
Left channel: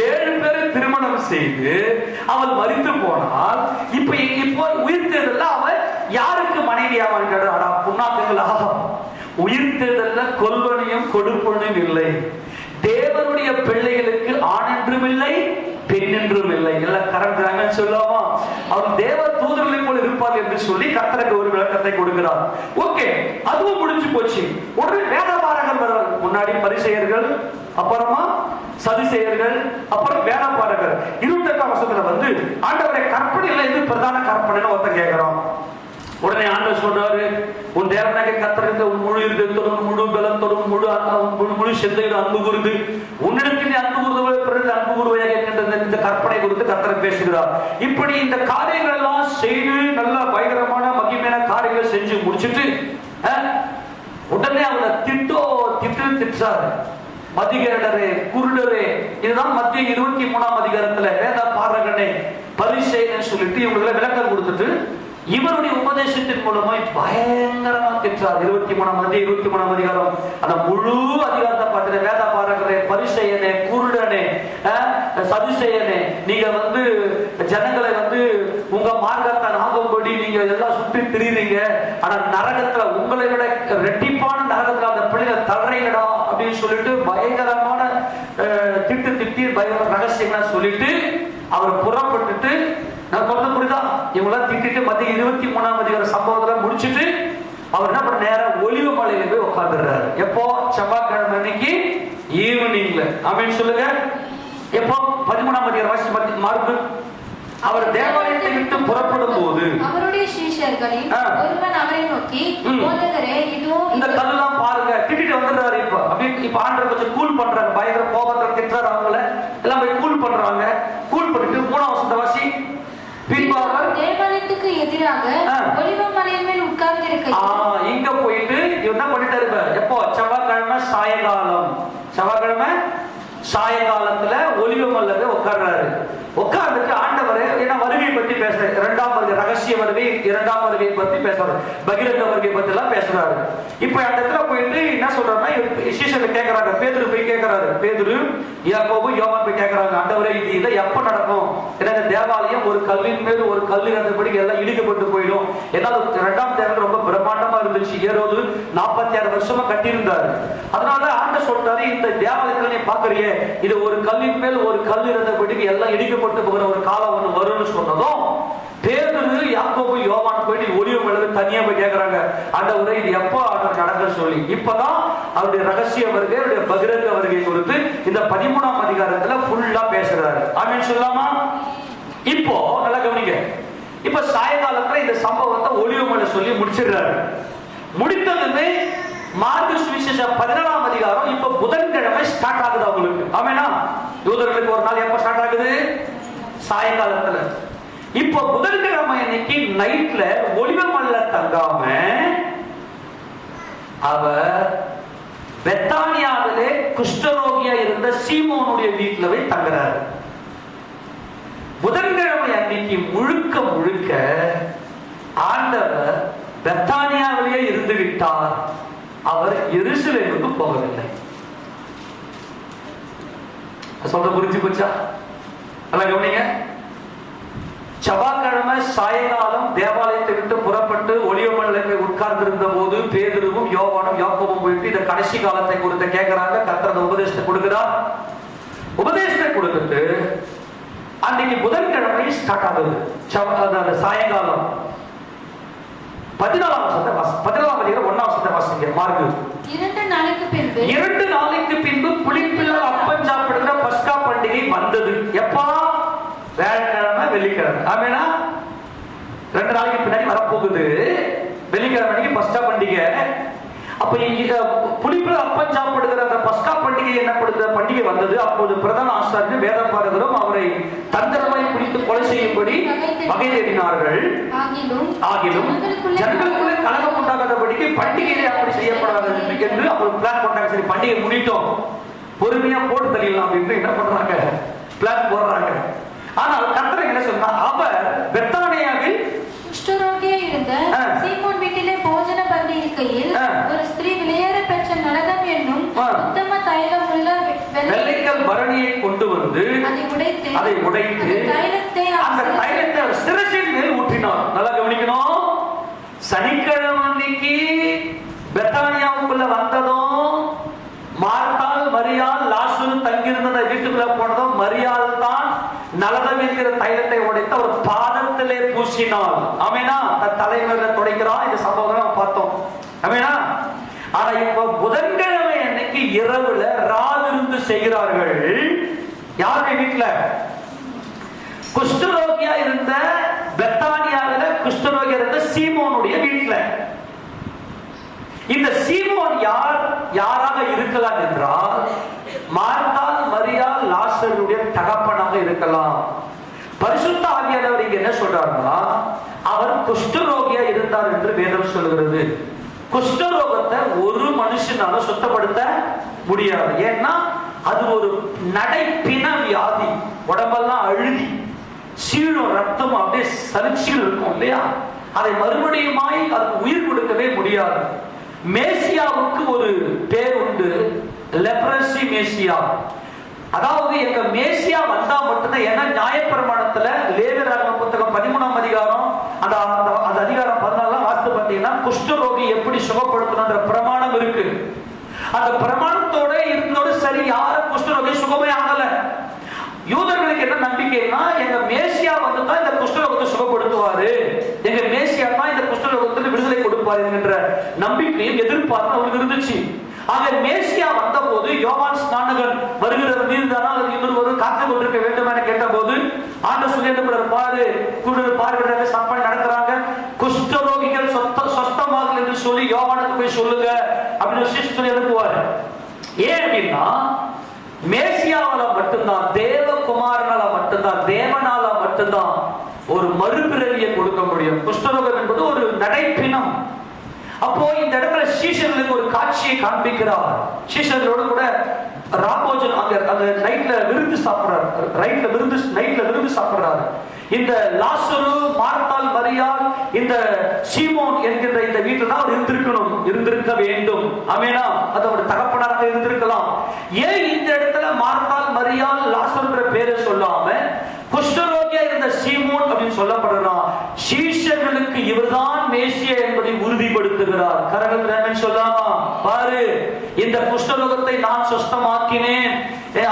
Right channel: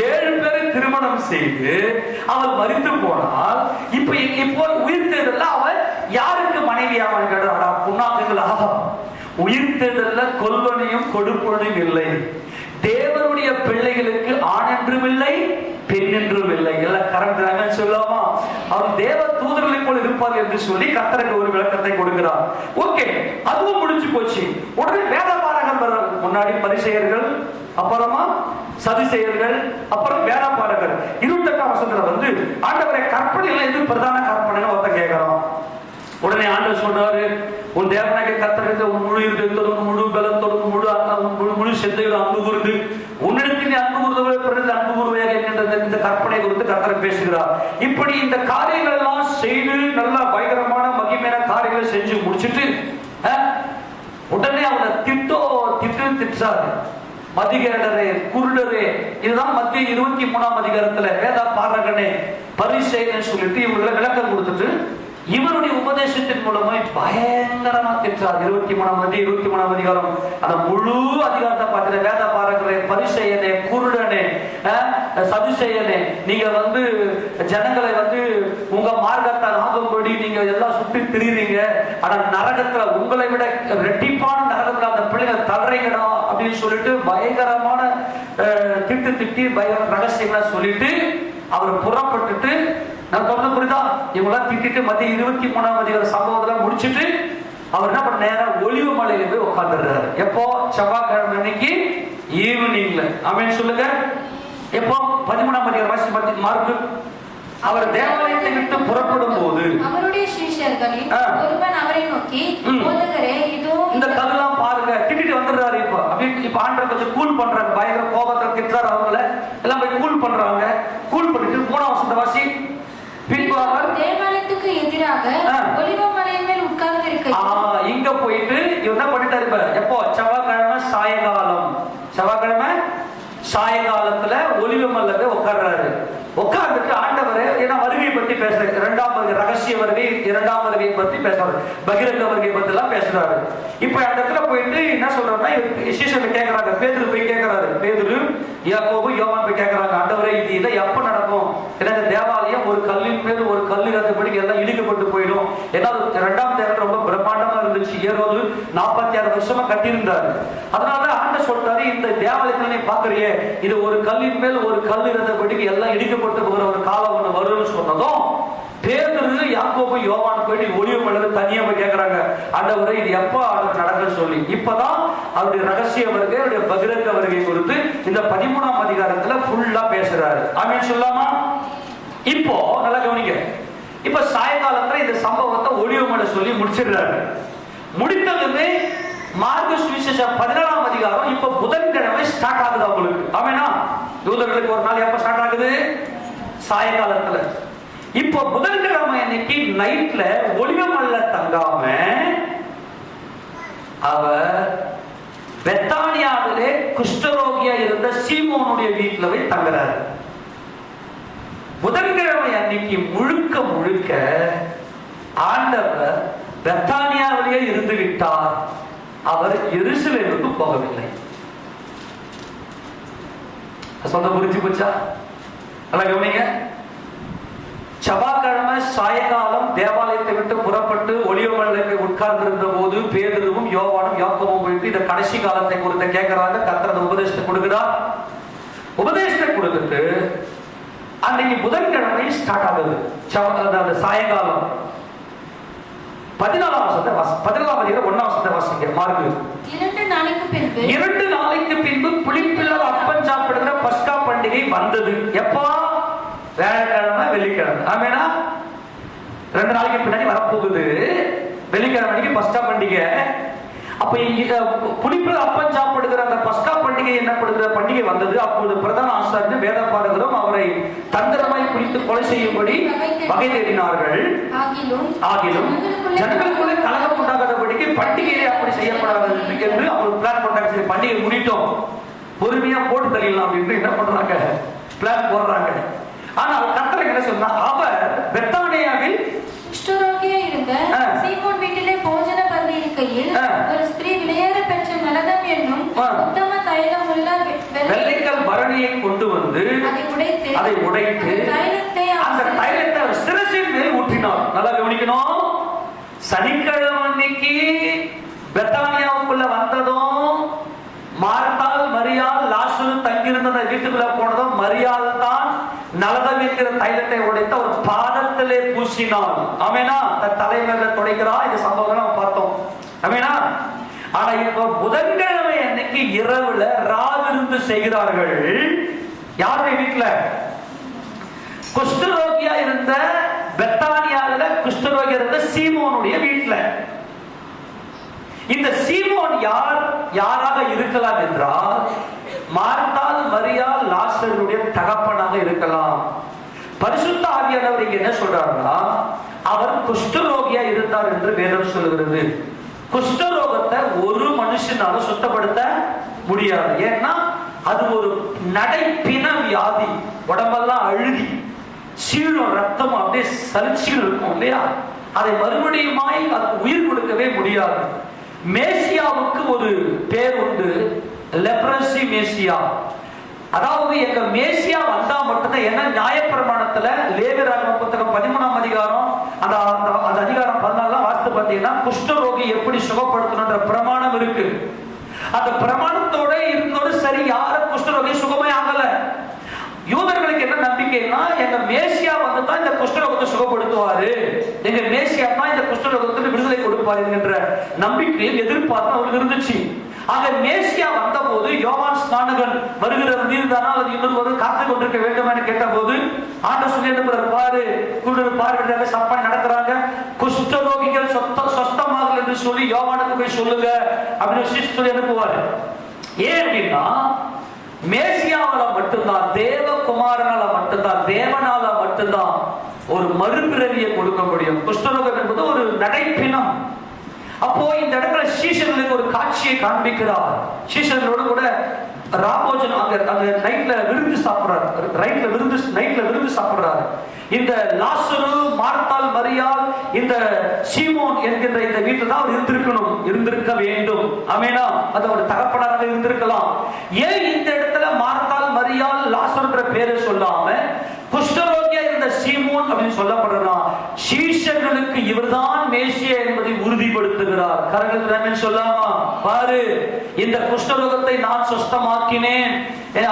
7 பேரை திருமணம் செய்து அவள் மரித்து போனால் இப்போ உயிர் தேர்தல்ல அவள் யாருக்கு மனைவியாவான் கேட்டா, புண்ணாக்குங்களா? உயிர் தேர்தல்ல கொல்வனையும் கொடுப்பனையும் இல்லை. தேவனுடைய பிள்ளைகளுக்கு ஆண் என்றும் இல்லை, பெண் என்றும் இல்லை. எல்லாம் கரெக்ட் சொல்லாமா? அவன் தேவ தூதர்களை போல இருப்பார் என்று சொல்லி கர்த்தருக்கு ஒரு விளக்கத்தை கொடுக்கிறார். ஓகே, அதுவும் முடிஞ்சு போச்சு. உடனே வேதபாரகர் வர்றார். முன்னாடி பரிசேயர்கள், அப்புறமா சதுசேயர்கள், அப்புறம் வேதபாரகர். 28ஆம் வசனத்துல வந்து ஆண்டவருடைய கற்பனையில இது பிரதான கற்பனைன்னு ஒருத்தர் கேட்கிறான். உடனே ஆண்டவர் சொல்றாரு, உன் தேவனாகிய கர்த்தருக்கு உன் முழு இதயத்தோடும் முழு பலத்தோடும் முழு சிந்தையோடும் அன்பு கூர்ந்து உன்னிடத்தில் அன்பு கூறுவதை பிறகு அன்பு கூறுவையாக என்கின்ற இந்த கற்பனை குறித்து கர்த்தர் பேசுகிறார். இப்படி இந்த காரியங்கள் எல்லாம் செய்து நல்ல பயங்கரமான மகிமையான காரியங்களை செஞ்சு முடிச்சுட்டு உடனே அவரை திட்டாரு. மதிகேடரே, குருடரே, இதுதான் மத்திய 23ஆம் அதிகாரத்துல வேத பாரகனே பரிசேயன் சொல்லிட்டு இவங்களை விளக்கம் கொடுத்துட்டு இவருடைய உபதேசத்தின் மூலமாய் பயங்கரமா திட்டார். 23ஆம் அதிகாரம் அந்த முழு அதிகாரத்தை பார்த்து வேத பாரகரே, பரிசேயனே, குருடனே, சதுசேயனே, நீங்க வந்து ஜனங்களை வந்து உங்க மார்க்கத்தை நாகம்படி நீங்க எல்லாம் சுற்றி திரிறீங்க. ஆனா நரகத்துல உங்களை விட ரெட்டிப்பான நரகத்துல அந்த பிள்ளைகளை தள்ளுறீங்கடா அப்படின்னு சொல்லிட்டு பயங்கரமான திட்டி பயங்கர ரகசியமா சொல்லிட்டு அவர் புறப்பட்டுட்டு, நான் சொல்றது புரியுதா? இவங்களாம் திட்டிட்டு மத்திய 23ஆம் அதிகார சம்பவத்தை முடிச்சுட்டு அவர் என்ன பண்ண, நேரம் ஒலிவ மலையில போய் உட்காந்துடுறாரு. எப்போ? செவ்வாய்க்கிழமை அன்னைக்கு ஈவினிங்ல. ஆமென் சொல்லுங்க. எப்போ? 13ஆம் அதிகார வாசி மார்க்கு. அவர் தேவாலயத்தை விட்டு புறப்படும் போது அவருடைய சீஷர்களில் ஒருவன் அவரை நோக்கி, போதகரே, இதோ இந்த கல்லெல்லாம் பாருங்க, திட்டிட்டு வந்துடுறாரு. இப்ப ஆண்டவர் கொஞ்சம் கூல் பண்றாங்க. பயங்கர கோபத்துல திட்டுறாரு. அவங்கள எல்லாம் போய் கூல் பண்றாங்க. கூல் பண்ணிட்டு 3ஆம் வசனத்தை வாசி. தேவாலயத்துக்கு எதிராக ஒலிவ மலையின் மேல் உட்கார்ந்து இருக்க இங்க போயிட்டு என்ன பண்ணிட்டாரு? எப்போ? செவ்வாய்க்கிழமை சாயங்காலம். செவ்வாய்க்கிழமை சாயங்காலத்துல ஒலிவ மலையில உட்கார்றாரு. உட்கார்ந்துட்டு ஆண்டவரே, ஏன்னா வருகையை பத்தி பேசுறாரு. 2ஆம் வருகை, ரகசிய வருகை, 2ஆம் வருகையை பத்தி பேசுறாரு. பகிரங்க வருகை பத்தி எல்லாம் பேசுறாரு. இப்ப அந்த இடத்துல போயிட்டு என்ன சொல்றாருன்னா, சீஷர்கள் கேட்கறாங்க. பேதுரு போய் கேட்கறாரு. பேதுரு, யாக்கோபு, யோவான் போய் கேட்கறாங்க, ஆண்டவரே இது இதை எப்ப நடக்கும்? ஏன்னா தேவாலயம் ஒரு கல்லின் மேல் ஒரு கல் இருந்தபடி எல்லாம் இடிக்கப்பட்டு போயிடும். ஏன்னா 2ஆம் தேர்தல் ரொம்ப பிரம்மாண்டமா இருந்துச்சு. ஏரோது 46 வருஷமா கட்டியிருந்தாரு. அதனால ஆண்ட சொல்றாரு, இந்த தேவாலயத்துல நீ பாக்குறியே, இது ஒரு கல்லின் மேல் ஒரு கல் இருந்தபடி எல்லாம் இடிக்கப்பட்டு போகிற ஒரு காலம் ஒண்ணு வரும்னு சொன்னதும் பேதுரு, யாக்கோபு, யோவான் போயிட்டு ஒலிவ மலையில தனியா போய் கேட்கறாங்க, ஆண்டவரே இது எப்போ நடக்க சொல்லி. இப்பதான் அவருடைய ரகசிய வருகை, அவருடைய பகிரங்க வருகை குறித்து இந்த 13ஆம் அதிகாரத்துல ஃபுல்லா பேசுறாரு. ஆமென் சொல்லாமா? இப்போ நல்லா கவனிங்க. இப்ப சாயங்காலத்துல இந்த சம்பவத்தை ஒலிவ மலை சொல்லி முடிச்சிடுறாரு. முடித்ததுமே மார்க்கு சுவிசேஷம் 17ஆம் அதிகாரம் இப்ப புதன்கிழமை ஸ்டார்ட் ஆகுது அவங்களுக்கு. ஆமெனா? யூதர்களுக்கு ஒரு நாள் எப்ப ஸ்டார்ட் ஆகுது? சாயங்காலத்துல. இப்ப புதன்கிழமை அன்னைக்கு நைட்ல ஒலிவ மலையில தங்காம அவர் பெத்தானியாவிலே குஷ்டரோகியா இருந்த சீமோனுடைய வீட்டுல போய் தங்குறாரு. புதன்கிழமை அன்னைக்கு முழுக்க முழுக்க ஆண்டவர் பெத்தானியாவிலேயே இருந்து விட்டார். அவர் எருசலேமுக்கு போகவில்லை. சொல்ல புரிஞ்சு போச்சா? நல்லா கவனிங்க. செவ்வாய்க்கிழமை சாயங்காலம் தேவாலயத்தை விட்டு புறப்பட்டு ஒலிவமலையில உட்கார்ந்திருந்த போது பேதுருவும் யோவானும் யாக்கோபும் போயிட்டு இந்த கடைசி காலத்தை குறித்து கேட்கிறாங்க. கர்த்தர் உபதேசத்தை கொடுக்கிறார். உபதேசத்தை கொடுத்துட்டு அன்னைக்கு புதன்கிழமை ஸ்டார்ட் ஆகுது. சாயங்காலம் 14ஆம் வசனத்தை 14ஆம் அதிகாரம் 1ஆம் வசனத்தை வாசிங்க. மார்க்கு 2 நாளைக்கு பின்பு புளிப்பில்லா அப்பம் சாப்பிடுகிற பஸ்கா பண்டிகை வந்தது. எப்போ? வியாழக்கிழமை வெள்ளிக்கிழமை. ஆமேனா? 2 நாளைக்கு பின்னாடி வரப்போகுது. வெள்ளிக்கிழமைக்கு பஸ்கா பண்டிகை. அப்ப புளிப்பில்லா அப்பம் சாப்பிடுகிற அந்த பஸ்கா பண்டிகை என்னப்படுகிற பண்டிகை வந்தது. அப்போது பிரதான ஆசாரியரும் வேத பாரகரும் அவரை தந்திரமாய் குளித்து கொலை செய்யும்படி வகை தேடினார்கள். ஆகிலும் ஜனங்களுக்குள்ளே கலகம் உண்டாகாதபடிக்கு பண்டிகையை அப்படி செய்யப்படாது என்று அவர் பிளான் பண்றாங்க. சரி, பண்டிகை முடிட்டோம், பொறுமையா போட்டு தள்ளிடலாம் அப்படின்னு என்ன பண்றாங்க? பிளான் போடுறாங்க. ஆனால் கர்த்தர் என்ன சொன்னா, அவர் பெத்தானியாவில் குஷ்டரோகியா இருந்த சீமோன் வீட்டிலே போஜன பந்தி இருக்கையில் ஒரு ஸ்திரீ விலையேற பெற்ற நலதம் என்னும் உத்தம தைலம் உள்ள வெள்ளிக்கல் பரணியை கொண்டு வந்து அதை உடைத்து அந்த தைலத்தை சிரசின் மேல் ஊற்றினார். நல்லா கவனிக்கணும். சனிக்கிழமை அன்னைக்கு பெத்தானியாவுக்குள்ள வந்ததும் மார்த்தாள் மரியாள் லாசரு தங்கியிருந்த வீட்டுக்குள்ள போனதும் மரியாள் தான் நலதம் என்கிற தைலத்தை உடைத்து அவர் பாதத்திலே பூசினார். ஆமேனா? தலைமையில துடைக்கிறார். இந்த சம்பவம் பார்த்தோம். ஆமேனா? ஆனா இப்போ புதன்கிழமை அன்னைக்கு இரவுல ராவிருந்து செய்கிறார்கள். யாருடைய வீட்டுல? குஷ்டரோகியா இருந்த பெத்தானியாவில குஷ்டரோகியா இருந்த சீமோனுடைய வீட்டுல. இந்த சீமோன் யாராக இருக்கலாம் என்றால் மார்த்தாள் மரியாள் லாசருடைய தகப்பனாக இருக்கலாம். பரிசுத்த ஆவியானவர் இங்க என்ன சொல்றாருன்னா, அவர் குஷ்டரோகியா இருந்தார் என்று வேதம் சொல்கிறது. குஷ்டரோகத்தை ஒரு மனுஷனால சுத்தப்படுத்த முடியாது. ஏன்னா அது ஒரு நடைப்பின வியாதி. உடம்பெல்லாம் அழுதி சீழும், ரத்தம் அப்படியே சலிச்சில் இருக்கும் இல்லையா? அதை மறுபடியுமாய் அது உயிர் கொடுக்கவே முடியாது. மேசியாவுக்கு ஒரு பேர் உண்டு, லெப்ரசி மேசியா. அதாவது எங்க மேசியா வந்தா மட்டும்தான். ஏன்னா நியாயப்பிரமாணத்துல லேவியராகம புத்தகம் 13ஆம் அதிகாரம் அந்த அதிகாரம் 14 வாஸ்து பார்த்தீங்கன்னா குஷ்டரோகி எப்படி சுகப்படுத்தணும்ன்ற பிரமாணம் இருக்கு. அந்த பிரமாணத்தோட இருந்தோடு சரி, யாரும் குஷ்டரோகி சுகமே ஆகல. யூதர்களுக்கு என்ன நம்பிக்கைன்னா, எங்க மேசியா வந்துதான் இந்த குஷ்டரோகத்தை சுகப்படுத்துவாரு, எங்க மேசியா தான் இந்த குஷ்டரோகத்துக்கு விடுதலை கொடுப்பாரு என்ற நம்பிக்கையும் எதிர்பார்ப்பு இருந்துச்சு. ஆக மேசியா வந்த போது யோவான் ஸ்நானகன் வருகிறது மீதுதானால் அது இன்னொரு காத்து கொண்டிருக்க வேண்டும் என கேட்ட போது ஆண்டவர் சொல்லி பாரு பார்வையிடுறாங்க, சப்பா நடக்கிறாங்க, குஷ்டரோகிகள் சொஸ்தமாகல் என்று சொல்லி யோவானுக்கு போய் சொல்லுங்க அப்படின்னு சொல்லி அனுப்புவாரு. ஏன் அப்படின்னா மேசியாவால மட்டும்தான், தேவகுமாரனால மட்டும்தான், தேவனால மட்டும்தான் ஒரு மறுபிறவியை கொடுக்க முடியும். குஷ்டரோகம் என்பது ஒரு நடைப்பினம். அப்போ இந்த இடத்துல சீஷர்களுக்கு ஒரு காட்சியை காண்பிக்கிறார். சீஷர்களோடு கூட ராபோஜன் அங்க நைட்ல விருந்து சாப்பிடுறாரு. இந்த லாசரு, மார்த்தாள் மரியாள், இந்த சீமோன் என்கின்ற இந்த வீட்டுல தான் அவர் இருந்திருக்க வேண்டும். ஆமேனா? அது ஒரு தகப்பனாக இருந்திருக்கலாம். ஏன் இந்த இடத்துல மார்த்தாள் மரியாள் லாசருன்ற பேரை சொல்லாம குஷ்டரோகியா இருந்த சீமோன் அப்படின்னு சொல்லப்படுறான்? சீஷர்களுக்கு இவர்தான் மேசியா என்பதை உறுதிப்படுத்துகிறார். கரங்கள் சொல்லாமா? பாரு, இந்த குஷ்டரோகத்தை நான் சுத்தமாக்கினேன்,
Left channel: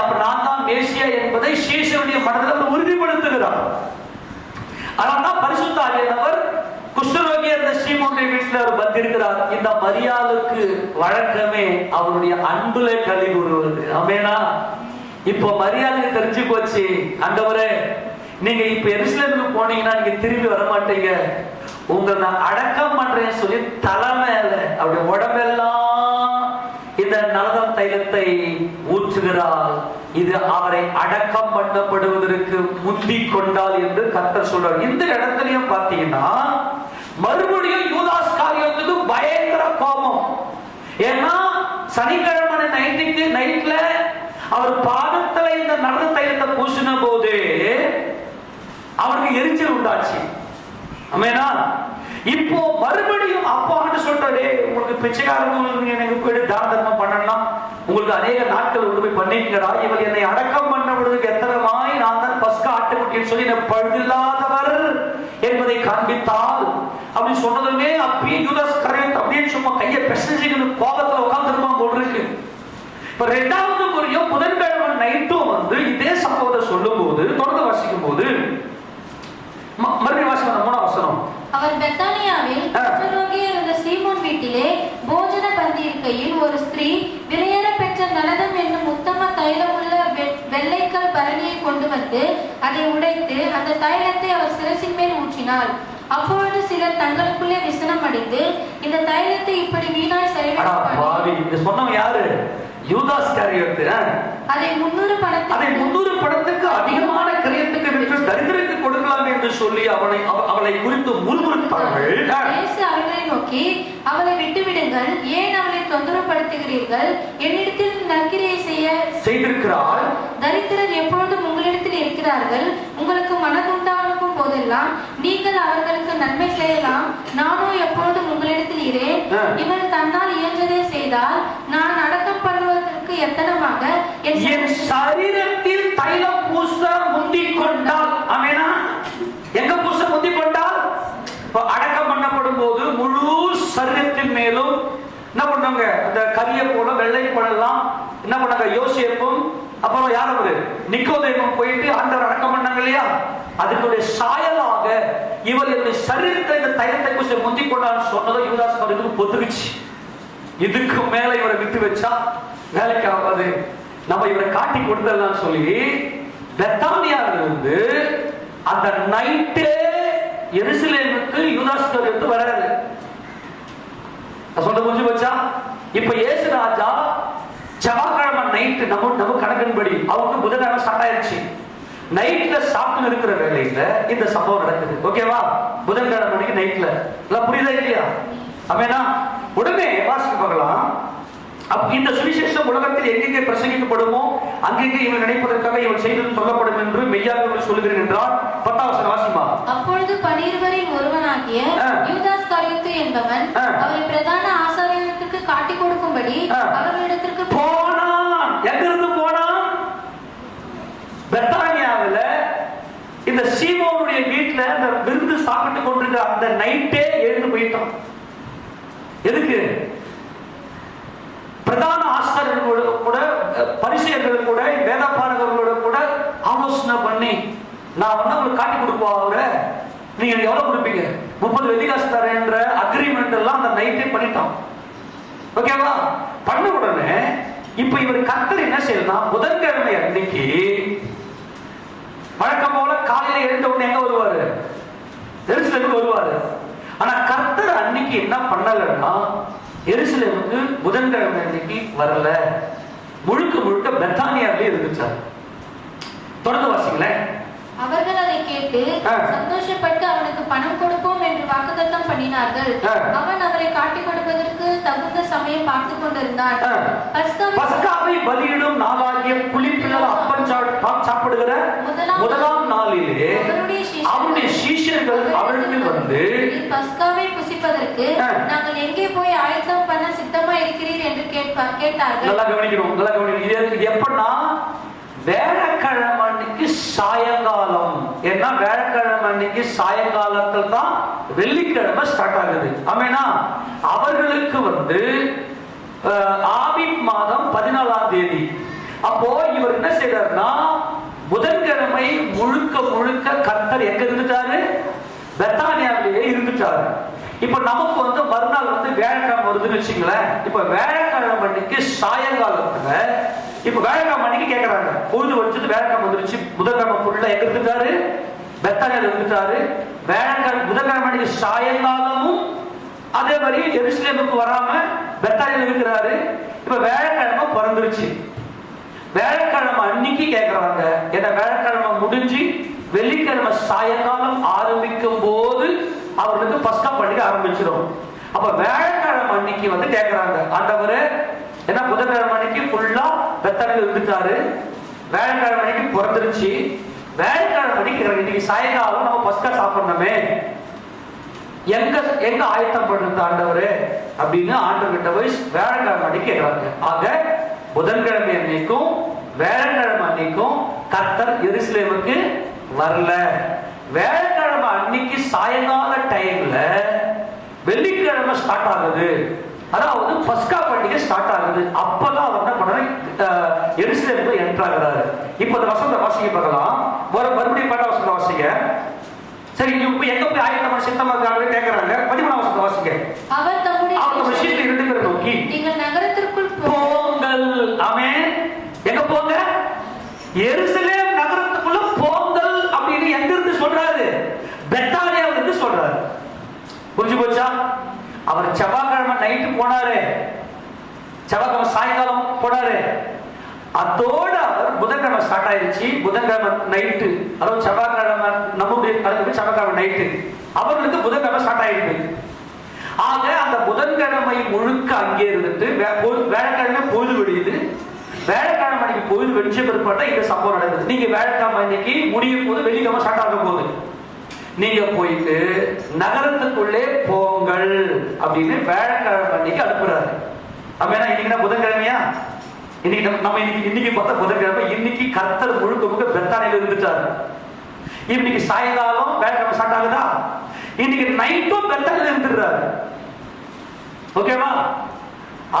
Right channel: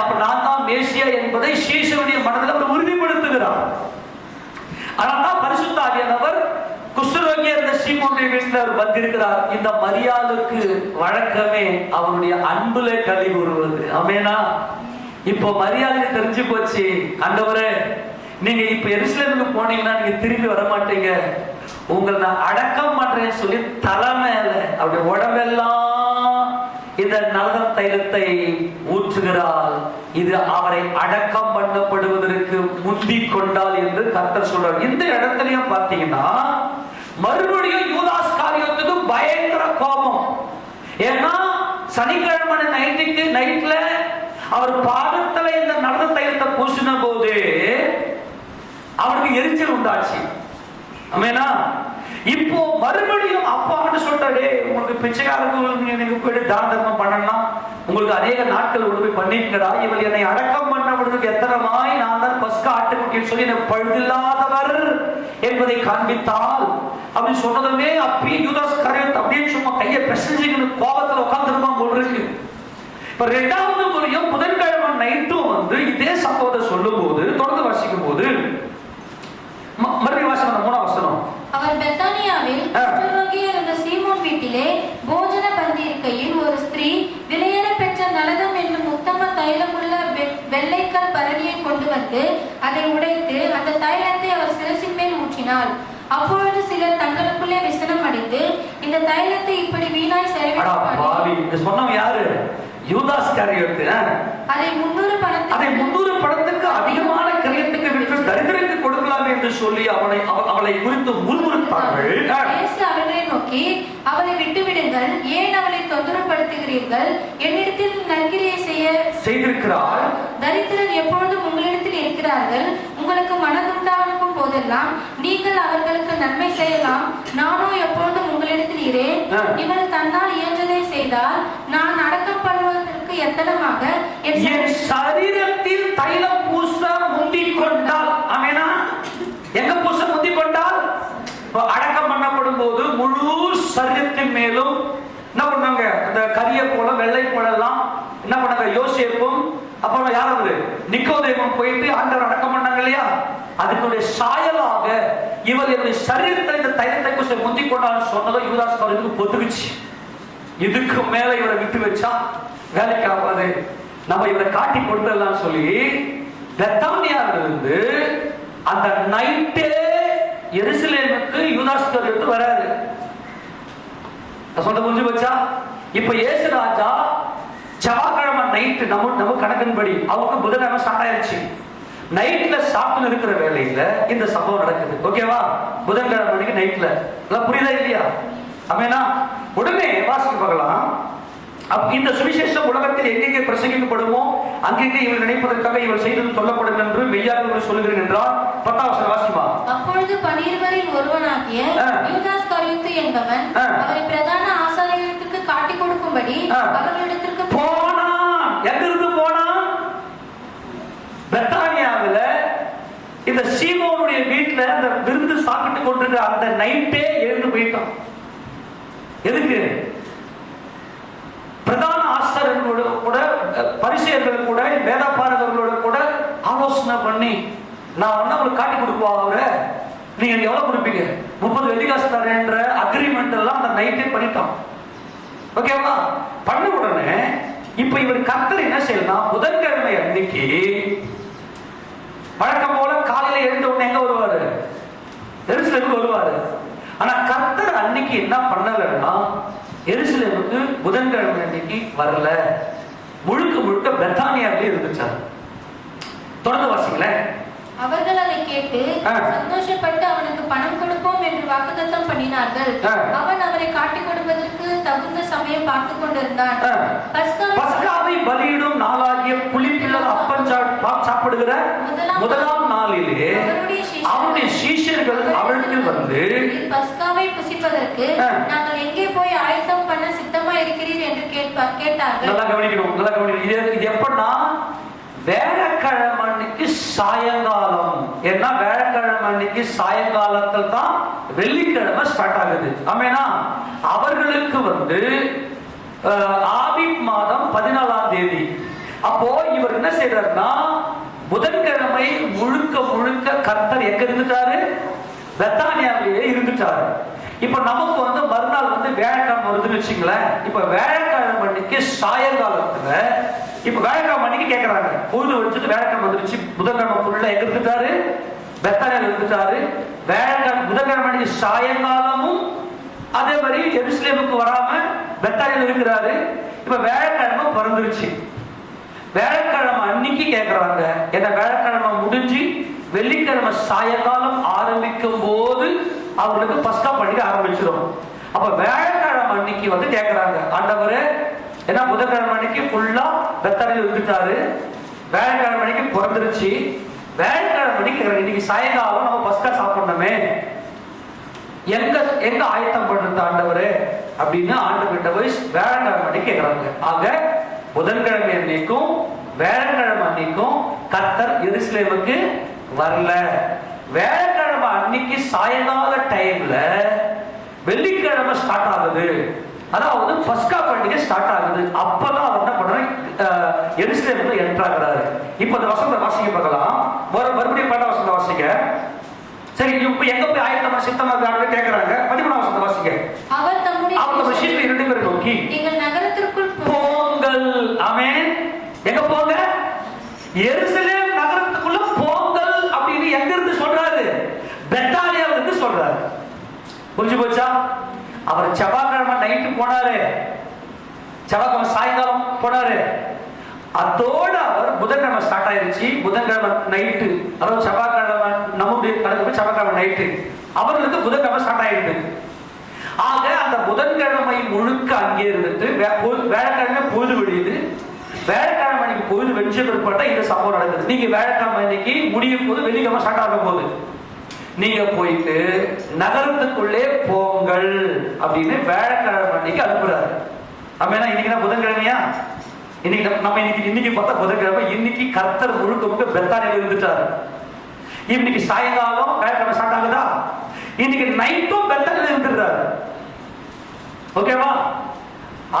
அப்ப நான் தான் மேசியா என்பதை சீஷருடைய மனதில் உறுதிப்படுத்துகிறார். அதனால்தான் பரிசுத்த ஆவியானவர் குஷ்டரோகியா இருந்த சீமோனுடைய வீட்டில் அவர் வந்திருக்கிறார். இந்த மரியாளுக்கு வழக்கமே அவருடைய அன்புல களி கூறுவது. ஆமேனா? இப்போ மரியாதை தெரிஞ்சு போச்சு. ஆண்டவரே, நீங்க இப்ப எருசலேமுக்கு போனீங்கன்னா நீங்க திரும்பி வர மாட்டீங்க, உங்களை நான் அடக்கம் பண்றேன்னு சொல்லி தலைமையில அப்படி உடம்பெல்லாம் இந்த நலதம் தைலத்தை ஊற்றுகிறாள். இது அவரை அடக்கம் பண்ணப்படுவதற்கு முந்திக் கொண்டாள் என்று கர்த்தர் சொல்றார். இந்த இடத்துலயும் பாத்தீங்கன்னா மறுபடியும் யூதாஸ் காரியத்துக்கு பயங்கர கோபம். ஏன்னா சனிக்கிழமை நைட்ல அவர் பாதத்துல இந்த நலத தைலத்தை பூசின போது அவருக்கு எரிச்சல் உண்டாச்சு. ஆமேனா? இப்போ மறுபடியும் அப்பான்னு சொல்றாரு, உங்களுக்கு பிச்சைக்காரங்களுக்கு எனக்கு போயிட்டு தான தர்மம் பண்ணலாம், உங்களுக்கு அநேக நாட்கள் உதவி பண்ணிக்கிறா, இவள் என்னை அடக்கம் பண்ண பொழுதுக்கு எத்தனமாய் நான் தான் பஸ்கா ஆட்டுக்குட்டின்னு சொல்லி எனக்கு பழுதில்லாதவர் காண்பித்தால் அப்படின்னு சொன்னதுமே அப்பயே யூதாஸ் கரியோத்து அப்படியே சும்மா கையை பிரசஞ்சிக்கணும் கோபத்துல உட்கார்ந்துருக்கோம் போல் இருக்கு. இப்ப இரண்டாவது முறையும் புதன்கிழமை நைட்டும் வந்து இதே சம்பவத்தை சொல்லும் போது தொடர்ந்து வாசிக்கும் போது மறுபடியும் வாசனம் 3ஆம் வசனம். அவர் பெத்தானியாவில் குஷ்டரோகியாக இருந்த சீமோன் வீட்டிலே போஜன பந்தி இருக்கையில் ஒரு ஸ்திரீ விலையேற பெற்ற நலதம் என்னும் உத்தம தைலமுள்ள வெள்ளைக்கால் பரணியை கொண்டு வந்து அதை உடைத்து அந்த தைலத்தை அவர் சிரசின் மேல் ஊற்றினாள். அப்பொழுது சிலர் தங்களுக்குள்ளே விசனம் அடைந்து இந்த தைலத்தை இப்படி வீணாய் செலவிட சொன்னவன் யாரு? யூதாஸ் காரியோத்து. அதை 300 பணத்துக்கு அதிகமான கிரயத்துக்கு விற்று தரித்திரருக்கு கொடுக்கலாம் என்று சொல்லி அவளை குறித்து முறுமுறுத்தார்கள். இயேசு அவர்களை நோக்கி அவளை விட்டுவிடுங்கள், ஏன் அவளை தொந்தரப்படுத்துகிறீர்கள்? என்னிடத்தில் நற்கிரியை செய்திருக்கிறார். தரித்திரர் எப்பொழுதும் உங்களிடத்தில் இருக்கிறார்கள். உங்களுக்கு மனதுண்டாகும் போதெல்லாம் நீங்கள் அவர்களுக்கு நன்மை செய்யலாம். நானோ எப்பொழுதும் உங்களிடத்தில் இரேன். இவர் தன்னால் இயன்றதை செய்தால் நான் அடக்கம் பண்ணுவதற்கு எத்தனமாக என் சரீரத்தில் தைலம் பூச முந்திக் கொண்டால், ஆமெனா, எங்க பூச முந்திக் கொண்டால் அடக்கம் பண்ணப்படும் போது முழு சரீரத்தின் மேலும் என்ன பண்ணாங்க? இந்த கரிய போல வெள்ளை போலலாம் என்ன பண்ணாங்க? யோசேப்பும் அப்புறம் யாரு நிக்கோதேமும் போயிட்டு ஆண்டவர் அடக்கம் பண்ணாங்க இல்லையா? அதுக்குடைய சாயலாக இவர் இந்த சரீரத்தில் இந்த தைலத்தை பூச முந்திக் கொண்டால் சொன்னதை யூதாஸ் காரியத்துக்கு பொத்துக்குச்சு. இதுக்கு மேல இவரை விட்டு வச்சா வேலைக்கு ஆகாது, நம்ம இவரை காட்டி கொடுத்துடலாம் சொல்லி பெத்தானியாவிலிருந்து அந்த நைட்டே எருசலேமுக்கு யூதாஸ் காரியத்து வராது. சொல்ல புரிஞ்சு வச்சா இப்ப இயேசு ராஜா செவ்வாய்க்கிழமை நைட்டு நம்ம கணக்கின்படி அவருக்கு புதன்கிழமை ஸ்டார்ட் ஆயிடுச்சு. நைட்ல சாப்பிட்டு இருக்கிற வேலையில இந்த சம்பவம் நடக்குது. ஓகேவா? புதன்கிழமை மணிக்கு நைட்ல புரியுதா இல்லையா? ஆமெனா. உடனே வாசிக்க பார்க்கலாம். இந்த சுவிசேஷம் உலகத்தில் எங்கெங்கே பிரசங்கிக்கப்படுமோ அங்கெங்கே இவன் நினைப்பதற்காக இவன் செய்தது சொல்லப்படும் என்று மெய்யாக சொல்லுகிறேன் என்றால் 10ஆம் வசனம் வாசிமா. அப்பொழுது 12 ஒருவனாகிய யூதாஸ் காரியத்து என்பவன் அவரை பிரதான ஆசாரியர்களுக்கு காட்டிக் கொடுக்கும்படி அவர்களிடத்திற்கு போனான். எங்கிருந்து போனான்? பெத்தானியாவில் இந்த சீமோனுடைய வீட்டுல அந்த விருந்து சாப்பிட்டு கொண்டிருந்த அந்த நைட்டே எழுந்து போயிட்டான். எதுக்கு? பிரதான ஆசாரியர்களோட கூட பரிசேயர்களோட கூட வேதபாரகர்களோட கூட ஆலோசனை பண்ணி நான் உங்களுக்கு காட்டி கொடுப்போம். அவரை நீங்க எவ்வளவு கொடுப்பீங்க? 30 வெள்ளிக்காசு தரேன்ற அக்ரிமெண்ட் எல்லாம் அந்த நைட்டே பண்ணிட்டான். ஓகேவா? பண்ண உடனே இப்ப இவர் கர்த்தர் என்ன செய்யலாம்? புதன்கிழமை அன்னைக்கு வழக்கம் போல காலையில எழுந்த உடனே எங்க வருவாரு? எருசலேமுக்கு வருவாரு. ஆனா கர்த்தர் அன்னைக்கு என்ன பண்ணலன்னா எருசலேமுக்கு புதன்கிழமை அன்னைக்கு வரல. முழுக்க பெத்தானியாவிலே இருந்துச்சார். தொடர்ந்து வாசிங்களேன். அவர்கள் அதை கேட்டு சந்தோஷப்பட்டு அவனுக்கு பணம் கொடுப்போம் என்று வாக்குத்தத்தம் பண்ணினார்கள். அவன் அவரை காட்டிக் கொடுப்பதற்கு தகுந்த சமயம் பார்த்துக் கொண்டிருந்தான். பஸ்காவை பலியிடும் நாளாகிய புளிப்பில்லா அப்பம் சாப்பிடுகிற முதலாம் நாளிலே அவனுடைய சீஷர்கள் அவரிடத்தில் வந்து பஸ்காவை புசிப்பதற்கு நாங்கள் எங்கே போய் ஆயத்தம் பண்ண சித்தமா இருக்கிறீர் என்று கேட்டார்கள். நல்லா கவனிக்கணும். இது எப்படின்னா வேலைக்கிழமை அன்னைக்கு சாயங்காலம். ஏன்னா வேலைக்கிழமை அன்னைக்கு சாயங்காலத்தில் தான் வெள்ளிக்கிழமை ஸ்டார்ட் ஆகுது. ஆமேனா. அவர்களுக்கு வந்து ஆபீப் மாதம் 14ஆம் தேதி. அப்போ இவர் என்ன செய்யறாருன்னா புதன்கிழமை முழுக்க கர்த்தர் எங்க இருந்துட்டாரு? பெத்தானியாவிலேயே இருந்துட்டாரு. இப்ப நமக்கு வந்து மறுநாள் வந்து வேலைக்கிழமை வருதுன்னு வச்சுங்களேன். இப்ப வேலைக்கிழமை அன்னைக்கு சாயங்காலத்துல இப்ப வேலைக்கிழமை அன்னைக்கு கேட்கறாங்க. பொழுது வச்சுட்டு வேலைக்கிழமை வந்துருச்சு. புதன்கிழமை ஃபுல்லா எங்க இருந்துட்டாரு? பெத்தானியால இருந்துட்டாரு. வேலைக்கிழமை புதன்கிழமை அன்னைக்கு சாயங்காலமும் அதே மாதிரி எருசலேமுக்கு வராம பெத்தானியால இருக்கிறாரு. இப்ப வேலைக்கிழமை பிறந்துருச்சு. வேலைக்கிழமை அன்னைக்கு கேட்கறாங்க. ஏன்னா வேலைக்கிழமை முடிஞ்சு வெள்ளிக்கிழமை சாயங்காலம் ஆரம்பிக்கும் போது அவங்களுக்கு பஸ்கா பண்டிகை ஆரம்பிச்சிடும். அப்ப வேலைக்கிழமை அன்னைக்கு வந்து கேட்கறாங்க, ஆண்டவரே ஏன்னா புதன்கிழமை அன்னைக்கு ஃபுல்லா பெத்தானியால இருந்துட்டாரு. வேலைக்கிழமை அன்னைக்கு பிறந்துருச்சு. வேலைக்கிழமை அன்னைக்கு இன்னைக்கு சாயங்காலம் நம்ம பஸ்கா சாப்பிடணுமே, எங்க ஆயத்தம் பண்றது ஆண்டவரே அப்படின்னு ஆண்டவர்கிட்ட போய் வேலைக்கிழமை அன்னைக்கு கேட்கறாங்க. ஆக புதன்கிழமை அன்னைக்கும் வேலைக்கிழமை அன்னைக்கும் கர்த்தர் எருசலேமுக்கு வரல. வேலைக்கிழமை அன்னைக்கு சாயங்கால டைம்ல வெள்ளிக்கிழமை ஸ்டார்ட் ஆகுது, அதாவது பஸ்கா பண்டிகை ஸ்டார்ட் ஆகுது. அப்பதான் அவர் என்ன பண்றாரு, எருசலேமுக்கு என்டர் ஆகுறாரு. இப்ப இந்த வசனத்தை வாசிக்க பார்க்கலாம். மறுபடியும் பாட்ட வசனத்தை வாசிக்க. சரி, இப்ப எங்க போய் ஆயத்தமா சித்தமா இருக்காங்க கேக்குறாங்க. 13 வசனத்தை வாசிக்க. அவர் தம்முடைய சீஷரை 2 பேரை நோக்கி, நீங்கள் நகரத்திற்குள் போங்கள். ஆமென். எங்க போங்க? எருசலேம் நகரத்துக்குள்ள போங்கள் அப்படின்னு எங்க இருந்து சொல்றாரு? பெத்தானியால இருந்து சொல்றாரு. புரிஞ்சு போச்சா? அவர் செவ்வாய்க்கிழமை நைட்டு போனாரு, செவ்வாய்க்கிழமை சாயங்காலம் போனாரு. அதோட அவர் புதன்கிழமை ஸ்டார்ட் ஆயிருச்சு. புதன்கிழமை நைட்டு, அதாவது செவ்வாய்க்கிழமை நம்முடைய கணக்கு செவ்வாய்க்கிழமை நைட்டு, அவர்களுக்கு புதன்கிழமை ஸ்டார்ட் ஆயிடுது. ஆக அந்த புதன்கிழமை முழுக்க அங்கே இருந்துட்டு வேலைக்கிழமை பொழுது விடியுது. வேலைக்கிழமை அன்னைக்கு பொழுது வெடிச்ச பிற்பாட்டா இந்த சம்பவம் நடக்குது. நீங்க வேலைக்கிழமை அன்னைக்கு முடியும் போது வெள்ளிக்கிழமை ஸ்டார்ட் ஆக போகுது. நீங்க போயிட்டு நகரத்துக்குள்ளே போங்கள் அப்படின்னு வேலைக்கிழமை அன்னைக்கு அனுப்புறாரு. ஆமா, இன்னைக்கு தான் புதன்கிழமையா? இன்னைக்கு நம்ம இன்னைக்கு பார்த்தா புதன்கிழமை. இன்னைக்கு கர்த்தர் முழுக்க முழுக்க பெத்தானில இருந்துட்டாரு. இன்னைக்கு சாயங்காலம் வேலைக்கிழமை ஸ்டார்ட் ஆகுதா? இன்னைக்கு நைட்டும் பெத்தானில இருந்துடுறாரு. ஓகேவா?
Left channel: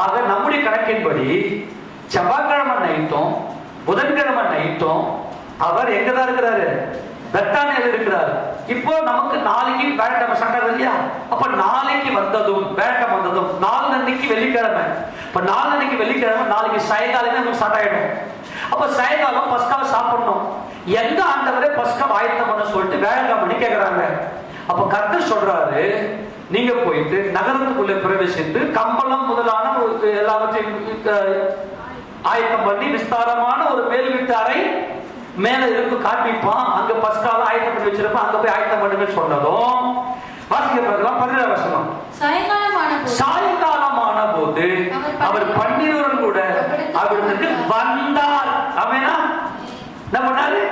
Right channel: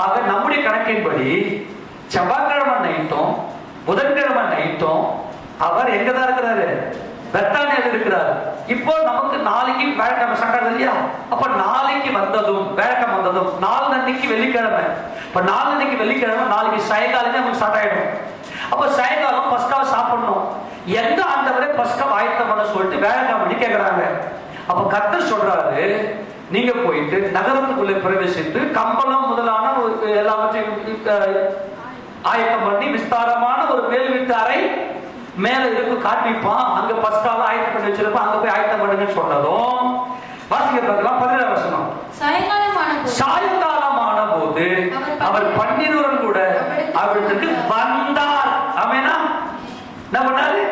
ஆக நம்முடைய கணக்கின்படி செவ்வாய்க்கிழமை நைட்டும் புதன்கிழமை நைட்டும் அவர் எங்கதான் இருக்கிறாரு? பெத்தானியில் இருக்கிறார். இப்போ நமக்கு நாளைக்கு வேலைக்கிழமை ஸ்டார்ட் ஆகுது இல்லையா? அப்ப நாளைக்கு வந்ததும் வேலைக்கிழமை வந்ததும் நாளன்னைக்கு வெள்ளிக்கிழமை. இப்ப நாளன்னைக்கு வெள்ளிக்கிழமை, நாளைக்கு சாயங்காலமே நமக்கு ஸ்டார்ட் ஆயிடும். அப்ப சாயங்காலம் பஸ்கா சாப்பிடணும். எந்த ஆண்டவரே பஸ்கா ஆயத்தம் பண்ண சொல்லிட்டு வேலைக்கிழமை கேட்கிறாங்க. அப்ப கர்த்தர் சொல்றாரு, நீங்க போயிட்டு நகரத்துக்குள்ளே பிரவேசித்து கம்பளம் முதலான எல்லாவற்றையும் ஆயத்தம் பண்ணி விஸ்தாரமான ஒரு மேல் வீட்டு அறை மேல இருக்கு காட்டிப்பான். அங்க பஸ்கால ஆயத்தம் பண்ணி வச்சிருப்பான். அங்க போய் ஆயத்தம் பண்ணுங்க சொன்னதும் வாசிக்க பார்க்கலாம். 17 வசனம். சாயங்காலமான போது அவர் 12 கூட அவருக்கு வந்தார். ஆமெனா? என்ன பண்ணாரு?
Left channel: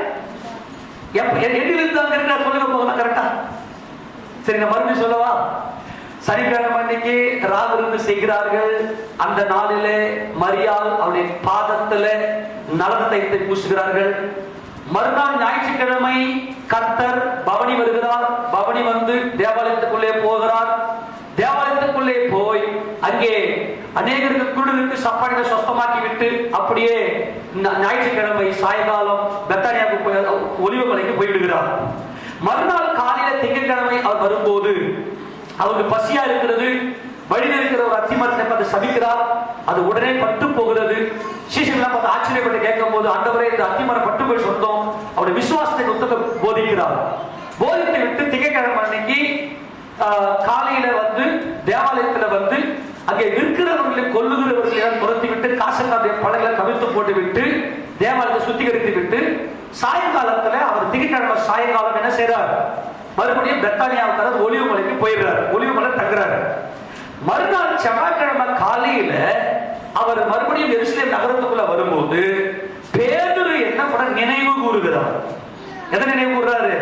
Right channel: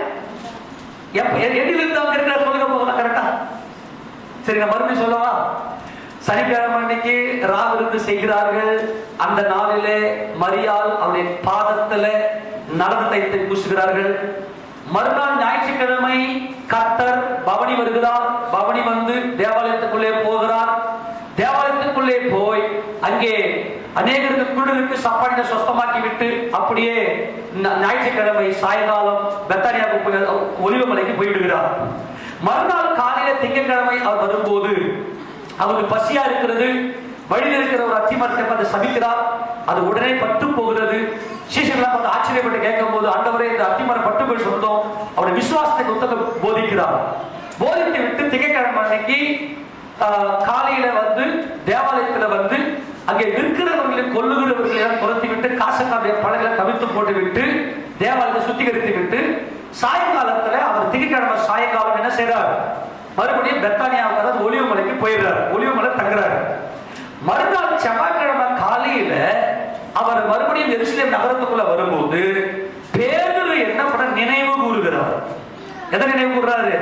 எதிலிருந்து அங்க இருக்கிற சொல்லுங்க போகலாம். கரெக்டா? சரி, நான் மறுபடியும் சொல்லவா? சனிக்கிழமை அன்னைக்கு ராவிருந்து செய்கிறார்கள். அந்த நாளிலே மரியாள் அவருடைய பாதத்துல நலத்தை பூசுகிறார்கள். மறுநாள் ஞாயிற்றுக்கிழமை கர்த்தர் பவனி வருகிறார். பவனி வந்து தேவாலயத்துக்குள்ளே போகிறார். தேவாலயத்துக்குள்ளே போய் அங்கே அநேகருக்கு குழுவிற்கு சாப்பாடுகளை சொஸ்தமாக்கி விட்டு அப்படியே ஞாயிற்றுக்கிழமை சாயங்காலம் பெத்தானியாவுக்கு ஒலிவமலைக்கு போயிடுகிறார். மறுநாள் காலையில திங்கட்கிழமை அவர் வரும்போது அவருக்கு பசியா இருக்கிறது. வழியில் இருக்கிற ஒரு அத்திமரத்தை பார்த்து சபிக்கிறார். அது உடனே பட்டு போகிறது. சீஷர்கள் பார்த்து ஆச்சரியப்பட்டு கேட்கும் போது, ஆண்டவரே இந்த அத்திமரம் பட்டு போய் சொந்தம். அவருடைய விசுவாசத்தை புத்தக போதிக்கிறார். போதித்து விட்டு திங்கட்கிழமை அன்னைக்கு காலையில வந்து தேவாலயத்துல வந்து அங்கே விற்கிறவர்களை கொல்லுகிறவர்களை துரத்தி விட்டு காசக்காடைய பழங்களை கவிழ்த்து போட்டு விட்டு தேவாலயத்தை சுத்திகரித்து விட்டு சாயங்காலத்துல அவர் திங்கட்கிழமை சாயங்காலம் என்ன செய்யறார்? மறுபடியும் பெத்தானியாவுக்கு ஒலிவமலைக்கு போயிடுறாரு. ஒலிவமலை தங்குறாரு. மறுநாள் செவ்வாய்க்கிழமை காலையில அவர் மறுபடியும் எருசலேம் நகரத்துக்குள்ள வரும்போது பேதுரு என்ன பண்ண நினைவு கூறுகிறார். எதை நினைவு கூறுறாரு?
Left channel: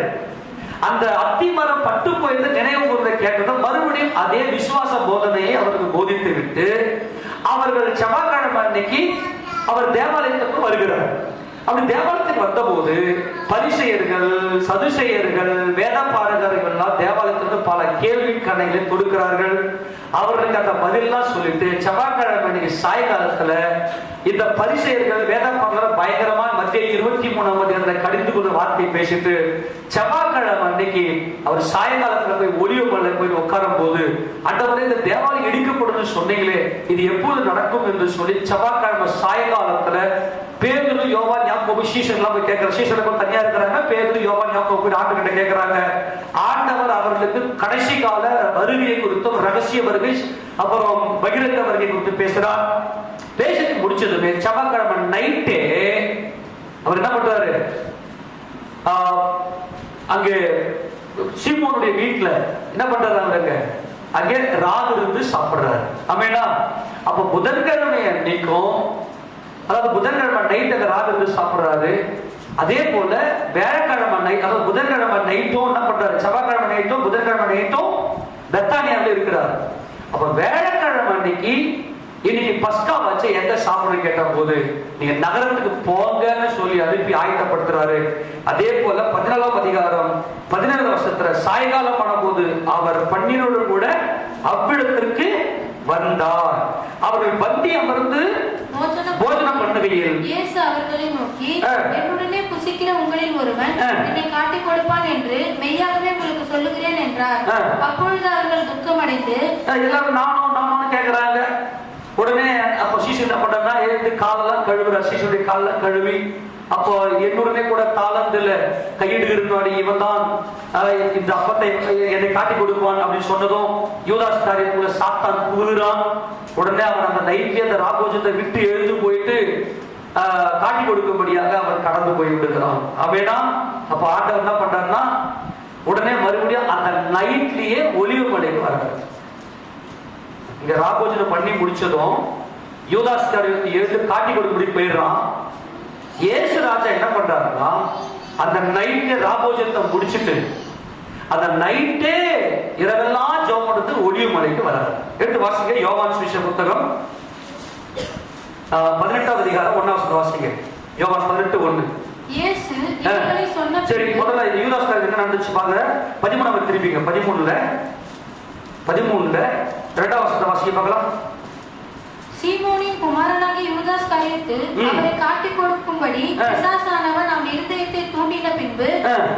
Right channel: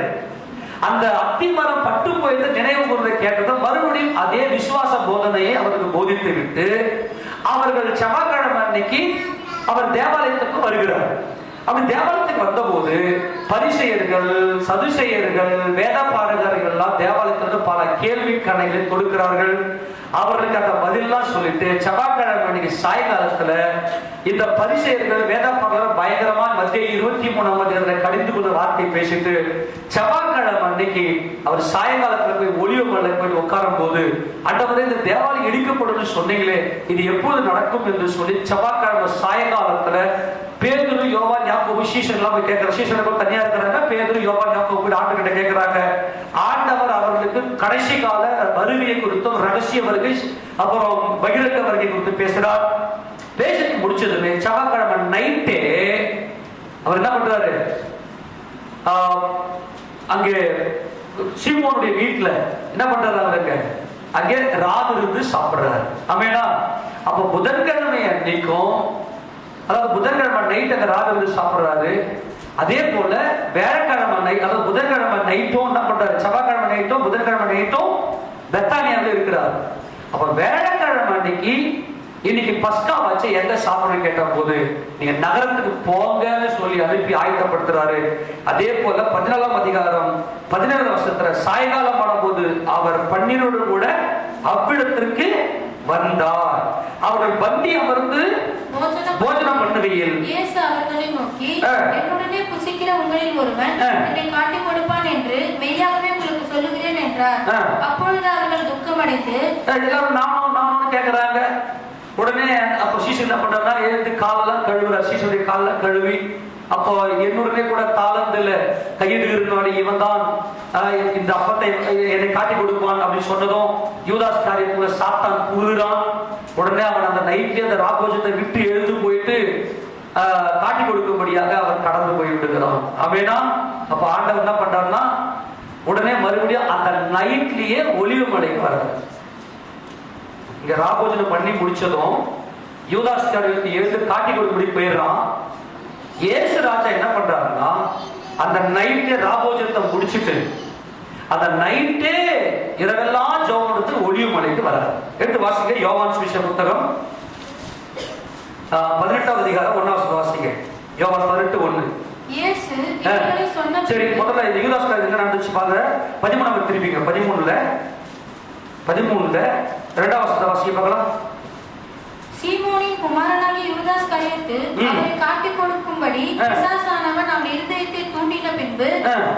அந்த அத்திமரம் பட்டு போயிட்டு நினைவு கூறுவதை கேட்டது. மறுபடியும் அதே விசுவாச போதனையை அவருக்கு போதித்து விட்டு அவர்கள் செவ்வாய்க்கிழமை அன்னைக்கு அவர் தேவாலயத்துக்கு வருகிறார். அப்படி தேவாலயத்துக்கு வந்த போது பரிசேயர்கள், சதுசேயர்கள், வேத பாரகர்கள் எல்லாம் தேவாலயத்திற்கு பல கேள்வி கணைகளை கொடுக்கிறார்கள். அவர்களுக்கு அந்த பதிலாம் சொல்லிட்டு செவ்வாய்க்கிழமை அன்னைக்கு சாயங்காலத்துல இந்த பரிசேயர்கள் வேத பாரகர்கள் பயங்கரமா மத்திய 23 கடிந்து கொண்டு வார்த்தை பேசிட்டு செவ்வாய்க்கிழமை அன்னைக்கு அவர் சாயங்காலத்துல போய் ஒலிவமலை போய் உட்காரும் போது, ஆண்டவரே இந்த தேவாலயம் இடிக்கப்படும் சொன்னீங்களே, இது எப்போது நடக்கும் என்று சொல்லி செவ்வாய்க்கிழமை சாயங்காலத்துல பேதுரு, யோவான், யாக்கோபு சீஷர்கள்லாம் போய் கேட்கிறாங்க. சீஷர்கள் தனியா இருக்கிறாங்க. பேதுரு, யோவான், யாக்கோபு போய் ஆண்டவர்கிட்ட கேட்கிறாங்க. ஆண்டவர் அவர்களுக்கு கடைசி கால வருகையை குறித்தும் ரகசிய வருகை அப்புறம் பகிரங்க வருகை குறித்து பேசுறார். பேசிட்டு முடிச்சதுமே செவ்வாய்க்கிழமை நைட்டே அவர் என்ன பண்றாரு? அங்கே சீமோனுடைய வீட்டுல என்ன பண்றாங்க? அங்கே ராகு இருந்து சாப்பிடுறாரு. ஆமேனா? அப்ப புதன்கிழமை அன்னைக்கும், அதாவது புதன்கிழமை நைட் அங்க ராகு இருந்து சாப்பிடுறாரு. அதே போல வேலைக்கிழமை நைட், அதாவது புதன்கிழமை நைட்டும் என்ன பண்றாரு? செவ்வாய்க்கிழமை நைட்டும் புதன்கிழமை நைட்டும் பெத்தானியாவில் இருக்கிறார். அப்ப வேலைக்கிழமை அன்னைக்கு இன்னைக்கு பஸ்கா வச்சு எங்க சாப்பிட கேட்ட போது நீங்க நகரத்துக்கு போங்கன்னு சொல்லி அனுப்பி ஆயத்தப்படுத்துறாரு. அதே போல 17ஆம் அதிகாரம் 17 வருஷத்துல சாயங்காலம் ஆனபோது அவர் 12 கூட அவ்விடத்திற்கு வந்தார். அவர்கள் பந்தி அமர்ந்து போஜனம் பண்ணுகையில் இயேசு அவர்களை நோக்கி, என்னுடனே புசிக்கிற உங்களில் ஒருவன் என்னை காட்டிக் கொடுப்பான் என்று மெய்யாகவே உங்களுக்கு சொல்லுகிறேன் என்றார். அப்பொழுது அவர்கள் துக்கமடைந்து எல்லாரும் நானும் கேட்கிறாங்க. உடனே அப்போ சீசன் என்ன பண்றாங்க, எழுந்து காலெல்லாம் கழுவுறார். சீசனுடைய காலெல்லாம் கழுவி அப்போ என்னுடனே கூட தாளத்துல கையிட்டு இருந்தாடி இவன் தான் இந்த அப்பத்தை என்னை காட்டி கொடுப்பான் அப்படின்னு சொன்னதும் யூதாஸ் காரியத்துல சாத்தான் கூறுறான். உடனே அவன் அந்த நைட்லயே அந்த ராபோஜத்தை விட்டு எழுந்து போயிட்டு காட்டி கொடுக்கும்படியாக அவன் கடந்து போய் விடுகிறான். அவனா அப்ப ஆண்டவர் என்ன பண்றாருன்னா உடனே மறுபடியும் அந்த நைட்லயே ஒலிவு மலைக்கு வர்றாரு. இங்க ராபோஜனம் பண்ணி முடிச்சதும் யூதாஸ் காரியத்தை எழுந்து காட்டி கொடுக்கும்படி போயிடுறான். இயேசு ராஜா என்ன பண்றாருன்னா அந்த நைட்டே ராபோஜனத்தை முடிச்சுட்டு அந்த நைட்டே இரவெல்லாம் ஜெபம் எடுத்து ஒலிவு மலைக்கு வராரு. எடுத்து வாசிங்க யோவான் சுவிசேஷ புத்தகம் 18ஆம் அதிகாரம் 1ஆம் வாசிங்க. யோவான் 18:1. இயேசு இவர்களை சொன்ன சரி, முதல்ல யூதாஸ் காரியத்தை என்ன நடந்துச்சு பாருங்க. 13 திருப்பிங்க. 13ல 2ஆம் வசனத்தை வாசிக்க பார்க்கலாம். சீமோனின் குமாரனாகிய யூதாஸ் காரியத்து அவரை காட்டிக் கொடுக்கும்படி பிசாசானவன் அவன் இருதயத்தை தூண்டின பின்பு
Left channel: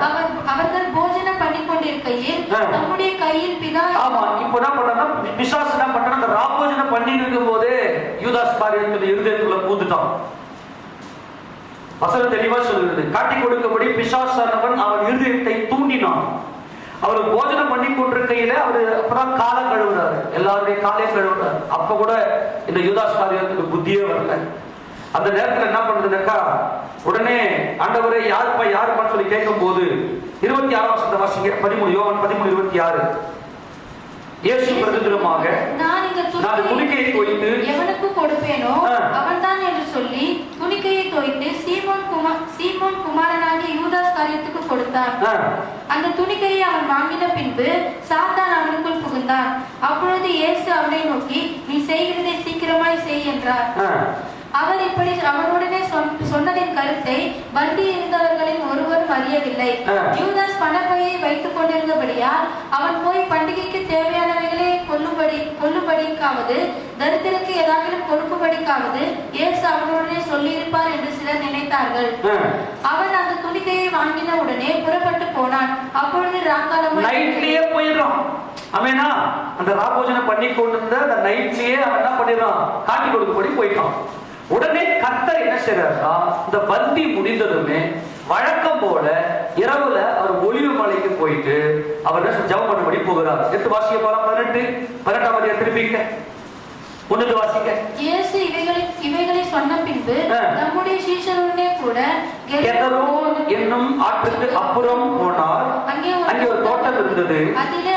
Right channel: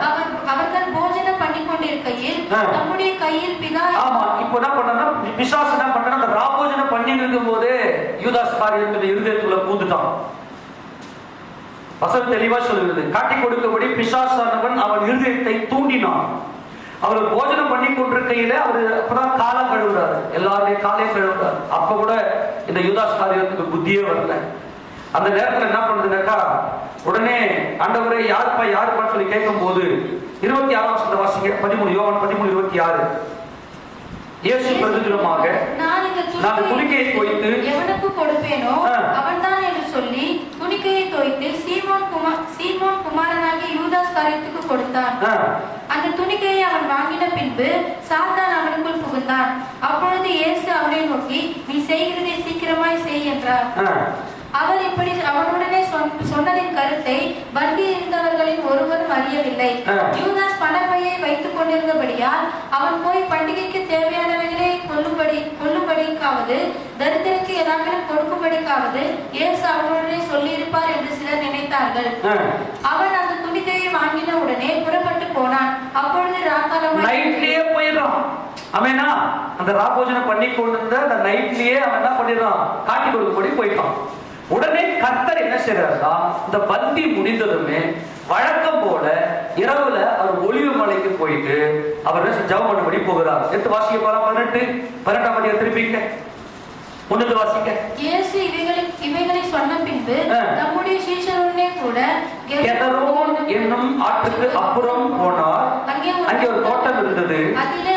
அவர்கள் போஜனம் பண்ணி கொண்டிருக்கையில் நம்முடைய கையில் பிதா. ஆமா, இப்போ என்ன பண்ணா பிசாசு என்ன பண்ணா அந்த ராபோஜனம் பண்ணி இருக்கும் போதே யூதாஸ் காரியத்துடைய இருதயத்துக்குள்ள பூந்துட்டான். வசனம் தெளிவா சொல்லுகிறது, காட்டிக் கொடுக்கும்படி பிசாசானவன் அவன் இருதயத்தை தூண்டினான். அவர் போஜனம் பண்ணி கொண்டிருக்கையில அவரு அப்பதான் காலம் கழுவுறாரு. எல்லாருடைய காலையும் கழுவுறாரு. அப்ப கூட இந்த யூதாஸ் காரியத்துக்கு புத்தியே வரல. அந்த நேரத்துல என்ன பண்ணுதுனாக்கா உடனே ஆண்டவரே யாருப்பான்னு சொல்லி கேட்கும் போது 26ஆம் வசனத்தை வாசிங்க. 13 யோவான் 13:26. இயேசு பிரதியுத்தரமாக, நான் துணிக்கையை தோய்த்து எவனுக்கு கொடுப்பேனோ அவன்தான் என்று சொல்லி துணிக்கையை தோய்த்து சீமோன் குமாரனாகிய யூதாஸ் காரியத்துக்கு கொடுத்தான். அந்த துணிக்கையை அவன் வாங்கின பின்பு சாத்தான் அவனுக்குள் புகுந்தான். அப்பொழுது இயேசு அவனை நோக்கி, நீ செய்கிறதை சீக்கிரமாய் செய் என்றார். அவர் இப்படி அவனுடனே சொன்னதின் கருத்தை வண்டி இருந்தவர்களில் ஒருவரும் அறியவில்லை. யூதாஸ் பணப்பையை வைத்துக் கொண்டிருந்தபடியால் அவன் போய் பண்டிகைக்கு தேவையானவைகளை கொள்ளும்படிக்காவது தரித்திற்கு ஏதாவது கொடுக்கும்படிக்காவது இயேசு அவனுடனே சொல்லியிருப்பார் என்று சிலர் நினைத்தார்கள். அவன் அந்த துணிக்கையை வாங்கின உடனே புறப்பட்டு போனான். அப்பொழுது நைட்லயே போயிடுறான். அவனா அந்த ராபோஜனம் பண்ணி கொண்டிருந்த அந்த நைட்லயே அவன் என்ன பண்ணிடுறான், காட்டி கொடுக்கும்படி போயிட்டான். உடனே கர்த்தர் என்ன செய்யறாருன்னா இந்த பந்தி முடிந்ததுமே வழக்கம் போல இரவுல அவர் ஒலிவு மலைக்கு போயிட்டு அவர் ஜெபம் பண்ணும்படி போகிறார். எடுத்து வாசிக்க போலாம். 18ஆம் அதிகாரம் திருப்பிங்க. 1 வாசிக்க. இயேசு இவைகளை சொன்ன பின்பு நம்முடைய சீஷருடனே கூட கெதரோன் என்னும் ஆற்றுக்கு அப்புறம் போனார். அங்கே ஒரு தோட்டம் இருந்தது. அதிலே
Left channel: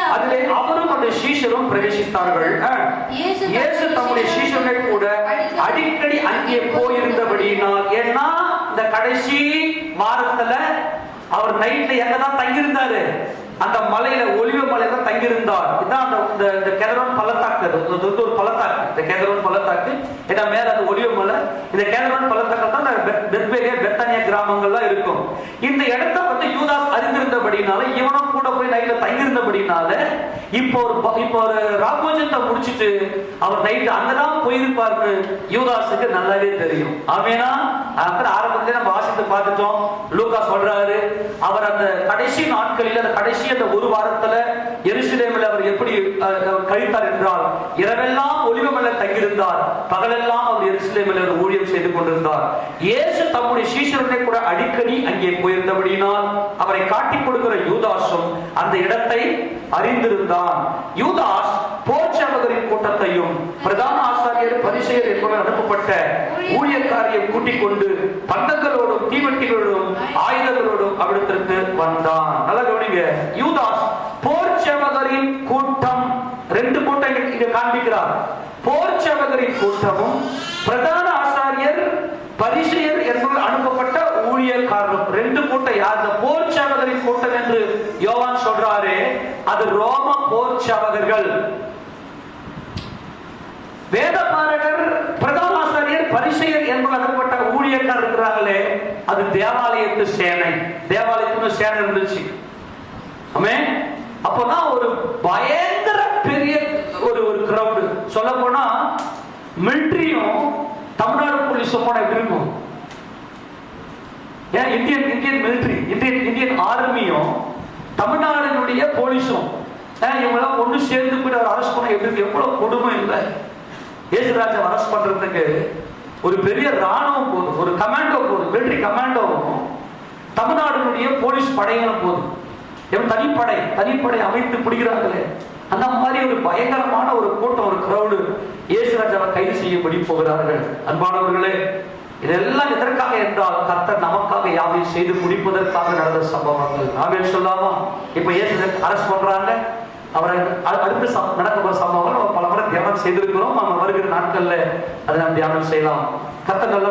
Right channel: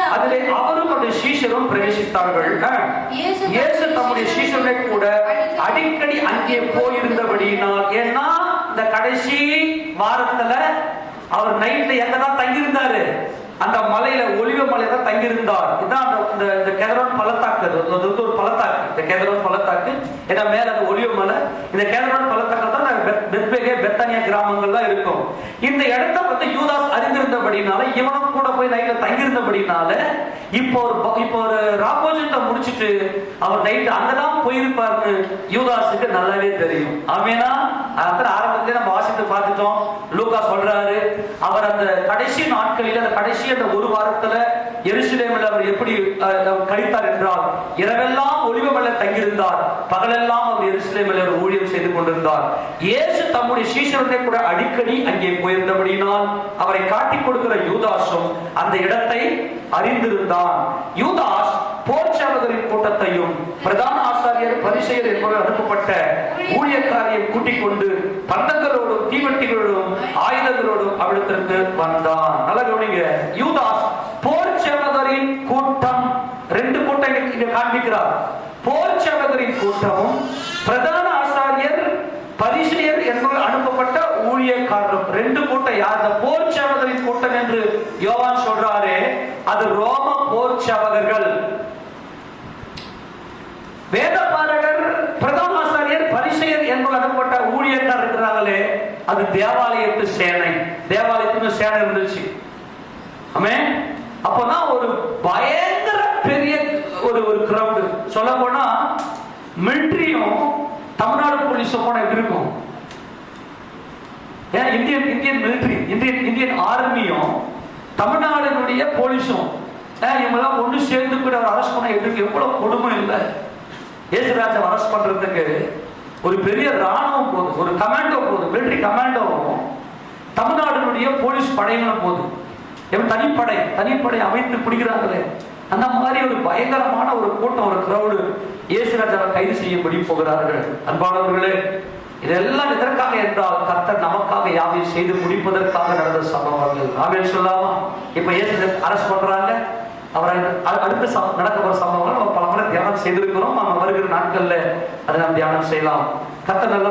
அவரும் அவருடைய சீஷரும் பிரவேசித்தார்கள். இயேசு தம்முடைய சீஷருடனே கூட அடிக்கடி அங்கே போயிருந்தபடியினால், ஏன்னா இந்த கடைசி வாரத்துல அவர் நைட்ல எங்கதான் தங்கியிருந்தாரு, அந்த மலையில ஒலிவ மலையில தான் தங்கியிருந்தார். இதுதான் இந்த கெதரோன் பள்ளத்தாக்கு. ஒரு பள்ளத்தாக்கு இந்த கெதரோன் பள்ளத்தாக்கு. ஏன்னா மேல அது ஒலிவ மலை. இந்த கெதரோன் பள்ளத்தாக்கு தான் பெத்தானியா கிராமங்கள்லாம் இருக்கும். இந்த இடத்தை வந்து யூதாஸ் அறிந்திருந்தபடினால இவனும் கூட போய் நைட்ல தங்கியிருந்தபடினால இப்போ ஒரு ராபோஜனத்தை முடிச்சிட்டு அவர் நைட்டு அங்கதான் போயிருப்பாருன்னு யூதாஸுக்கு நல்லாவே தெரியும். அவனா ஆரம்பத்திலே நம்ம வாசித்து பார்த்துட்டோம். லூக்கா சொல்றாரு, அவர் அந்த கடைசி நாட்களில் அந்த கடைசி அந்த ஒரு வாரத்துல எருசலேமில் அவர் எப்படி கழித்தார் என்றால், இரவெல்லாம் ஒலிவமலை தங்கியிருந்தார், பகலெல்லாம் அவர் எருசலேமில் ஊழியம் செய்து கொண்டிருந்தார். இயேசு தம்முடைய சீஷருடனே கூட அடிக்கடி அங்கே போயிருந்தபடியினால் அவரை காட்டிக் கொடுக்கிற யூதாஸும் அந்த இடத்தை அறிந்திருந்தான். யூதாஸ் போர்ச்சவர்களின் கூட்டத்தையும் பிரதான ஆசாரியர் பரிசேயர் என்பவர் அனுப்பப்பட்ட ஊழியக்காரியை கூட்டிக் கொண்டு பந்தங்களோடும் தீவட்டிகளோடும் ஆயுதங்களோடும் அவிடத்திற்கு வந்தான். நல்ல கவனிங்க, யூதாஸ் போர்ச்சவர்களின் கூட்டம், 2 கூட்டம் இங்க காண்பிக்கிறார். போர்ச்சவர்களின் கூட்டமும் பிரதான ஆசாரியர் பரிசேயர் என்பவர் அனுப்பப்பட்ட ஊழியக்காரரும். 2 கூட்டம் யார்? அந்த போர்ச்சவர்களின் கூட்டம் என்று யோவான் சொல்றாரு, அது ரோம போர்ச்சவர்கள். வேதபாரகர் தேவாலயத்து சேனை, தேவாலயத்துக்கு சேனை இருந்துச்சு. ஆமென். அப்பதான் ஒரு பயங்கர பெரிய ஒரு கிரவுட். சொல்ல போனா மிலிட்டரியும் தமிழ்நாடு போலீஸும் போனா எப்படி இருக்கும்? ஏன் இந்தியன் மிலிட்டரி, இந்தியன் ஆர்மியும் தமிழ்நாடுடைய போலீஸும் இவங்கெல்லாம் ஒன்று சேர்ந்து கூட அரெஸ்ட் பண்ண எப்படி, எவ்வளவு கொடுமை இல்லை. இயேசுராஜா அரெஸ்ட் பண்றதுக்கு ஒரு பெரிய ராணுவம் போதும், ஒரு கமாண்டோ போதும், மிலிட்டரி கமாண்டோவும் தமிழ்நாடுடைய போலீஸ் படைகளும் போதும். தனிப்படை அமைத்து பிடிக்கிறாங்களே, அந்த மாதிரி ஒரு பயங்கரமான ஒரு கூட்டம், ஒரு கிரௌடு இயேசுராஜாவை கைது செய்யப்படி போகிறார்கள். அன்பானவர்களே, இதெல்லாம் எதற்காக என்றால் கர்த்தர் நமக்காக யாவையும் செய்து முடிப்பதற்காக நடந்த சம்பவங்கள். ஆமென் சொல்லாமா? இப்ப இயேசு அரெஸ்ட் பண்றாங்க, அவரை அடுத்து நடக்க போற சம்பவங்கள் நம்ம பல முறை தியானம் செய்திருக்கிறோம். நம்ம வருகிற நாட்கள்ல அதை நாம் தியானம் செய்யலாம். கர்த்தர் நல்ல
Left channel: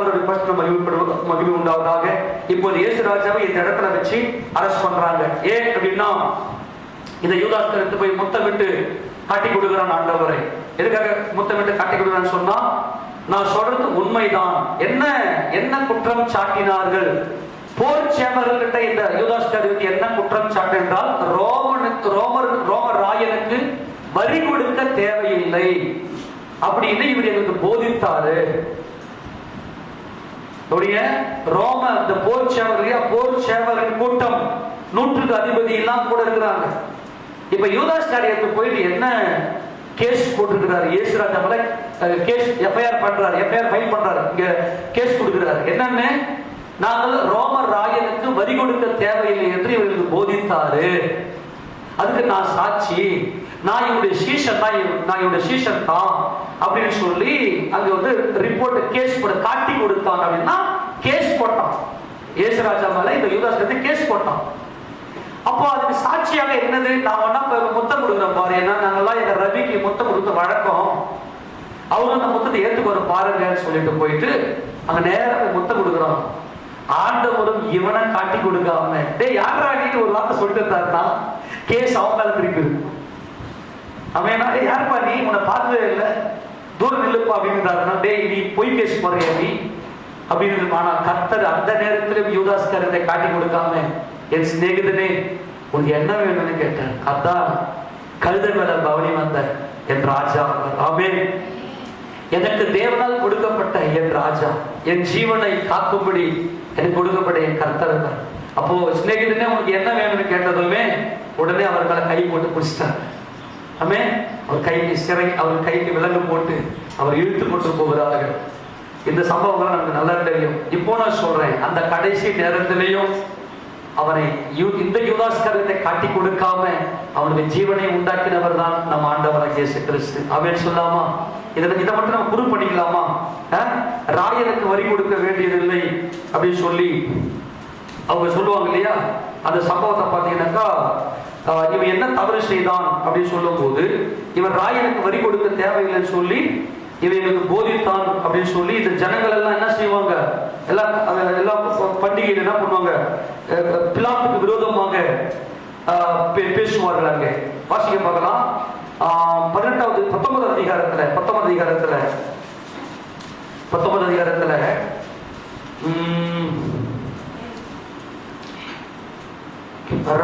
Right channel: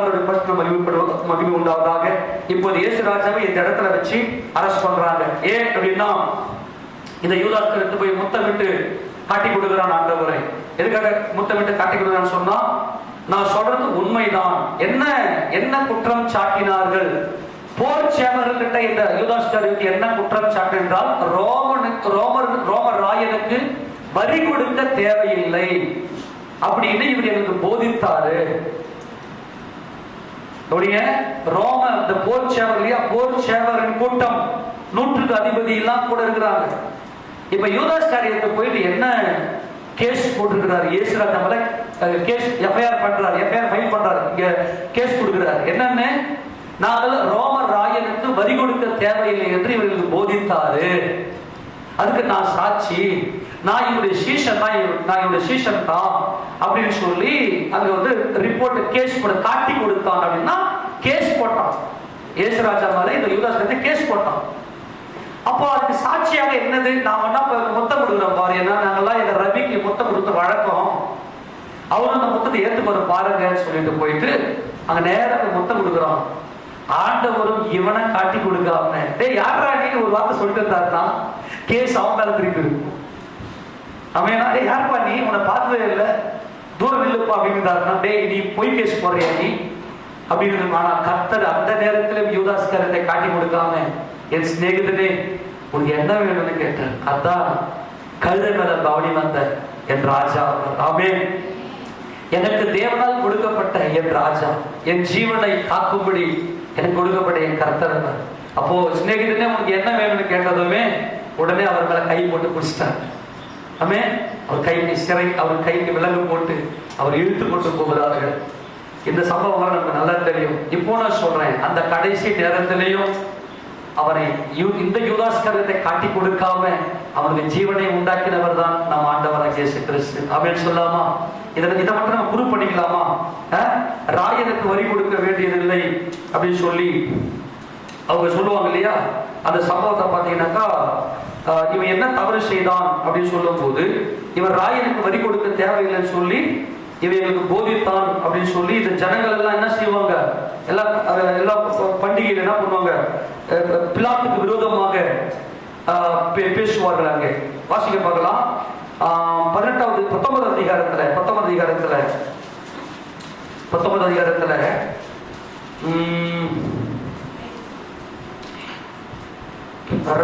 மகிமை உண்டாவதாக. இப்போது இயேசுராஜாவை இந்த இடத்துல வச்சு அரெஸ்ட் பண்றாங்க. ஏன் அப்படின்னா, இந்த யூதாஸ்க்கு எடுத்து போய் முத்தமிட்டு காட்டி கொடுக்கிறான் ஆண்டவரை. எதுக்காக முத்தமிட்டு காட்டி கொடுக்கிறான்னு சொன்னா, நான் சொல்றது உண்மைதான். என்ன குற்றம் சாட்டினார்கள்? போர் சேவகர்கிட்ட இந்த யூதாஸ்காரியருக்கு என்ன குற்றம் சாட்டினால், ரோமர் ராயனுக்கு வரி கொடுக்க தேவையில்லை அப்படின்னு இவர் எனக்கு போதித்தாரு. போர் சேவகரின் கூட்டம் 100க்கு அதிபதி எல்லாம் கூட இருக்கிறாங்க. இப்ப யூதாஸ்காரியருக்கு போயிட்டு என்ன கேஸ் போட்டிருக்கிறார்? இயேசுராஜா மேல கேஸ் எஃப்ஐஆர் பண்றாரு, எஃப்ஐஆர் ஃபைல் பண்றாரு, இங்க கேஸ் கொடுக்கிறார். என்னன்னு, நாங்கள் ரோமர் ராயனுக்கு வரி கொடுக்க தேவையில்லை என்று இவர்களுக்கு போதித்தாரு. அதுக்கு நான் சாட்சி, நான் என்னுடைய சீஷன் தான் அப்படின்னு சொல்லி அங்க வந்து ரிப்போர்ட் கேஸ் போட காட்டி கொடுத்தாங்க. அப்படின்னா கேஸ் போட்டான் இயேசுராஜா மேல, இந்த யூதாஸ் கேஸ் போட்டான். அப்போ அதுக்கு சாட்சியாக என்னது, நான் முத்தம் கொடுக்குறேன் பாரு, ஏன்னா நாங்கெல்லாம் எங்க ரவிக்கு முத்தம் கொடுத்த வழக்கம், அவங்க அந்த முத்தத்தை ஏற்றுக்கொண்டு பாருங்கன்னு சொல்லிட்டு போயிட்டு அங்க நேரம் முத்தம் கொடுக்குறோம். ஆண்டவரும் இவனை காட்டி கொடுக்காம, டே யாரா நீ ஒரு வார்த்தை சொல்லிட்டு கேஸ் அவங்க மேல திருப்பி இருக்கும். அவன் யாருப்பா நீ, உன்னை பார்த்ததே இல்லை, தூரம் இல்லப்பா அப்படின்றாருன்னா, டே நீ பொய் பேச போறியா நீ அப்படின்னு. ஆனா கர்த்தர் அந்த நேரத்தில் யூதாஸ்காரத்தை காட்டி கொடுக்காம, என் சிநேகிதனே உனக்கு என்ன வேணும்னு கேட்டார். அதான் கழுதங்களை கவனி வந்த என் ராஜா. ஆமென். எனக்கு தேவனால் கொடுக்கப்பட்ட என் ராஜா, என் ஜீவனை காக்கும்படி எனக்கு கொடுக்கப்பட்ட என் கர்த்தர். அப்போ சிநேகிதனே உனக்கு என்ன வேணும்னு கேட்டதுமே உடனே அவர் மேல கை போட்டு பிடிச்சிட்டார். ஆமென். அவர் கைக்கு விலங்கு போட்டு அவர் இழுத்து கொண்டு போகிறார்கள். இந்த சம்பவம் நமக்கு நல்லா தெரியும். இப்போ நான் சொல்றேன், அந்த கடைசி நேரத்திலையும் அவனை இந்த யூதாஸ்காரத்தை காட்டி கொடுக்காம அவனுக்கு ஜீவனை உண்டாக்கினவர் தான் நம் ஆண்டவராகிய இயேசு கிறிஸ்து. ஆமென் சொல்லாமா? இதை மட்டும் நம்ம ப்ரூவ் பண்ணிக்கலாமா? ராயனுக்கு வரி கொடுக்க வேண்டியதில்லை அப்படின்னு சொல்லி அவங்க சொல்லுவாங்க இல்லையா? அந்த சம்பவத்தை பார்த்தீங்கன்னாக்கா, இவன் என்ன தவறு செய்தான் அப்படின்னு சொல்லும் போது, இவர் ராயனுக்கு வரி கொடுக்க தேவையில்லைன்னு சொல்லி இவங்களுக்கு போதித்தான் அப்படின்னு சொல்லி இந்த ஜனங்கள் எல்லாம் என்ன செய்வாங்க, எல்லா பண்டிகையில என்ன பண்ணுவாங்க, பிலாத்துக்கு விரோதமாக பேசுவார்கள். அங்கே வாசிக்க பார்க்கலாம். 19 அதிகாரத்துல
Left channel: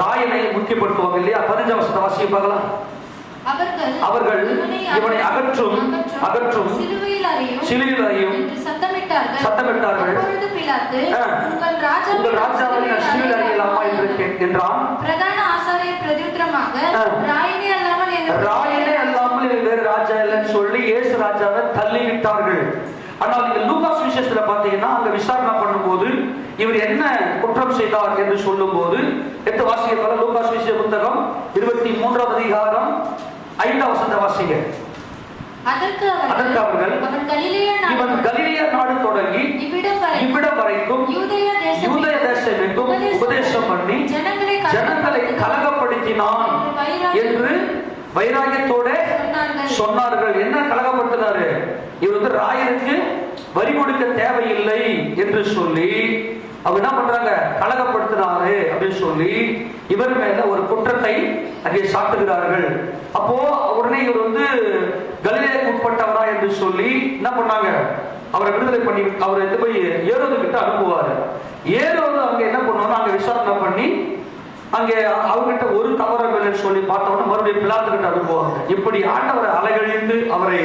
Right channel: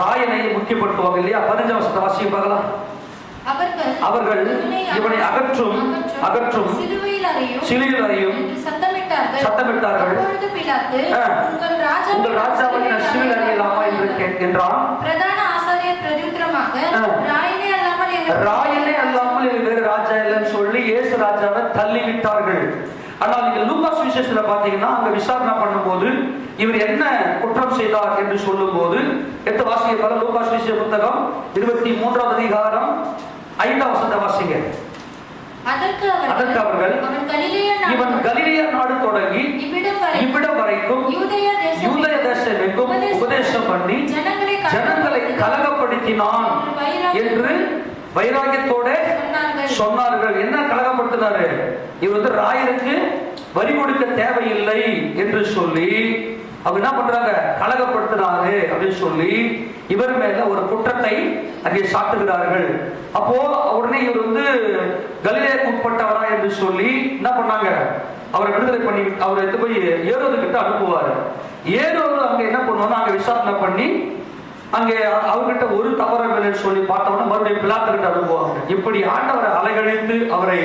ராயனை முக்கியப்படுத்துவாங்க இல்லையா? 15 வசனத்தை வாசிக்க பார்க்கலாம். அவர்கள் இவனை அகற்றும் சிலுவையில் அறையும் சத்தமிட்டார்கள். உங்கள் ராஜாவை சிலுவையில் அறையலாமா என்று கேட்கின்றான். பிரதான ஆசாரியர் பிரதியுத்தரமாக, ராயனே அல்லாமல் வேறு ராஜா இல்லைன்னு சொல்லி இயேசு ராஜாவை தள்ளிவிட்டார்கள். ஆனால் நீங்க லூக்கா சுவிசேஷத்துல பாத்தீங்கன்னா, அங்க விசாரணை பண்ணும்போது இவர் என்ன குற்றம் செய்தார் என்று சொல்லும் போது எடுத்து வாசிக்க. லூக்கா சுவிசேஷ புத்தகம் 23 அதிகாரம் 5 வசனத்தை வாசிங்க. அதற்கு அவர்கள் இவன் கலிலேயா நாடு தொடங்கி இவ்விடம் வரைக்கும் யூதேய தேசம் எங்கும் உபதேசம் பண்ணி ஜனங்களை கலகப்படுத்தினான் என்று வைராகியத்தோட சொன்னார்கள். என்ன கலகப்படுத்தினாரு? இவர் வந்து ராயனுக்கு வரி கொடுக்க தேவையில்லை என்று சொல்லி அவங்க என்ன பண்றாங்க, கலகப்படுத்தினாரு அப்படின்னு சொல்லி இவர் மேல ஒரு குற்றத்தை அங்கே சாட்டுகிறார்கள். அப்போ உடனே இவர் வந்து கலிலேயாவுக்கு உட்பட்டவரா என்று சொல்லி என்ன பண்ணாங்க, அவரை விடுதலை பண்ணி அவரை எடுத்து போய் ஏரோது கிட்ட அனுப்புவாரு. ஏரோது அங்க என்ன பண்ணுவாங்க, அங்க விசாரணை பண்ணி அங்கே அவர்கிட்ட ஒரு தவறவில்லைன்னு சொல்லி பார்த்தோம்னா மறுபடியும் பிலாத்து கிட்ட அனுப்புவாங்க. இப்படி ஆண்டவரை அலைகழித்து அவரை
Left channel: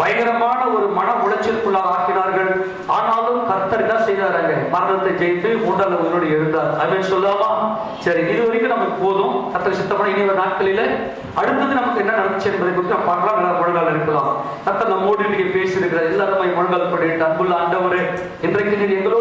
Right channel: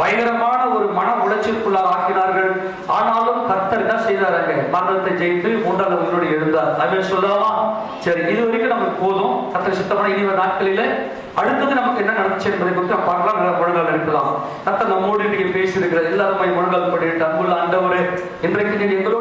பயங்கரமான ஒரு மன உளைச்சலுக்குள்ளாக ஆக்கினார்கள். ஆனாலும் கர்த்தர் என்ன செய்தாருங்க, மரணத்தை ஜெயித்து மூன்றாவது உயிரோடு எழுந்தார். அப்படின்னு சொல்லாமா? சரி, இது வரைக்கும் நமக்கு போதும். கர்த்தர் சித்தமான இனி ஒரு நாட்களில அடுத்தது நமக்கு என்ன நடந்துச்சு என்பதை குறித்து பார்க்கலாம். நல்ல முழங்கால் இருக்கலாம். கர்த்தர் நம்மோடு இன்னைக்கு பேசியிருக்கிற எல்லாருமே முழங்கால் பண்ணிட்டு, அன்புள்ள ஆண்டவரே, இன்றைக்கு நீர் எங்களோடு